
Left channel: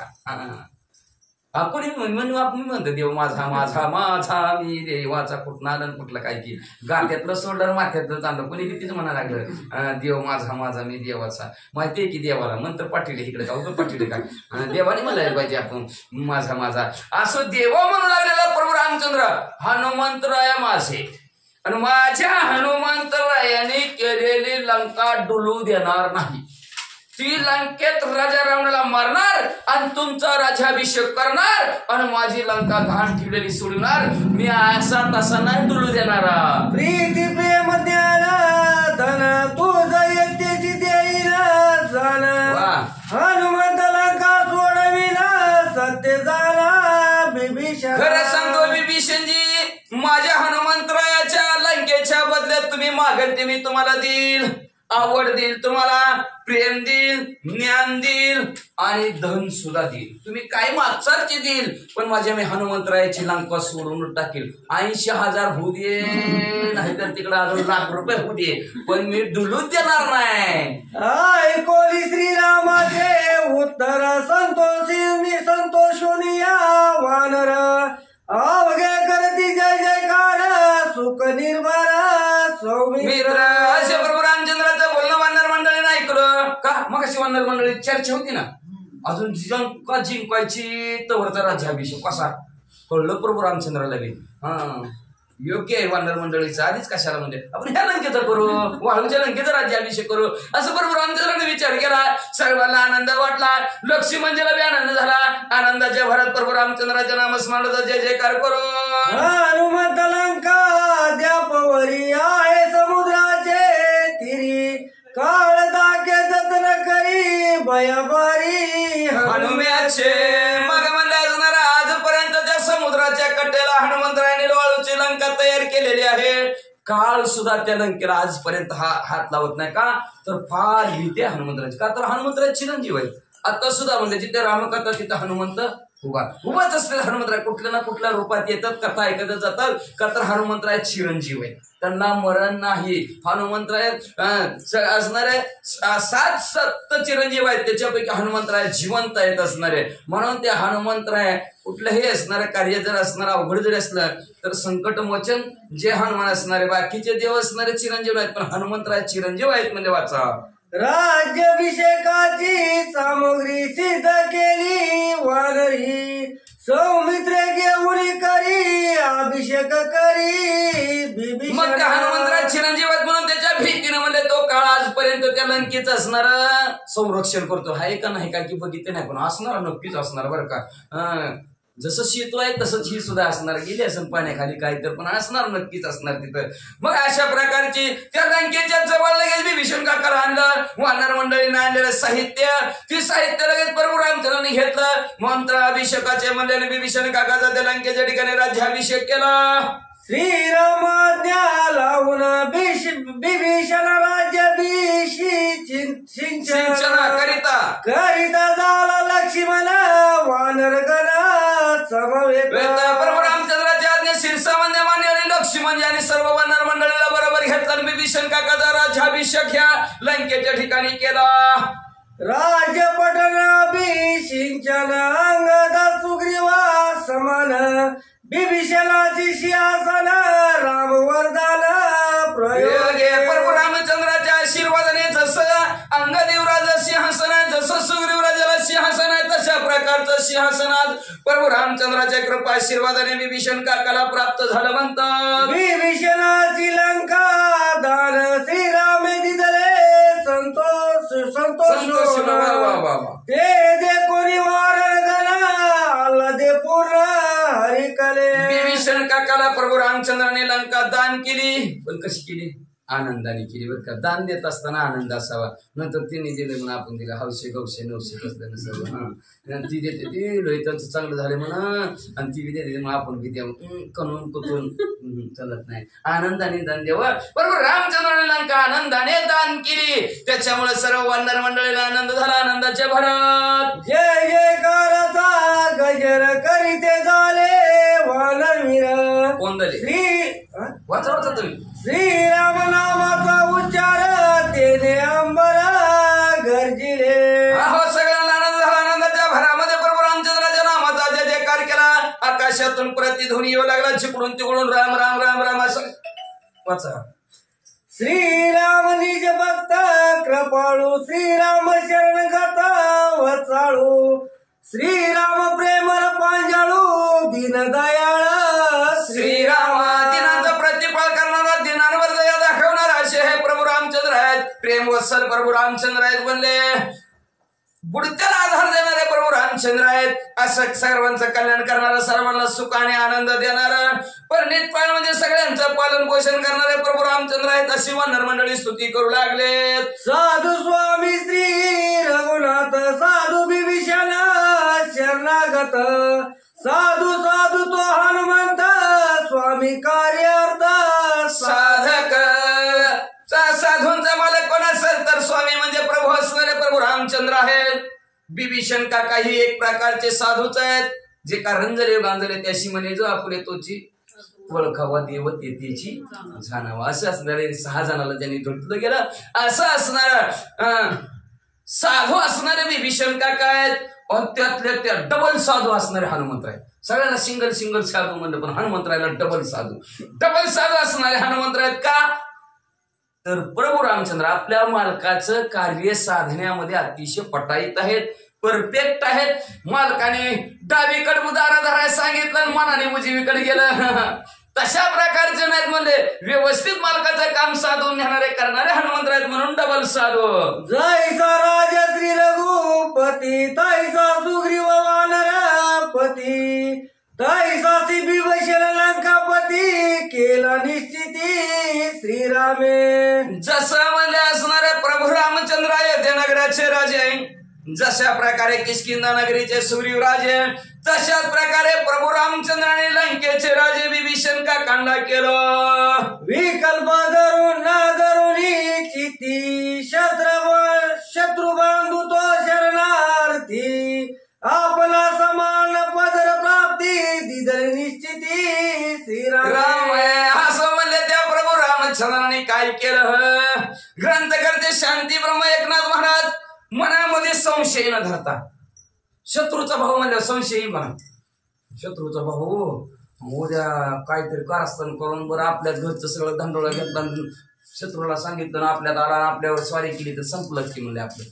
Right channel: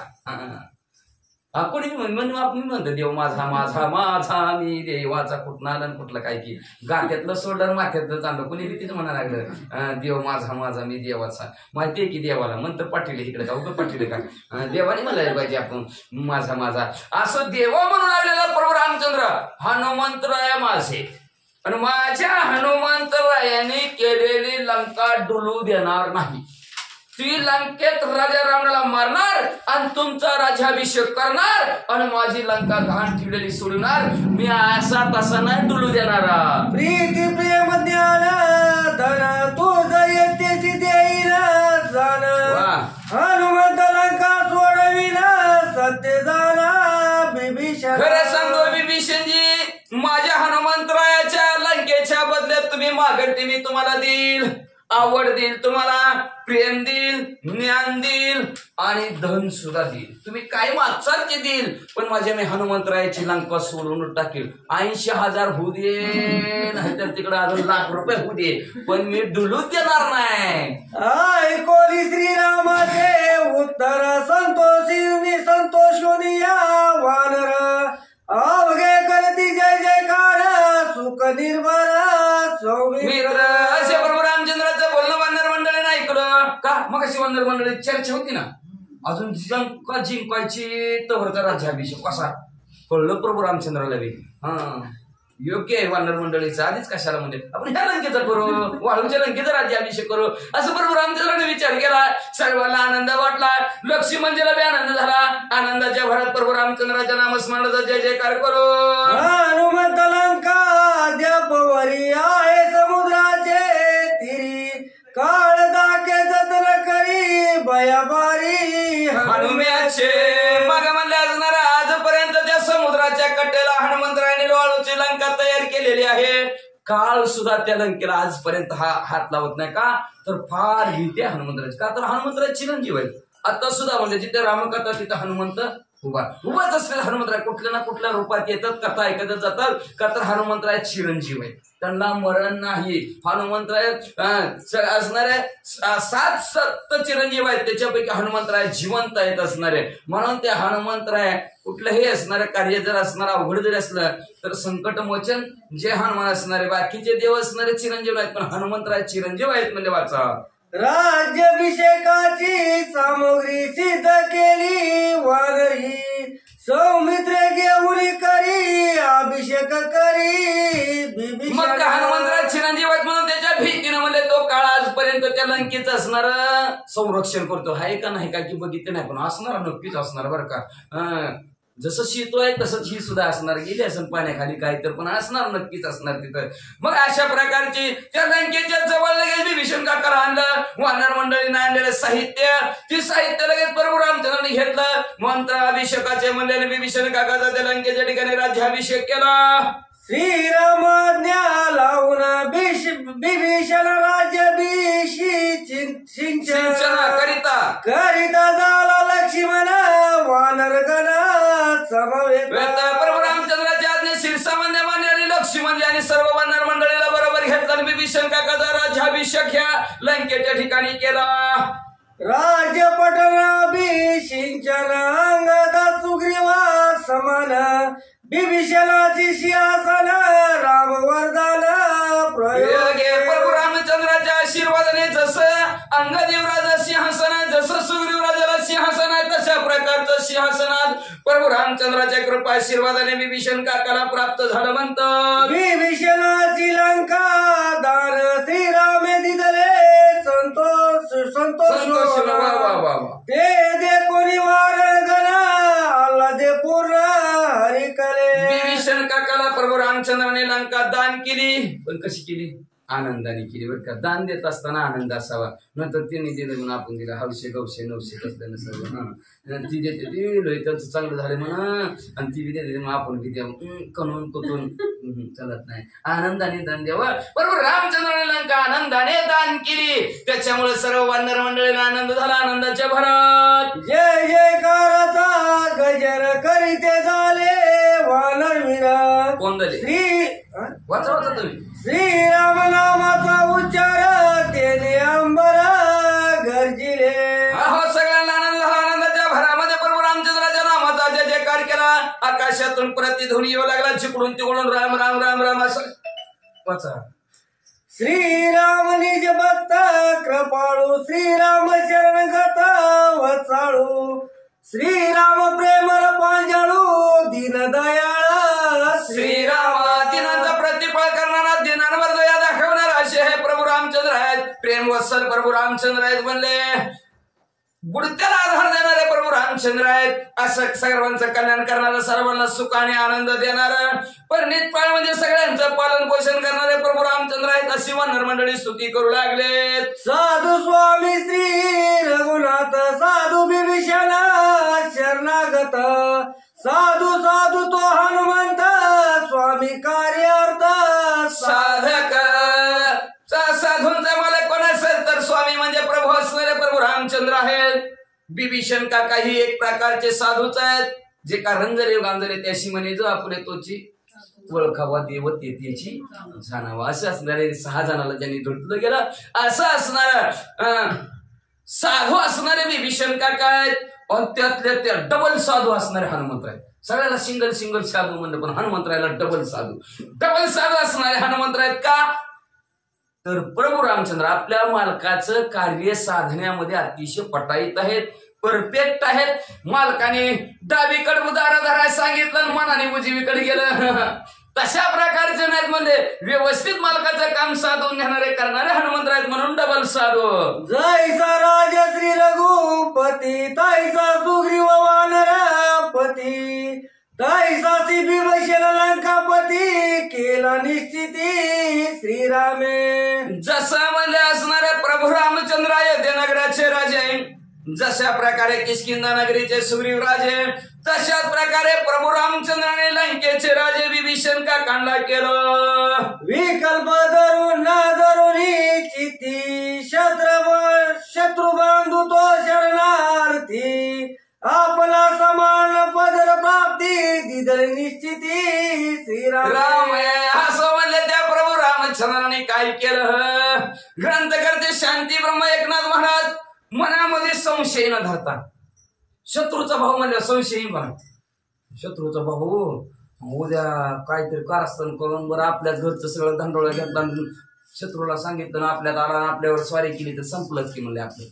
कोणी आपण म्हणतो देव माझा माझा माझा मी देवाचा. कुठं आलं कुठलं काय की गात्यातलं सोडलं माथ्यातलं चाललं. कोणी भीतीच म्हणायला लागलं देव माझा माझा मी देवाचा. माहितीये की देवाला मंत्र पाठवले इकडे का पाठवले काय, देवाने म्हणायला पाहिजे आपण माझा माझा असं देवा म्हणू लागलेला प्रभू रामचंद्र. हनुमंतराया माझे आणि माझ्या हनुमंतरायाने केलेली लंका डुलू देणार नाही. ती लंकेत राजा रावणाला मारणार आणि तुमचा राज्याभिषेक करणार आणि माझी लंका घाण ठेवलेली सोडणार. मी असा तसा नाही डुलू देणार. प्रीती प्रेम ज्ञान धन तुझ यत्तेची देईल जाण. हनुमंत लंका सोडविना सत्य झाला विभीषण. खरं सांगतो विभीषणजी, माझ्या हनुमंतरायाच्या लंकेच्या बदल्यात तुम्ही मागेल ते मी तुम्हाला देईल. आवड देईल तुम्हाला, प्रेम देईल, ज्ञान देईल आणि धन सुद्धा देईल. तुम्ही काय मागचाल ते देईल. पण माझ्या मी हनुमंतरायाची लंका सोडून टाकेल. 80,000 होऊ दे, नाहीतर तिकडे अजून ₹1,00,000 होऊ दे, पण मी डुलूच देणार नाही. ऐकोली श्रीरामाचे उत्तर संतोषोनिया वानर अवघे करती जय जयकार सुख निर्भर मित्र. असे प्रभू रामचंद्राचं बोलणं वानर मंडळीनं ऐकलं का? मग अशी वानर मंडळी चर्चा होती ना, अजून जिंकायची तवरचा राज्याभिषेक कसा कळलं प्रभू रामचंद्राला बी. योग्य आहे वानर मंडळीचं. आधीच कशाला म्हणजे आपण ह्या लंकेचा करू, वाळूच्या लंकेचा राज्याभिषेक करू असं प्रभू रामचंद्राने विचार केला. सर्वांना आनंद वाटला. लक्ष्मणजीला बी आनंद झाला. आनंदाच्या भरात प्रभू रामचंद्राच्या नामस्मरणाचा जय जयकार करू. हनुमंत लंका द्यापवरी आहे समुद्राचे तिरी काळ दाके जतन करी बयाबारी हनुम्याचे. मग म्हणले असणार आजपर्यंत त्या समुद्राच्या कट्ट्याला हनुमंतरायाने वाळूची लंका तयार केलेली आहे. काळ सुद्धा त्या लंकेला आजपर्यंत हात लावत नाही. का तर फार भीती आहे हनुमंतराची. का तर हनुमंतराज चिरंजीव आहेत. आता सुद्धा म्हणजे जिथे रामकथा तिथे हनुमंत उभाच असलेला हनुमंतराय कुठल्या ना कुठल्या रूपात येतात, कथा ऐकत जातात. का तर हनुमंतराय चिरंजीव आहेत, त्यांना मरण नाही. हनुमंतराय असणारे 7 चिरंजीव आहेत, त्याच्यापैकी हनुमंतराय जिवंत आहेत असणारे. म्हणून ते हनुमंतराय कुठलंही असणारं कार्य जर असणार अवघड जरी असलं तर संकट मोचन जे हनुमान असणारे. बाकीचे देव असणारे चिरंजीव आहेत, पण हनुमंतराय चिरंजीव आहेत म्हणजे वाचा. राज्याभिषेकाची सामग्री सिद्ध केली वानरी सौमित्र घेऊन करी अभिषेक करी. मग हनुमंतराय चिरंजीव आहेत म्हणून त्याच्या भीतीनं म्हणजे तो काळ आजपर्यंत त्या लंकेचं असणार संरक्षण करतो. आहे का नाही का की बघितलं नाही, पण असणार नक्कीच असणार बरं का. जसं शेतू आहे तसंच ही सुद्धा असणार. गेली असं पाण्याखाली काही तर पण असणार, नक्कीच असणार तिथं. मग अशा प्रकारची त्या लंकेच्या जवळ लगेच विभीषण काकाला आणलं. वानर मंडळीनं आणलेलं साहित्य, ती साहित्य लगेच प्रभू रामचंद्राने घेतलं. मंत्र अभिषेकाचे म्हणलेले विभीषण काकाचा त्या लंकेच्या ठिकाणी राज्याभिषेक केला. श्रीरामाज्ञा लावून विभीषण राज्याभिषेक सिंचन करिता झाला लक्ष्मण वानर गण समवेत. प्रभू रामचंद्राच्या आज्ञा शिरसामान्य मान्य आणि लक्ष्मण आणि सर्व वानर मंडळीला बरोबर घेतला आणि विभीषण काकाचा राज्याभिषेक ह्या लंकेच्या ठिकाणी केला. राजपटनाभिषिंचन अंगद सुग्रीवा समान विभीषणाची सिंहासन राम वरदान प्रयोग. प्रभू रामचंद्राच्या आशीर्वादाने जसं अंगदेवराजा सिंहासन आहे, जसं सुग्रीवराजाला सिंहासन आहे, तशा प्रकारचं सिंहासनात प्रभू रामचंद्राच्या कृपा आशीर्वादाने विभीषण काकाला प्राप्त झालं म्हणतात. विभीषणाची लंका दान श्रीराम दिदले संतोष ते दे कोणी वारण गणा आला दे पूर्ण हरिकले. विभीषण काकाला प्रभू रामचंद्राने लंका दान केली, पण कशी केली? आनंदाने केली बरं का. दान देत असताना आनंद असावा. नंतर तिने दिले म्हणून आपण दिलं 900 900 कसलं नसावं. ती देते ती लोहितांचं चांगलं झालं म्हणा आणि ती बी देते म्हणून आपण बी द्यावं. कणून कुतून चालत नाही. आनंदाने दान द्यावं. बरोबर रामचंद्राने लंका आनंदाने दान केली. त्याच्यामुळे सर्व वानर मंडळीला आनंद झाला. आनंदाच्या भरात जय जयकाराचा गजर करीते झाले वानरवीर. कोण झाले? वाचा वाचा तुम्ही. श्रीराम नामाचा उच्चार तेने अंबर गरजिले. सगळ्यांना आनंद झाला. आनंदाच्या भरामध्ये प्रभू रामचंद्राच्या नामाचा जय जयकार केला. आकाशातून प्रतिध्वनी येऊ लागला. जिकडून तिकडून राम राम राम राम असं वाचा. श्रीराम निज भक्त कृपाळू श्रीराम शरणगत वचाळू श्रीराम प्रेमळ पांजाळू दीनदयाळ. श्रीराम दिनांचा प्रतिफळ करणारा, दिनांवर दया दाखवणारा असे हे प्रभू रामचंद्र आहेत. प्रेम वत्सल प्रभू रामचंद्र आहेत. म्हणले बुडत्याला आधार देणारे प्रभू रामचंद्र आहेत. असं सर्वांचं कल्याण करणारं, सर्वांना सुख आणि आनंद देणारं, परिणितपाळ म्हणजे सगळ्यांचं पालन पोषण करणारे प्रभू रामचंद्र आहेत. अशी वानर मंडळी स्तुती करू लागलेत. साधू स्वामी श्री रघुनाथ साधू विभीषण शरणागत साधू साधू तो हनुमंत स्वामी कार्यार्थ साधक. साधूंचा मालक कोण असेल? बिभीषण काका ही एक प्रकारचे साधूच आहेत जे का रंजले गांजले त्याशी म्हणे जो आपले तोची ओळखावा देव तेची जाणावा. असं असणारे 6 जणाला ज्यांनी धुतलं गेलं असं असणार साधू असणारे बिभीषण काका आहेत. आणि त्यातल्या त्या डबल साधू असणारे हनुमंत आहेत. सगळ्यांना सिंगल साधू म्हणलं पण हनुमंतरायला डबल साधू असणारे हनुमंत आहेत. का तर प्रभू रामचंद्र आपल्या मालकाचं कार्य साधण्यामध्ये अतिशय पटाईत आहेत, परफेक्ट आहेत. मालकाने डावीकडे उदारा धरायला सांगितलं आणि मनाने उजवीकडे गेलं तशा प्रकारचे नाहीत. म्हणजे व्यवस्थित मालकाचं काम साधून नेणारे करणारे हनुमंत आहेत म्हणून डबल साधू. जैसा राजा श्री रघुपती तैसा सुग्रीव वानरपती तैसा बिभीषण लंकापती केला निश्चिती श्रीरामे. जसं म्हणजे असणारे प्रभू रामचंद्र अयोध्या नगराचे राजे आहे, जशा प्रकारे किष्किंधा नगरीचे सुग्रीव राजे, तशाच प्रकारे प्रभू रामचंद्राने लंकेचे राजे बिभीषण काकांना केलं. विकल्प धरून न धरुणी चित्ती शत्रु बांधू तो शरणार्थी आपला समान पदर प्राप्ती दिदर निश्चिती श्रीराम. राम असं म्हणले त्या प्रभू रामचंद्राने काय केलं. ग्रंथकर्ते शांती ब्रह्म एकनाथ महाराज मनामध्ये संशय न धरता शत्रूचा भाऊ म्हणल्या संशयही म्हणा. शत्रूचा भाऊ उद्या काहीतरी कारस्थान करून बरं आपल्याच घरचं सगळं धंडोळा घेतला शत्रूला सांगितलं ना आपल्यात आला आपल्यावर स्वारी केली तर संपलंच की म्हणले. आपलं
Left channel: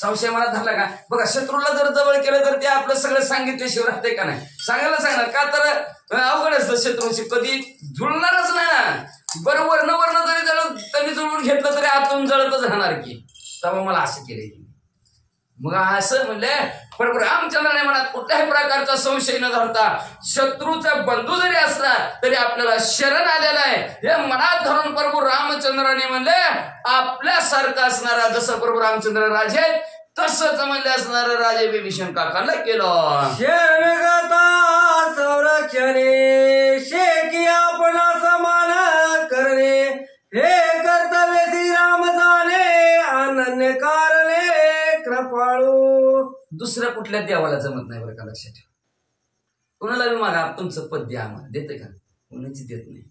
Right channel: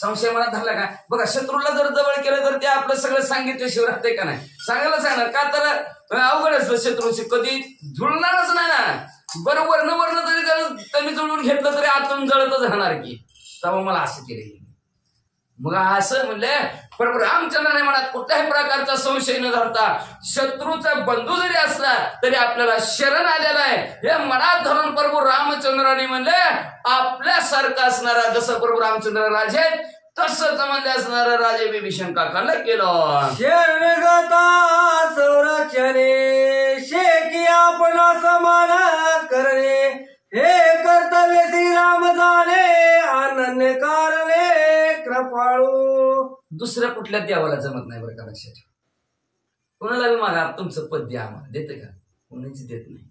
संशय मनात धरला का. बघा शत्रूला जर जवळ केलं तर ते आपलं सगळं सांगितल्याशिवाय राहते का नाही. सांगायला सांगणार का तर अवघडच शत्रूशी कधी जुळणारच नाही ना. बरं वर्ण जरी त्यांनी जुळून घेतलं तरी आतून जळतच राहणार की. तेव्हा मला असं केलं. मग असं म्हणले प्रभू रामचंद्राने मनात कुठल्याही प्रकारचा संशय न धरता शत्रूचा बंधू जरी असला तरी आपल्याला शरण आलेला आहे हे मनात धरून प्रभू रामचंद्राने म्हणले आपल्यासारखं असणारा जसं प्रभू रामचंद्र राजे तसंच म्हणले असणारा राजे बिभीषण काकांना केलं. शरणगता संरक्षणे शेकी आपला समान करणे हे कर्तव्य श्रीराम जाणे अनन्य कारणे कृपाळू. दुसऱ्या कुठल्या देवाला जमत नाही बरं का. लक्षात ठेवा. कुणाला बी मागा तुमचं पद द्या आम्हाला देते का. कुणीच देत नाही.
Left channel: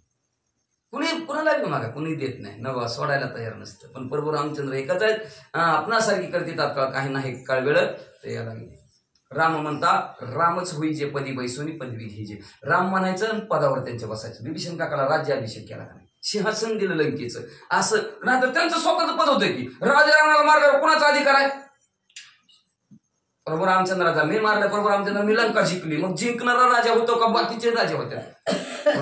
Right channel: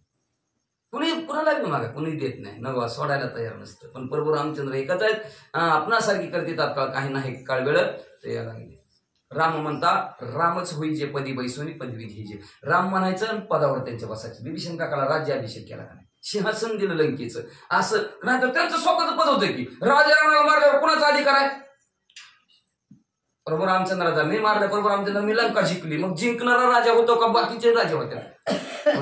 कुणाला बी मागा कुणी देत नाही. नवा सोडायला तयार नसतं. पण प्रभू रामचंद्र एकच आहेत. आपणासारखी करते तात्काळ काही नाही काळ वेळ तर याला गेले. राम म्हणता रामच होई जे पदी बैसोनी पदवी घ्यायचे. राम म्हणायचं आणि पदावर त्यांच्या बसायचं. बिभीषण काकाला राज्याभिषेक केला का नाही. सिंहासन दिलं लंकेचं. असं नाही तर त्यांचं स्वतःचं पद होतं की राजा रावणाला मार्गावर कुणाचा अधिकार आहे. प्रभू रामचंद्राचा मी मारलं प्रभू रामचंद्र मी लंका जिंकली. मग जिंकणारा राजा होतो का बाकीचे राजे होते.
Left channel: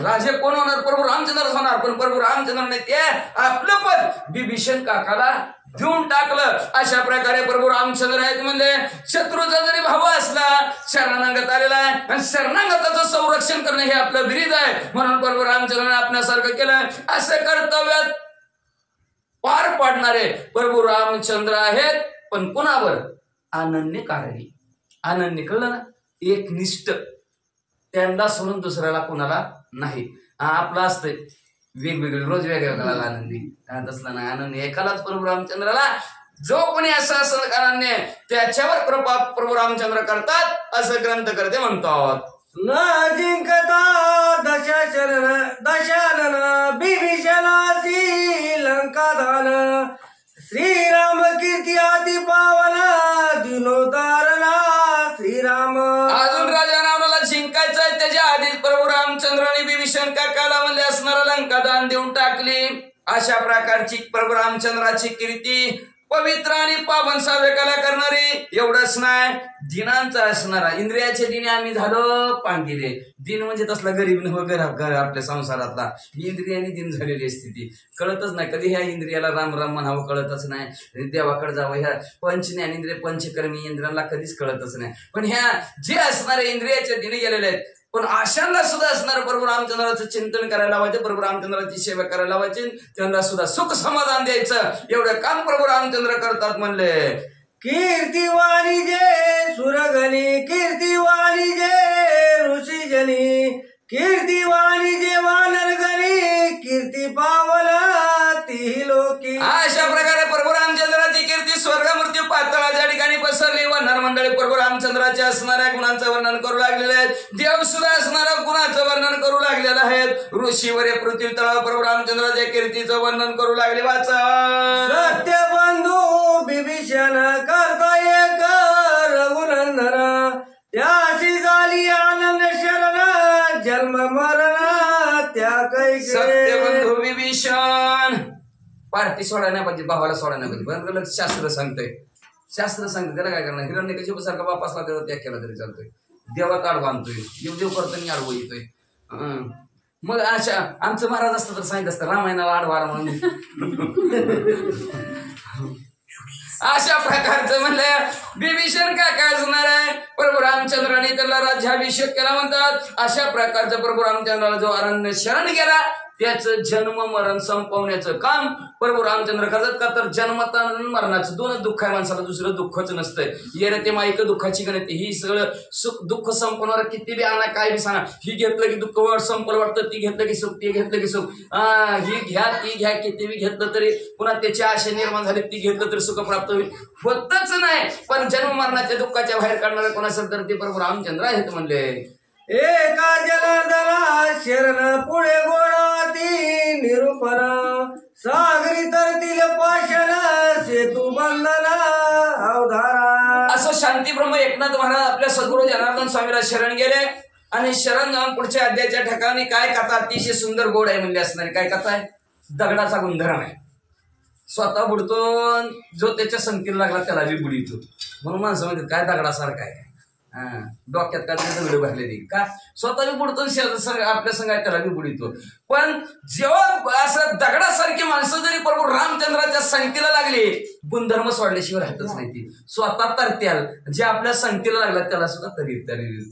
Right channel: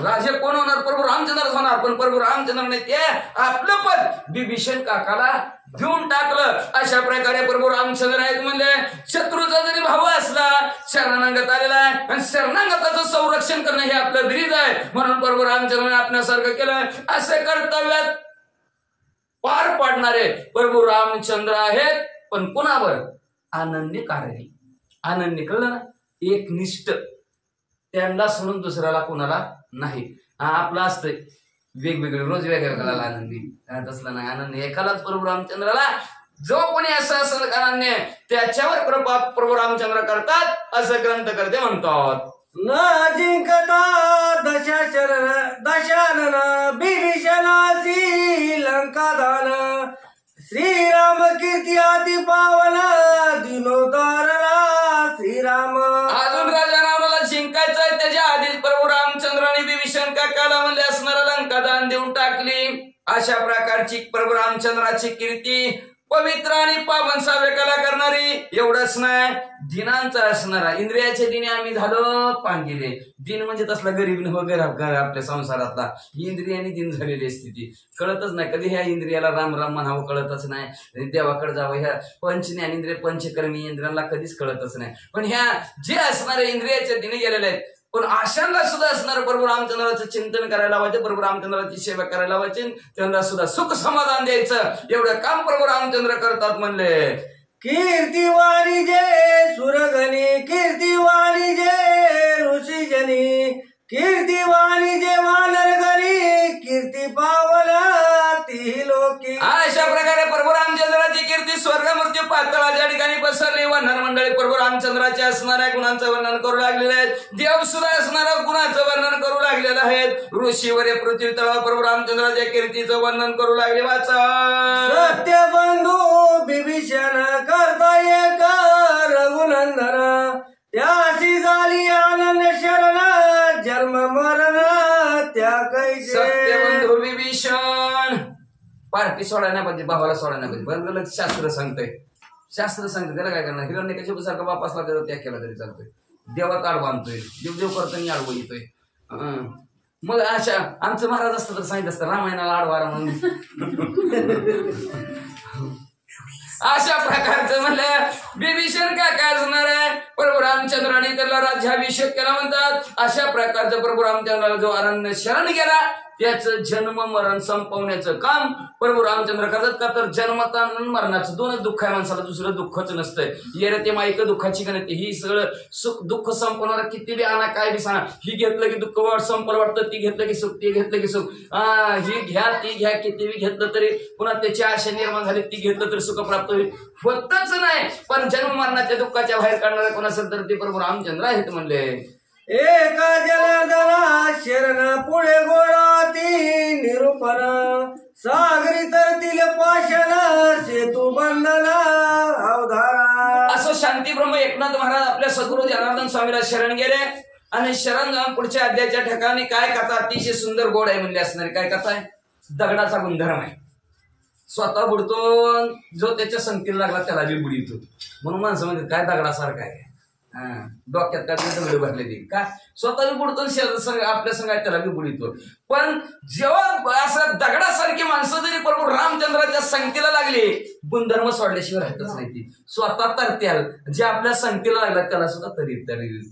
राजे कोण होणार प्रभू रामचंद्रच होणार. पण प्रभू रामचंद्राने ते आपलं पद बिभीषण काकाला देऊन टाकलं. अशा प्रकारे प्रभू रामचंद्र आहेत म्हणजे शत्रूचा जरी भाऊ असला शरणागत आलेला आहे आणि शरणागताचं संरक्षण करणं हे आपलं बिरीद आहे. म्हणून प्रभू रामचंद्राने आपल्यासारखं केलं. असे कर्तव्यात पार पाडणारे प्रभू रामचंद्र आहेत. पण कुणावर अनन्य कारणी. अनन्य कळलं ना. एक निष्ठ त्यांना सोडून दुसऱ्याला कोणाला नाही. आपलं असतंय वेगवेगळे रोज वेगवेगळ्याला आनंदी तसलं नाही. आनंद एकालाच प्रभू रामचंद्राला जो कोणी असं असेल अनन्य त्याच्यावर कृपा प्रभू रामचंद्र करतात असं ग्रंथ करते म्हणतात. न जिंकता दशानन बिभीषणाची लंकादान श्रीराम कीर्ती अति पावन दिनोदारला श्रीराम. अजून राजा रावणाला जिंकायचं आहे त्याच्या आधीच प्रभू रामचंद्राने बिभीषण काकाला म्हणले असणारा लंका दान देऊन टाकली. अशा प्रकारची प्रभू रामचंद्राची कीर्ती पवित्र आणि पावन सावेकाला करणारी. एवढंच नाही दिनांचा असणारा इंद्रियाचे दिने आम्ही झालो पांगिले. दिन म्हणजे तसला गरीब वगैरे आपल्या संसारातला इंद्रियाने दिन झालेली स्थिती कळतच नाही. कधी ह्या इंद्रियाला राम राम म्हणावं कळतच नाही. देवाकडे जावं ह्या पंचज्ञानेंद्रिय पंचकर्मी इंद्रियांना कधीच कळतच नाही. पण ह्या जे असणारे इंद्रियाचे दिने गेलेले आहेत पण आशांना सुद्धा असणार प्रभू रामचंद्राचं चिंतन करायला लावायचे. प्रभू रामचंद्राची सेवा करायला लावायची. त्यांना सुद्धा सुख समाधान द्यायचं. एवढं काम प्रभू रामचंद्र करतात म्हणले. कीर्तिवाणी जे सुरगणी कीर्तिवाणी जे ऋषीजनी कीर्तिवाणी जे वानरगणी कीर्ती पावला ती लोकी. अशा प्रकारे प्रभू रामचंद्राची कीर्ती स्वर्ग मृत्यू पाताळाच्या ठिकाणी पसरली. वानर मंडळी प्रभू रामचंद्राच्या असणाऱ्या गुणांचं वर्णन करू लागलेले आहेत. देव सुद्धा असणाऱ्या गुणांचं वर्णन करू लागलेलं आहेत. ऋषीवर पृथ्वी तळावर प्रभू रामचंद्राच्या कीर्तीचं वर्णन करू लागले. वाचा सत्यबंधू बिभीषण करता एक रघुनंदन त्याची झाली आनंद शरण जन्म मरण त्या कैसे. सत्यबंधू विभीषण पार्टी सोडायला पाहिजे, भावाला सोडायला पाहिजे. बरं शास्त्र सांगतंय, शास्त्र सांगतंय त्याला काय करणार. हिरण्यकशिपूसारखा बाप असला त्याचा त्याग केला तरी चालतोय. देवात आडवा आणतोय, देव करताना आडवं येतोय. मग अशा आमचं महाराज असतं तर सांगितलं असतं रामायणाला आडवा म्हणून. अशा प्रकारचं म्हणलं विभीषण काय असणार आहे. प्रभू रामचंद्राने त्याला राज्याभिषेक केला म्हणतात. अशा प्रकारचं प्रभू रामचंद्राला जो अरण्य शरण गेला त्याचं जन्म मरण संपवण्याचं काम प्रभू रामचंद्र करतात. का तर जन्मात आणि मरणाचं दोनच दुःख आहे माणसाला, दुसरं दुःखच नसतंय. येणं ते माईक दुःखाची गणती. ही सगळं सुख दुःख संपवणार किती बी आणा काय बी सांगा. ही घेतलं की दुःख संपलं वाटतं, ती घेतलं की सुख, ते घेतलं की सुख. ही घ्या ती घ्या, किती बी घेतलं तरी पुन्हा त्याची आशा निर्माण झाली, ती घेतलं तरी सुख प्राप्त होईल. होतच नाही. पण जन्म मरणाच्या दुःखाच्या बाहेर काढणारा कोण असेल तर ते प्रभू रामचंद्र आहेत म्हणले. एका जलदला शरण पुढे गोडाती निरूपण सागरी तरतील पाषण सेतू बंधना अवधारा. असं शांती ब्रह्म एकनाथ महाराज आपल्या सद्गुरू जनार्दन स्वामीला शरण गेले आणि शरण जाऊन पुढच्या अध्यायाच्या ठिकाणी काय कथा अतिशय सुंदर गोड आहे म्हणले असणारी. काय कथा आहे. दगडाचा गुणधर्म आहे. स्वतः बुडतो, जो त्याच्या संगतीला लागला त्याला बी बुडीतो. म्हणून माणसं म्हणतात काय दगडासारखा आहे, डोक्यात काय दगड भरले ती का स्वतः बी बुडतो, आपल्या संघात त्याला बी बुडीतो. पण जेव्हा असं दगडासारखी माणसं जरी प्रभू रामचंद्राच्या संगतीला लागली, गुणधर्म सोडल्याशिवाय राहतच नाही. ती स्वतः तरत्याल, जे आपल्या संगतीला लागला त्याला सुद्धा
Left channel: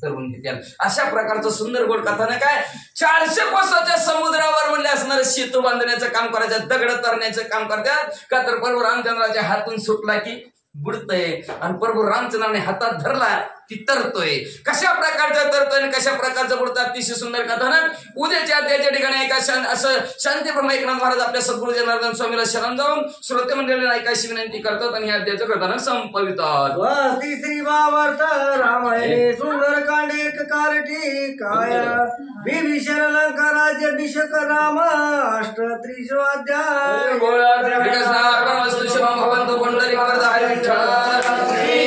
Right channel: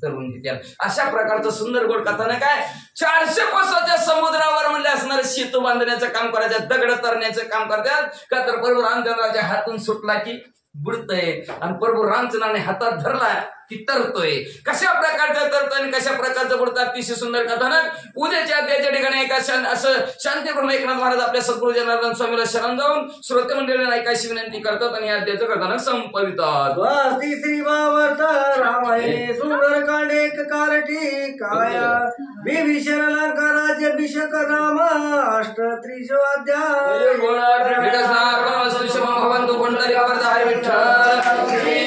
तरुण घेत्याल. अशा प्रकारचं सुंदर गोड कथानक काय. 400 कोसाच्या समुद्रावर म्हणले असणारे सेतू बांधण्याचं काम करायचं, दगड तरण्याचं काम करतात. का तर प्रभू रामचंद्राच्या हातून सुटला की बुडतय आणि प्रभू रामचंद्राने हातात धरला ती तरतोय. कशा प्रकारचं तरतोय आणि कशा प्रकारचं बुडतात. अतिशय सुंदर कथानक उद्याच्या अध्यायाच्या ठिकाणी एका असं शांती ब्रह्म एकनाथ महाराज आपल्या सद्गुरू जनार्दन स्वामीला शरण जाऊन श्रोते मंडळींना ऐकायची विनंती करतात आणि हे अध्यायाचं कथानक संपवितात. तिसरी वावर्त रामायणे सुंदर कांडेक कारठी काया बिभीषण लंका राज्याभिषेक नाम अष्टत्रिशो अध्याय. भवंतु पंढरी विठ्ठल.